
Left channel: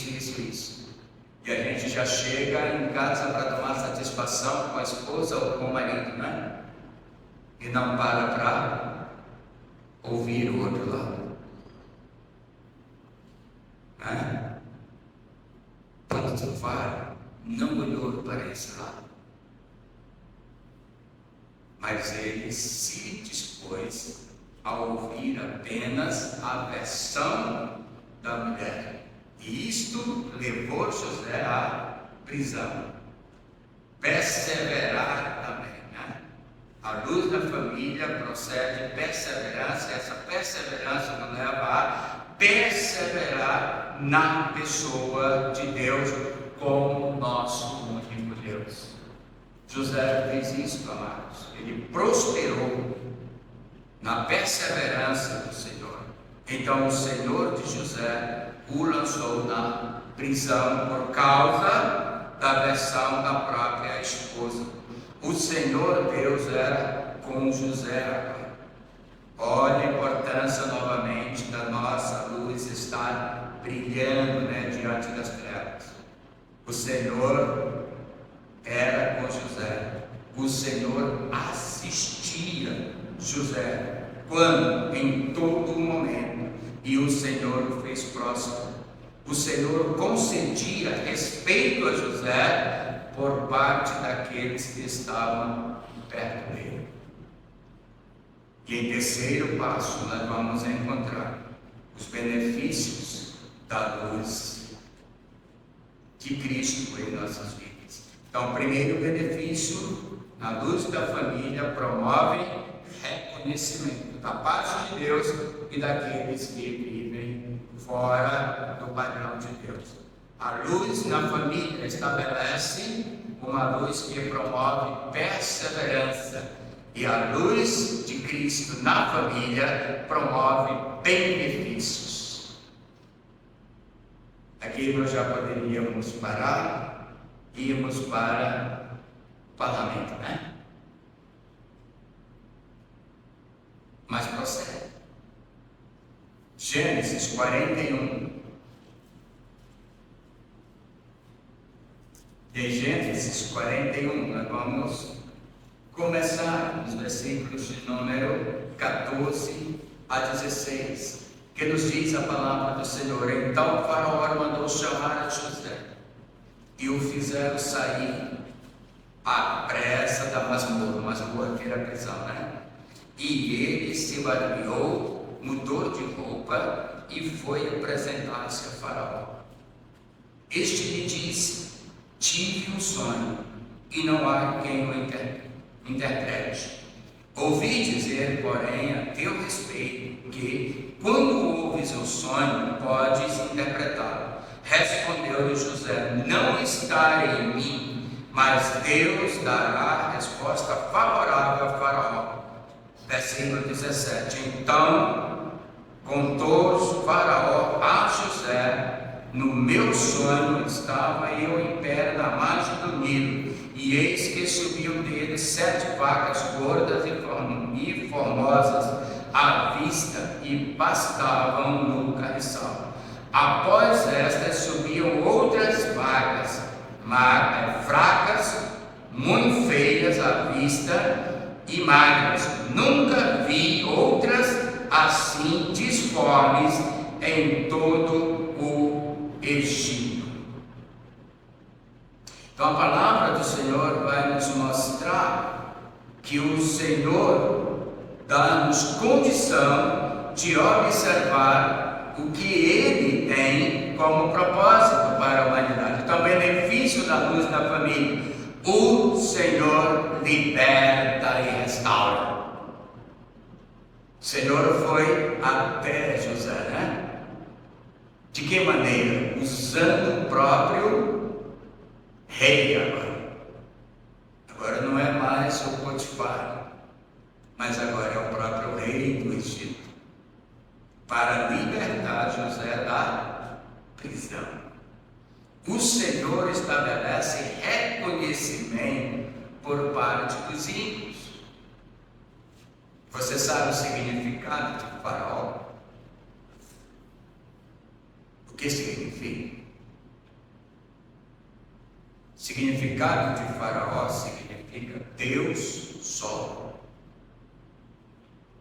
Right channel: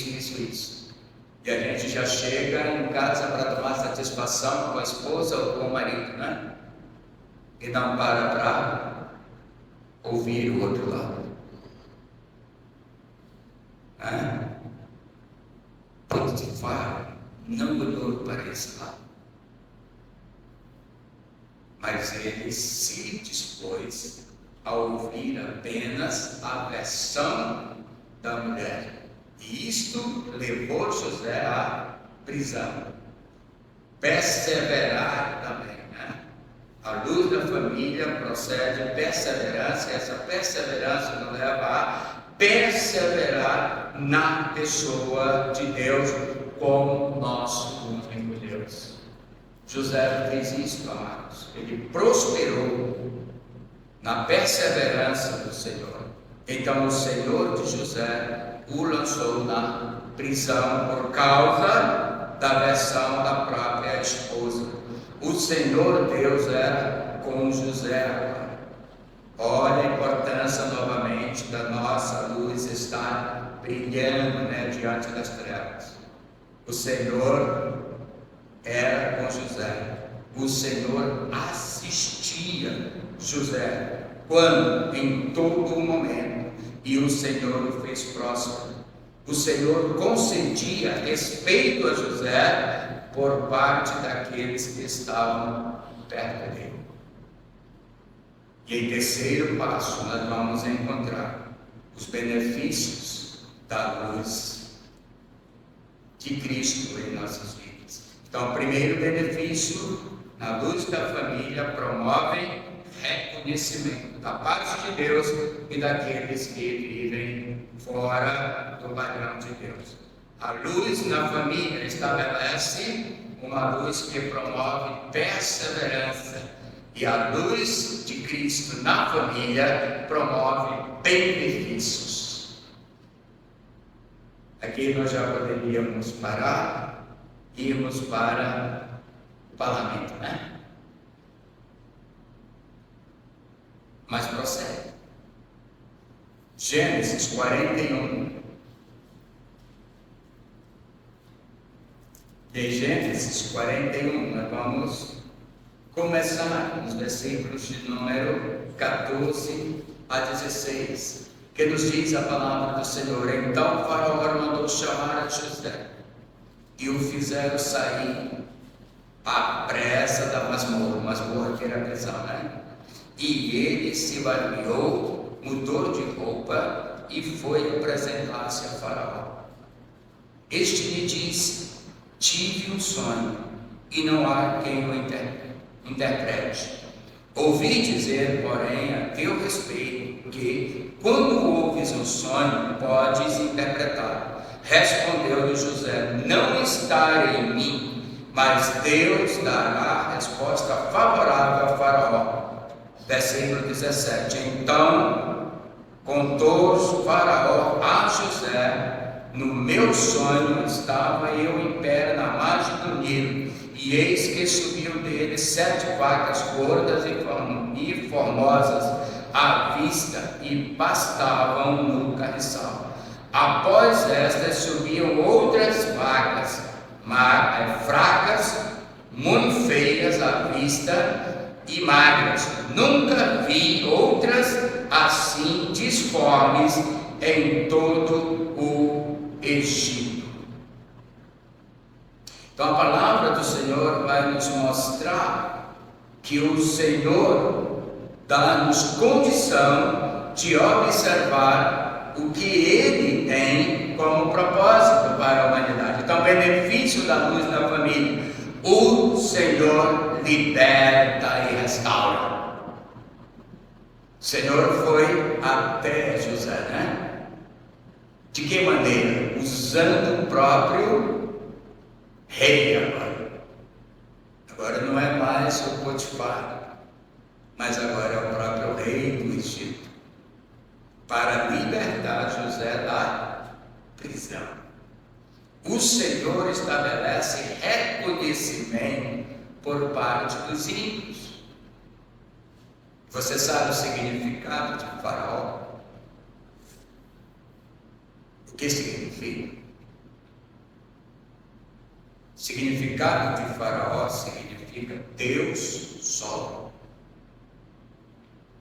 a gente já chega em casa para tomar satisfação com a esposa ou com o marido, E não para ouvir o outro lado. Potifar não olhou para esse lado. Mas ele se dispôs a ouvir apenas a versão da mulher. E isto levou José à prisão. Perseverar também, A luz da família procede perseverança, e essa perseverança nos leva a perseverar na pessoa de Deus como nosso único Deus. José fez isso, amados. Ele prosperou na perseverança do Senhor. Então o Senhor de José o lançou na prisão por causa da versão da própria esposa. O Senhor Deus era com José. Olha a importância novamente da nossa luz estar brilhando diante das trevas. O Senhor era com José. O Senhor assistia José quando? Em todo momento. E o Senhor o fez próspero. O Senhor consentia respeito a José por parte daqueles que estavam perto dele. E em terceiro passo nós vamos encontrar os benefícios da luz de Cristo em nossas vidas. Então, o primeiro benefício, na luz da família, promove reconhecimento da parte de Deus e daqueles que vivem fora do padrão de Deus. A luz na família estabelece uma luz que promove perseverança. E a luz de Cristo na família promove benefícios. Aqui nós já poderíamos parar e irmos para o parlamento, né? Mas prossegue. Gênesis 41. De Gênesis 41, nós vamos começar nos versículos de número 14 a 16, que nos diz a palavra do Senhor. Então Faraó mandou chamar a José, e o fizeram sair à pressa da masmorra que era a prisão, né? E ele se barbeou, mudou de roupa e foi apresentar-se a Faraó. Este lhe disse: tive um sonho, e não há quem o interprete. Ouvi dizer, porém, a teu respeito, que quando ouves um sonho, podes interpretá-lo. Respondeu-lhe José: não está em mim, mas Deus dará a resposta favorável a Faraó. Versículo 17. Então contou Faraó a José: no meu sonho estava eu em pé na margem do Nilo, e eis que subiam dele 7 vacas gordas e formosas à vista, e pastavam no carriçal. Após estas subiam outras vacas, fracas, muito feias à vista e magras. Nunca vi outras assim disformes em todo o Egito. Então a palavra do Senhor vai nos mostrar que o Senhor dá-nos condição de observar o que Ele tem como propósito para a humanidade. Então, benefício da luz da família: o Senhor liberta e restaura. O Senhor foi até José, né? De que maneira? Usando o próprio rei agora. Agora não é mais o Potifar, mas agora é o próprio rei do Egito, para libertar José da prisão. O Senhor estabelece reconhecimento por parte dos ímpios. Você sabe o significado de Faraó? O que significa? O significado de Faraó significa Deus Sol,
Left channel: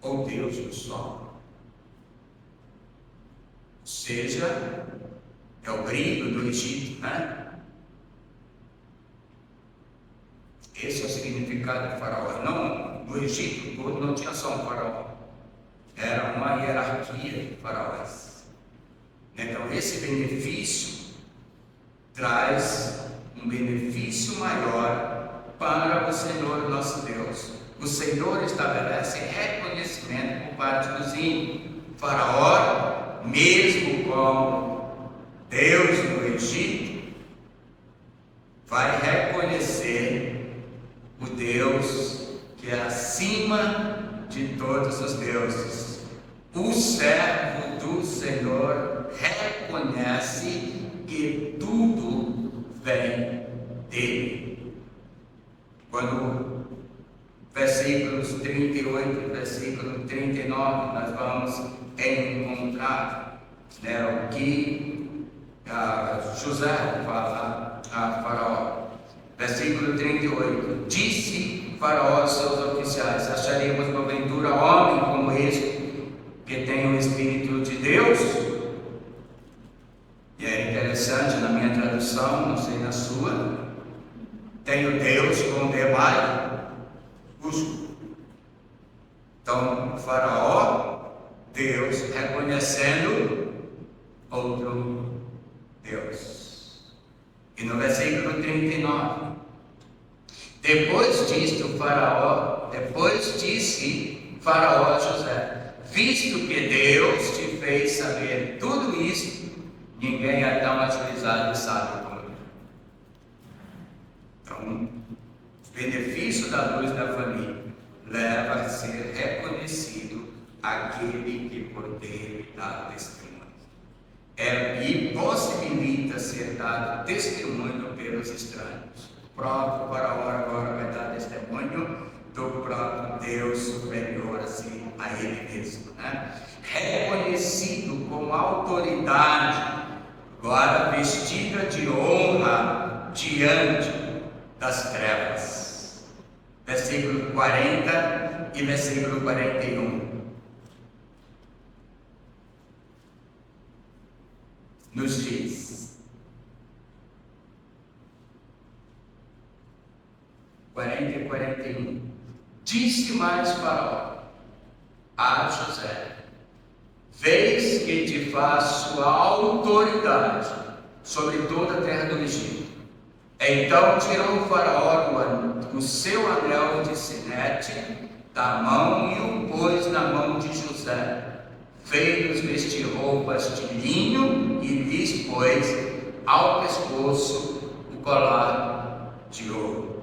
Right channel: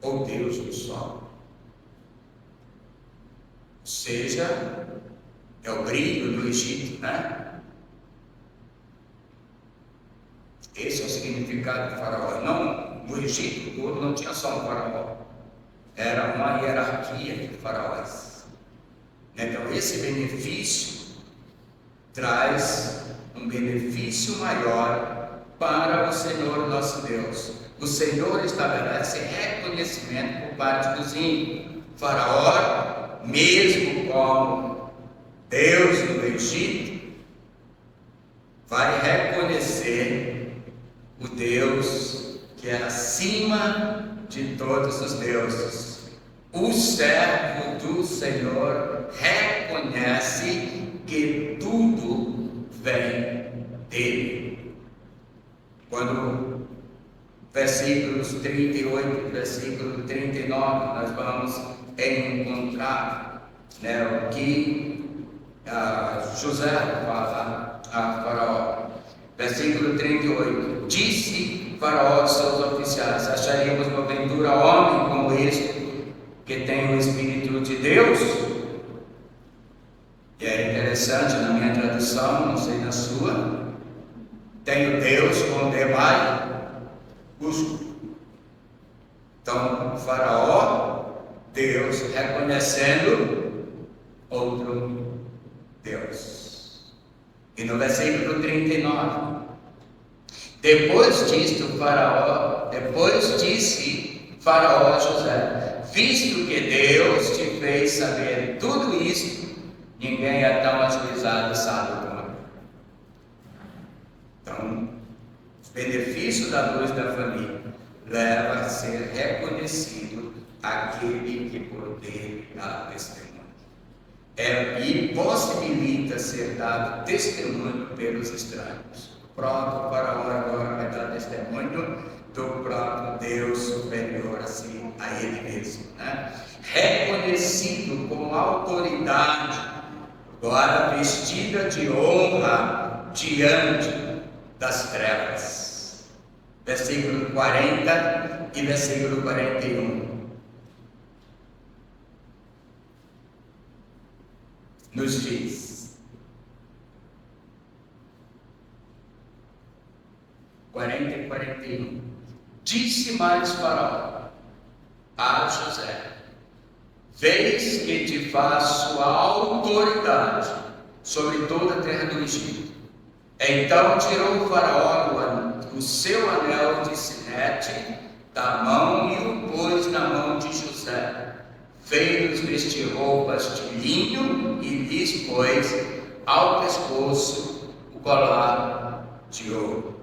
ou Deus do Sol. Ou seja, é o brilho do Egito, né? Esse é o significado de Faraó. Não, no Egito todo não tinha só um Faraó. Era uma hierarquia de faraós. Então esse benefício traz um benefício maior para o Senhor nosso Deus. O Senhor estabelece reconhecimento por parte dos ímpios. Faraó, mesmo como Deus do Egito, vai reconhecer o Deus que é acima de todos os deuses. O servo do Senhor reconhece que tudo vem dele. Quando versículos 38 e versículo 39 nós vamos encontrar, né, o que José fala a Faraó. Versículo 38: disse Faraó aos seus oficiais: acharemos porventura homem como este, que tem o Espírito de Deus? E é interessante, na minha tradução, não sei na sua, tenho Deus com demais busco. Então, Faraó, Deus reconhecendo outro Deus. E no versículo 39, depois disse Faraó a José: visto que Deus te fez saber tudo isto, Ninguém é tão agilizado e sábio como eu. Então, os benefícios da luz da família leva a ser reconhecido aquele que poder dar testemunho. E possibilita ser dado testemunho pelos estranhos. O próprio faraó agora vai dar testemunho do próprio Deus superior assim, a ele mesmo, né? Reconhecido como autoridade, agora vestida de honra diante das trevas. Versículo 40 e versículo 41. Nos diz: 40 e 41. Disse mais Faraó a José: vês que te faço autoridade sobre toda a terra do Egito. Então tirou o Faraó o seu anel de sinete da mão e o pôs na mão de José. Fez-lhes vestir roupas de linho e lhes pôs ao pescoço o colar de ouro.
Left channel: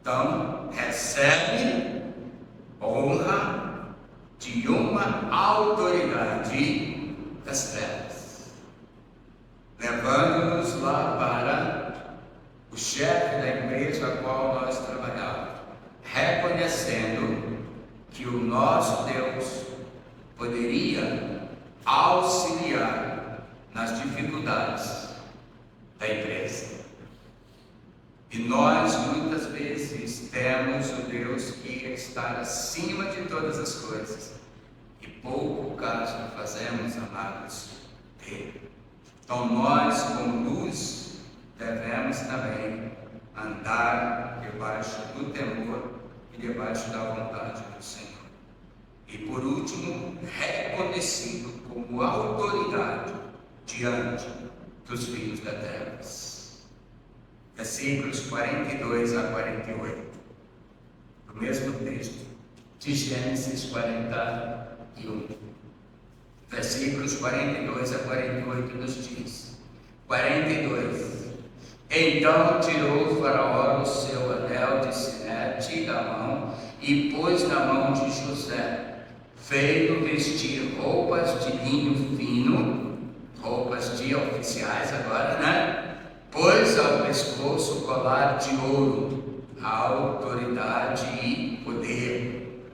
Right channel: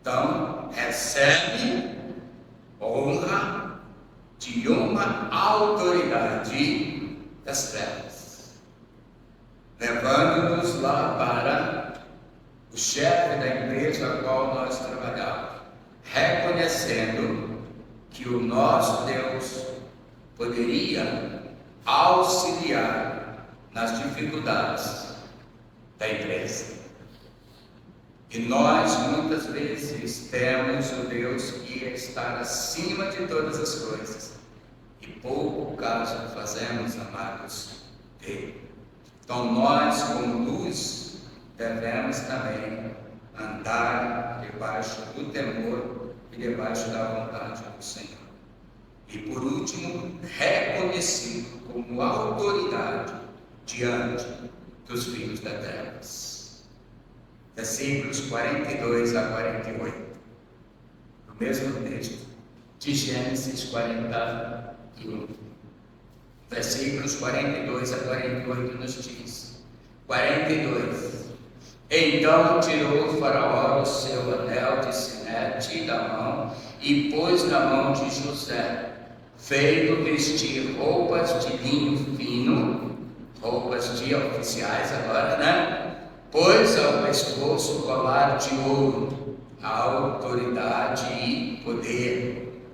Então, recebe honra de uma autoridade das trevas, levando-nos lá para o chefe da empresa a qual nós trabalhávamos, reconhecendo que o nosso Deus poderia auxiliar nas dificuldades da empresa. E nós muitas vezes temos o Deus que está acima de todas as coisas e pouco caso fazemos, amados, dele. Então nós, como luz, devemos também andar debaixo do temor e debaixo da vontade do Senhor. E por último, reconhecido como autoridade diante dos filhos da terra. Versículos 42 a 48, o mesmo texto de Gênesis 41. Versículos 42 a 48 nos diz: 42. Então tirou o Faraó o seu anel de sinete da mão e pôs na mão de José, fez-o vestir roupas de linho fino, roupas de oficiais agora, né? Pôs ao pescoço o colar de ouro, autoridade e poder,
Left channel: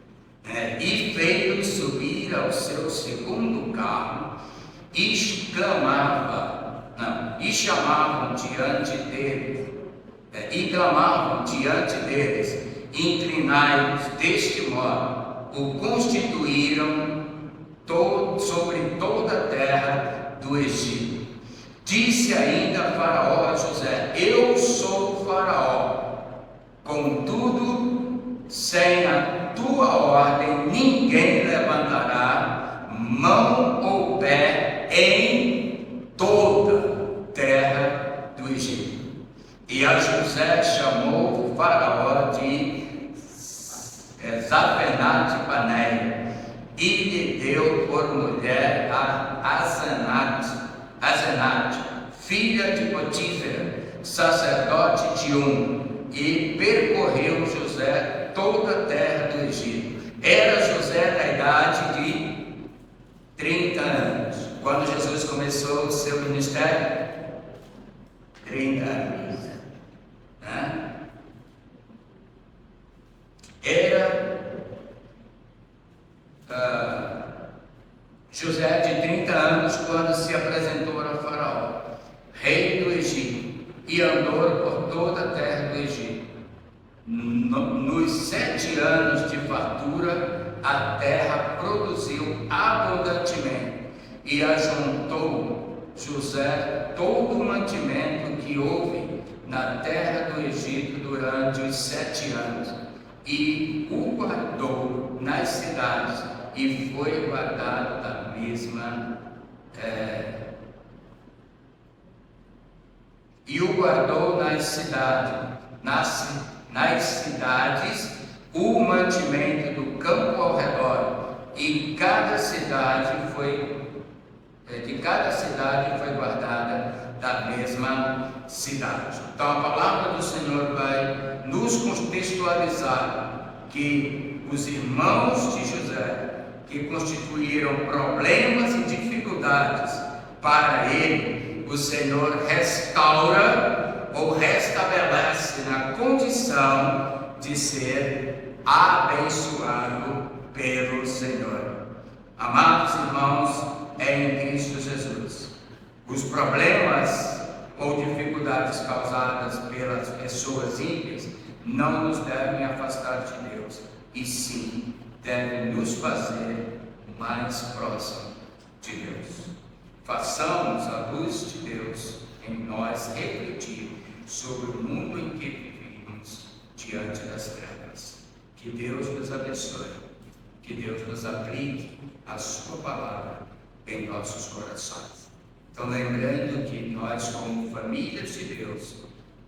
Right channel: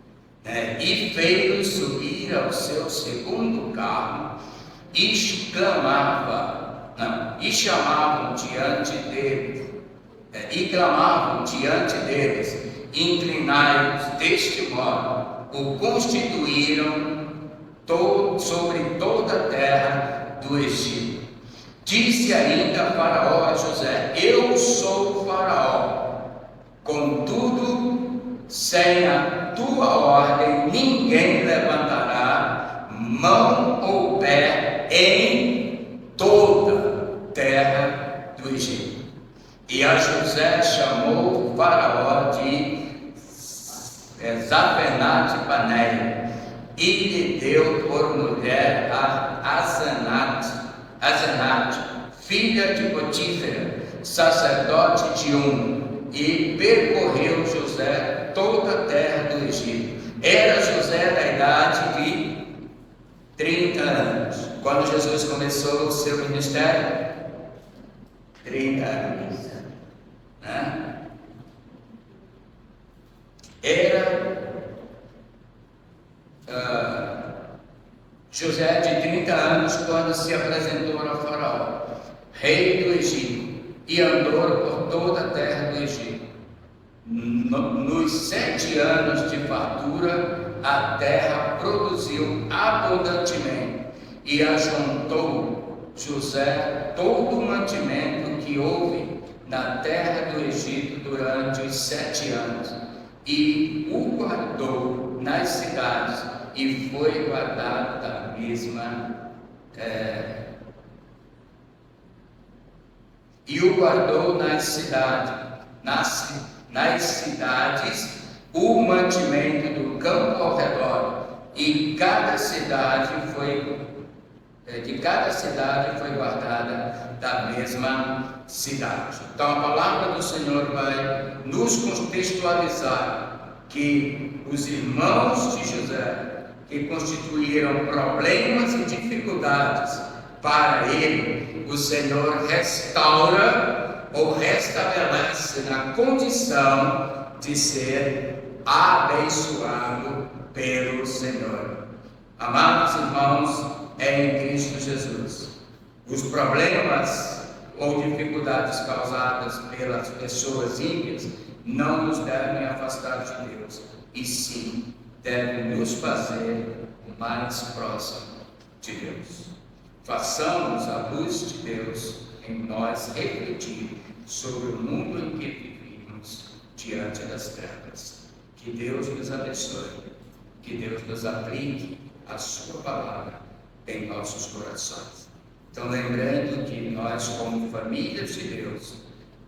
né? E fez-o subir ao seu segundo carro e chamavam diante dele, e clamavam diante deles: inclinai-vos. Deste modo o constituíram sobre toda a terra do Egito. Disse ainda Faraó a José: eu sou Faraó, contudo, sem a tua ordem, ninguém levantará mão ou pé em toda a terra do Egito. E a José chamou Faraó de Zafernate-Paneia e lhe deu por mulher a Asenate, filha de Potífera, sacerdote de e percorreu José toda a terra do Egito. Era José na idade de 30 anos. Quando Jesus começou o seu ministério? 30 anos. Era José de 30 anos quando se apresentou ao Faraó, rei do Egito, e andou por toda a terra do Egito. Nos 7 anos de fartura, a terra produziu abundantemente, e ajuntou José todo o mantimento que houve na terra do Egito durante os 7 anos, e o guardou nas cidades, e foi guardado da mesma e o guardou nas cidades o mantimento do campo ao redor, e cada cidade foi de cada cidade foi guardada da mesma cidade. Então a palavra do Senhor vai nos contextualizar que os irmãos de José, que constituíram problemas e dificuldades para ele, o Senhor restaura ou restabelece na condição de ser abençoado pelo Senhor. Amados irmãos, em Cristo Jesus, os problemas ou dificuldades causadas pelas pessoas ímpias não nos devem afastar de Deus, e sim devem nos fazer mais próximos de Deus. Façamos a luz de Deus em nós refletir sobre o mundo em que vivemos diante das trevas. Que Deus nos abençoe, que Deus nos aplique a sua palavra em nossos corações. Então, lembrando que nós, como famílias de Deus,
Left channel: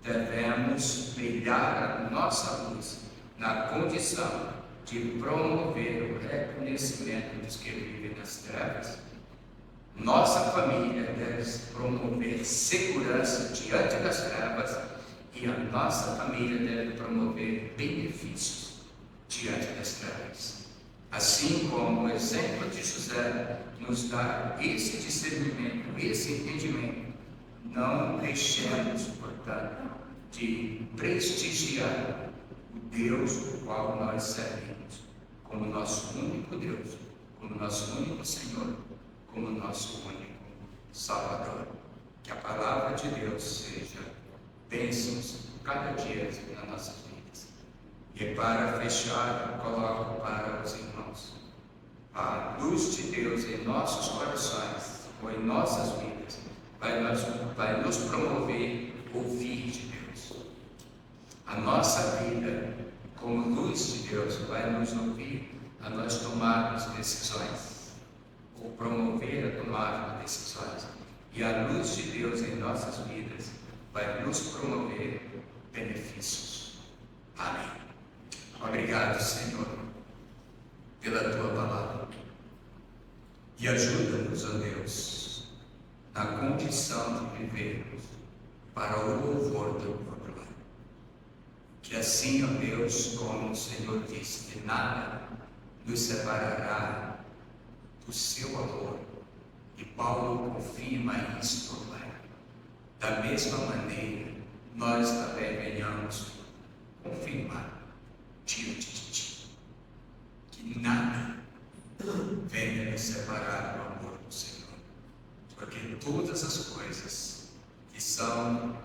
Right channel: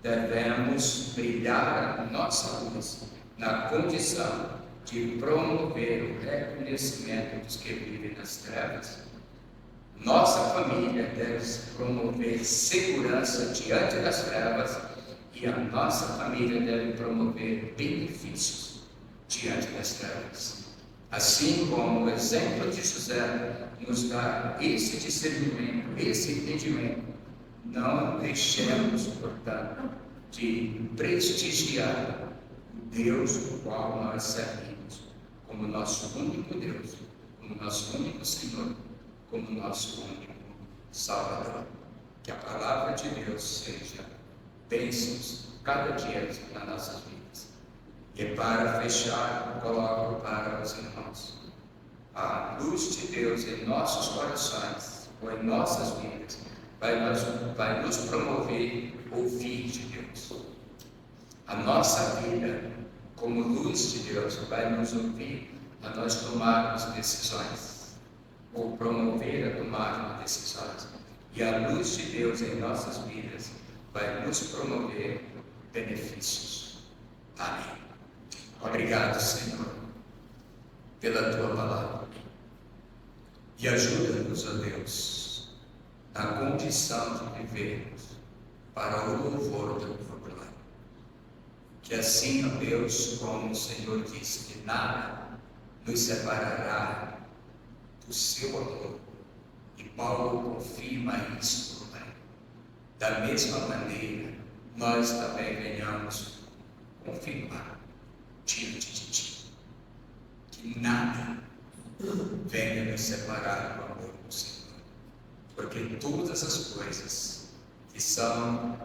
devemos brilhar a nossa luz na condição de promover o reconhecimento dos que vivem nas trevas. Nossa família deve promover segurança diante das trevas e a nossa família deve promover benefícios diante das trevas. Assim como o exemplo de José nos dá esse discernimento, esse entendimento, não deixemos, portanto, de prestigiar o Deus o qual nós servimos como nosso único Deus, como nosso único Senhor, como nosso único Salvador. Que a palavra de Deus seja bênçãos cada dia nas nossas vidas. E para fechar, coloco para os irmãos a luz de Deus em nossos corações, ou em nossas vidas, vai nos promover ouvir de Deus. A nossa vida, como luz de Deus, vai nos ouvir a nós tomarmos decisões, ou promover a tomar decisões. E a luz de Deus em nossas vidas vai nos promover benefícios. Amém. Obrigado, Senhor, pela Tua palavra. E ajuda-nos, ó Deus, na condição de vivermos para o louvor do Teu glória. Que assim, ó Deus, como o Senhor disse, que nada nos separará do Seu amor. E Paulo confirma isso, Pai. Da mesma maneira, nós também venhamos confirmar diante de Ti que nada venha nos separar do amor do Senhor, porque todas as coisas que são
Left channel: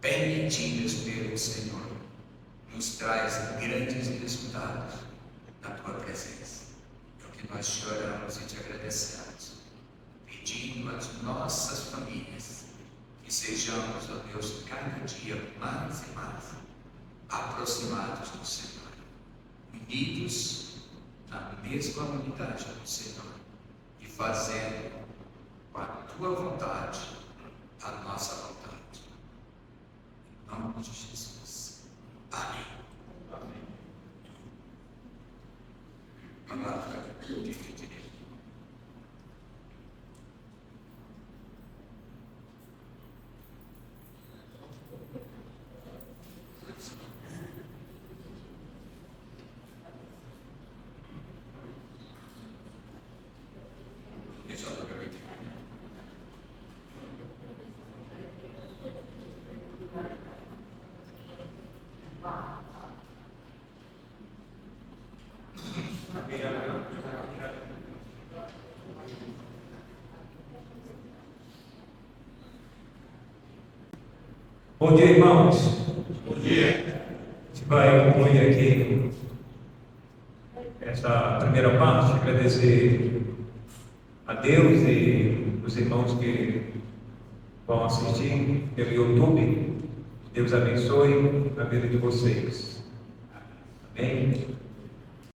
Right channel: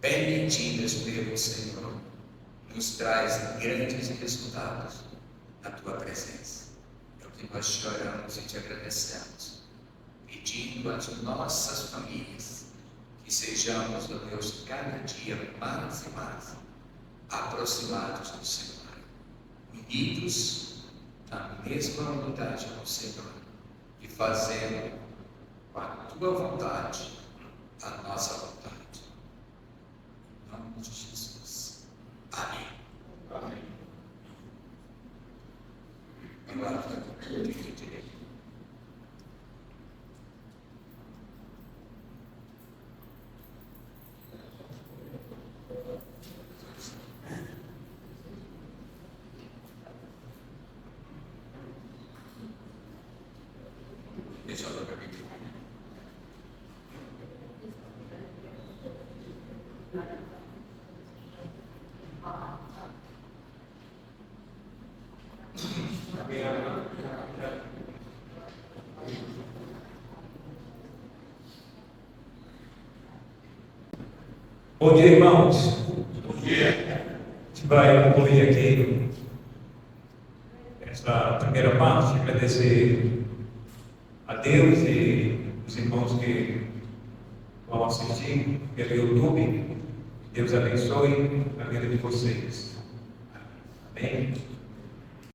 permitidas pelo Senhor nos traz grandes resultados na Tua presença. É o que nós choramos e Te agradecemos, pedindo às nossas famílias que sejamos, ó Deus, cada dia mais e mais aproximados do Senhor, unidos na mesma unidade do Senhor e fazendo com a Tua vontade a nossa vontade. Em nome de Jesus. Amém. Amém. Palavra de direito. Bom dia, irmãos. Bom dia. A gente vai concluir aqui essa primeira parte, agradecer a Deus e os irmãos que vão assistir pelo YouTube. Deus abençoe a vida de vocês. Amém.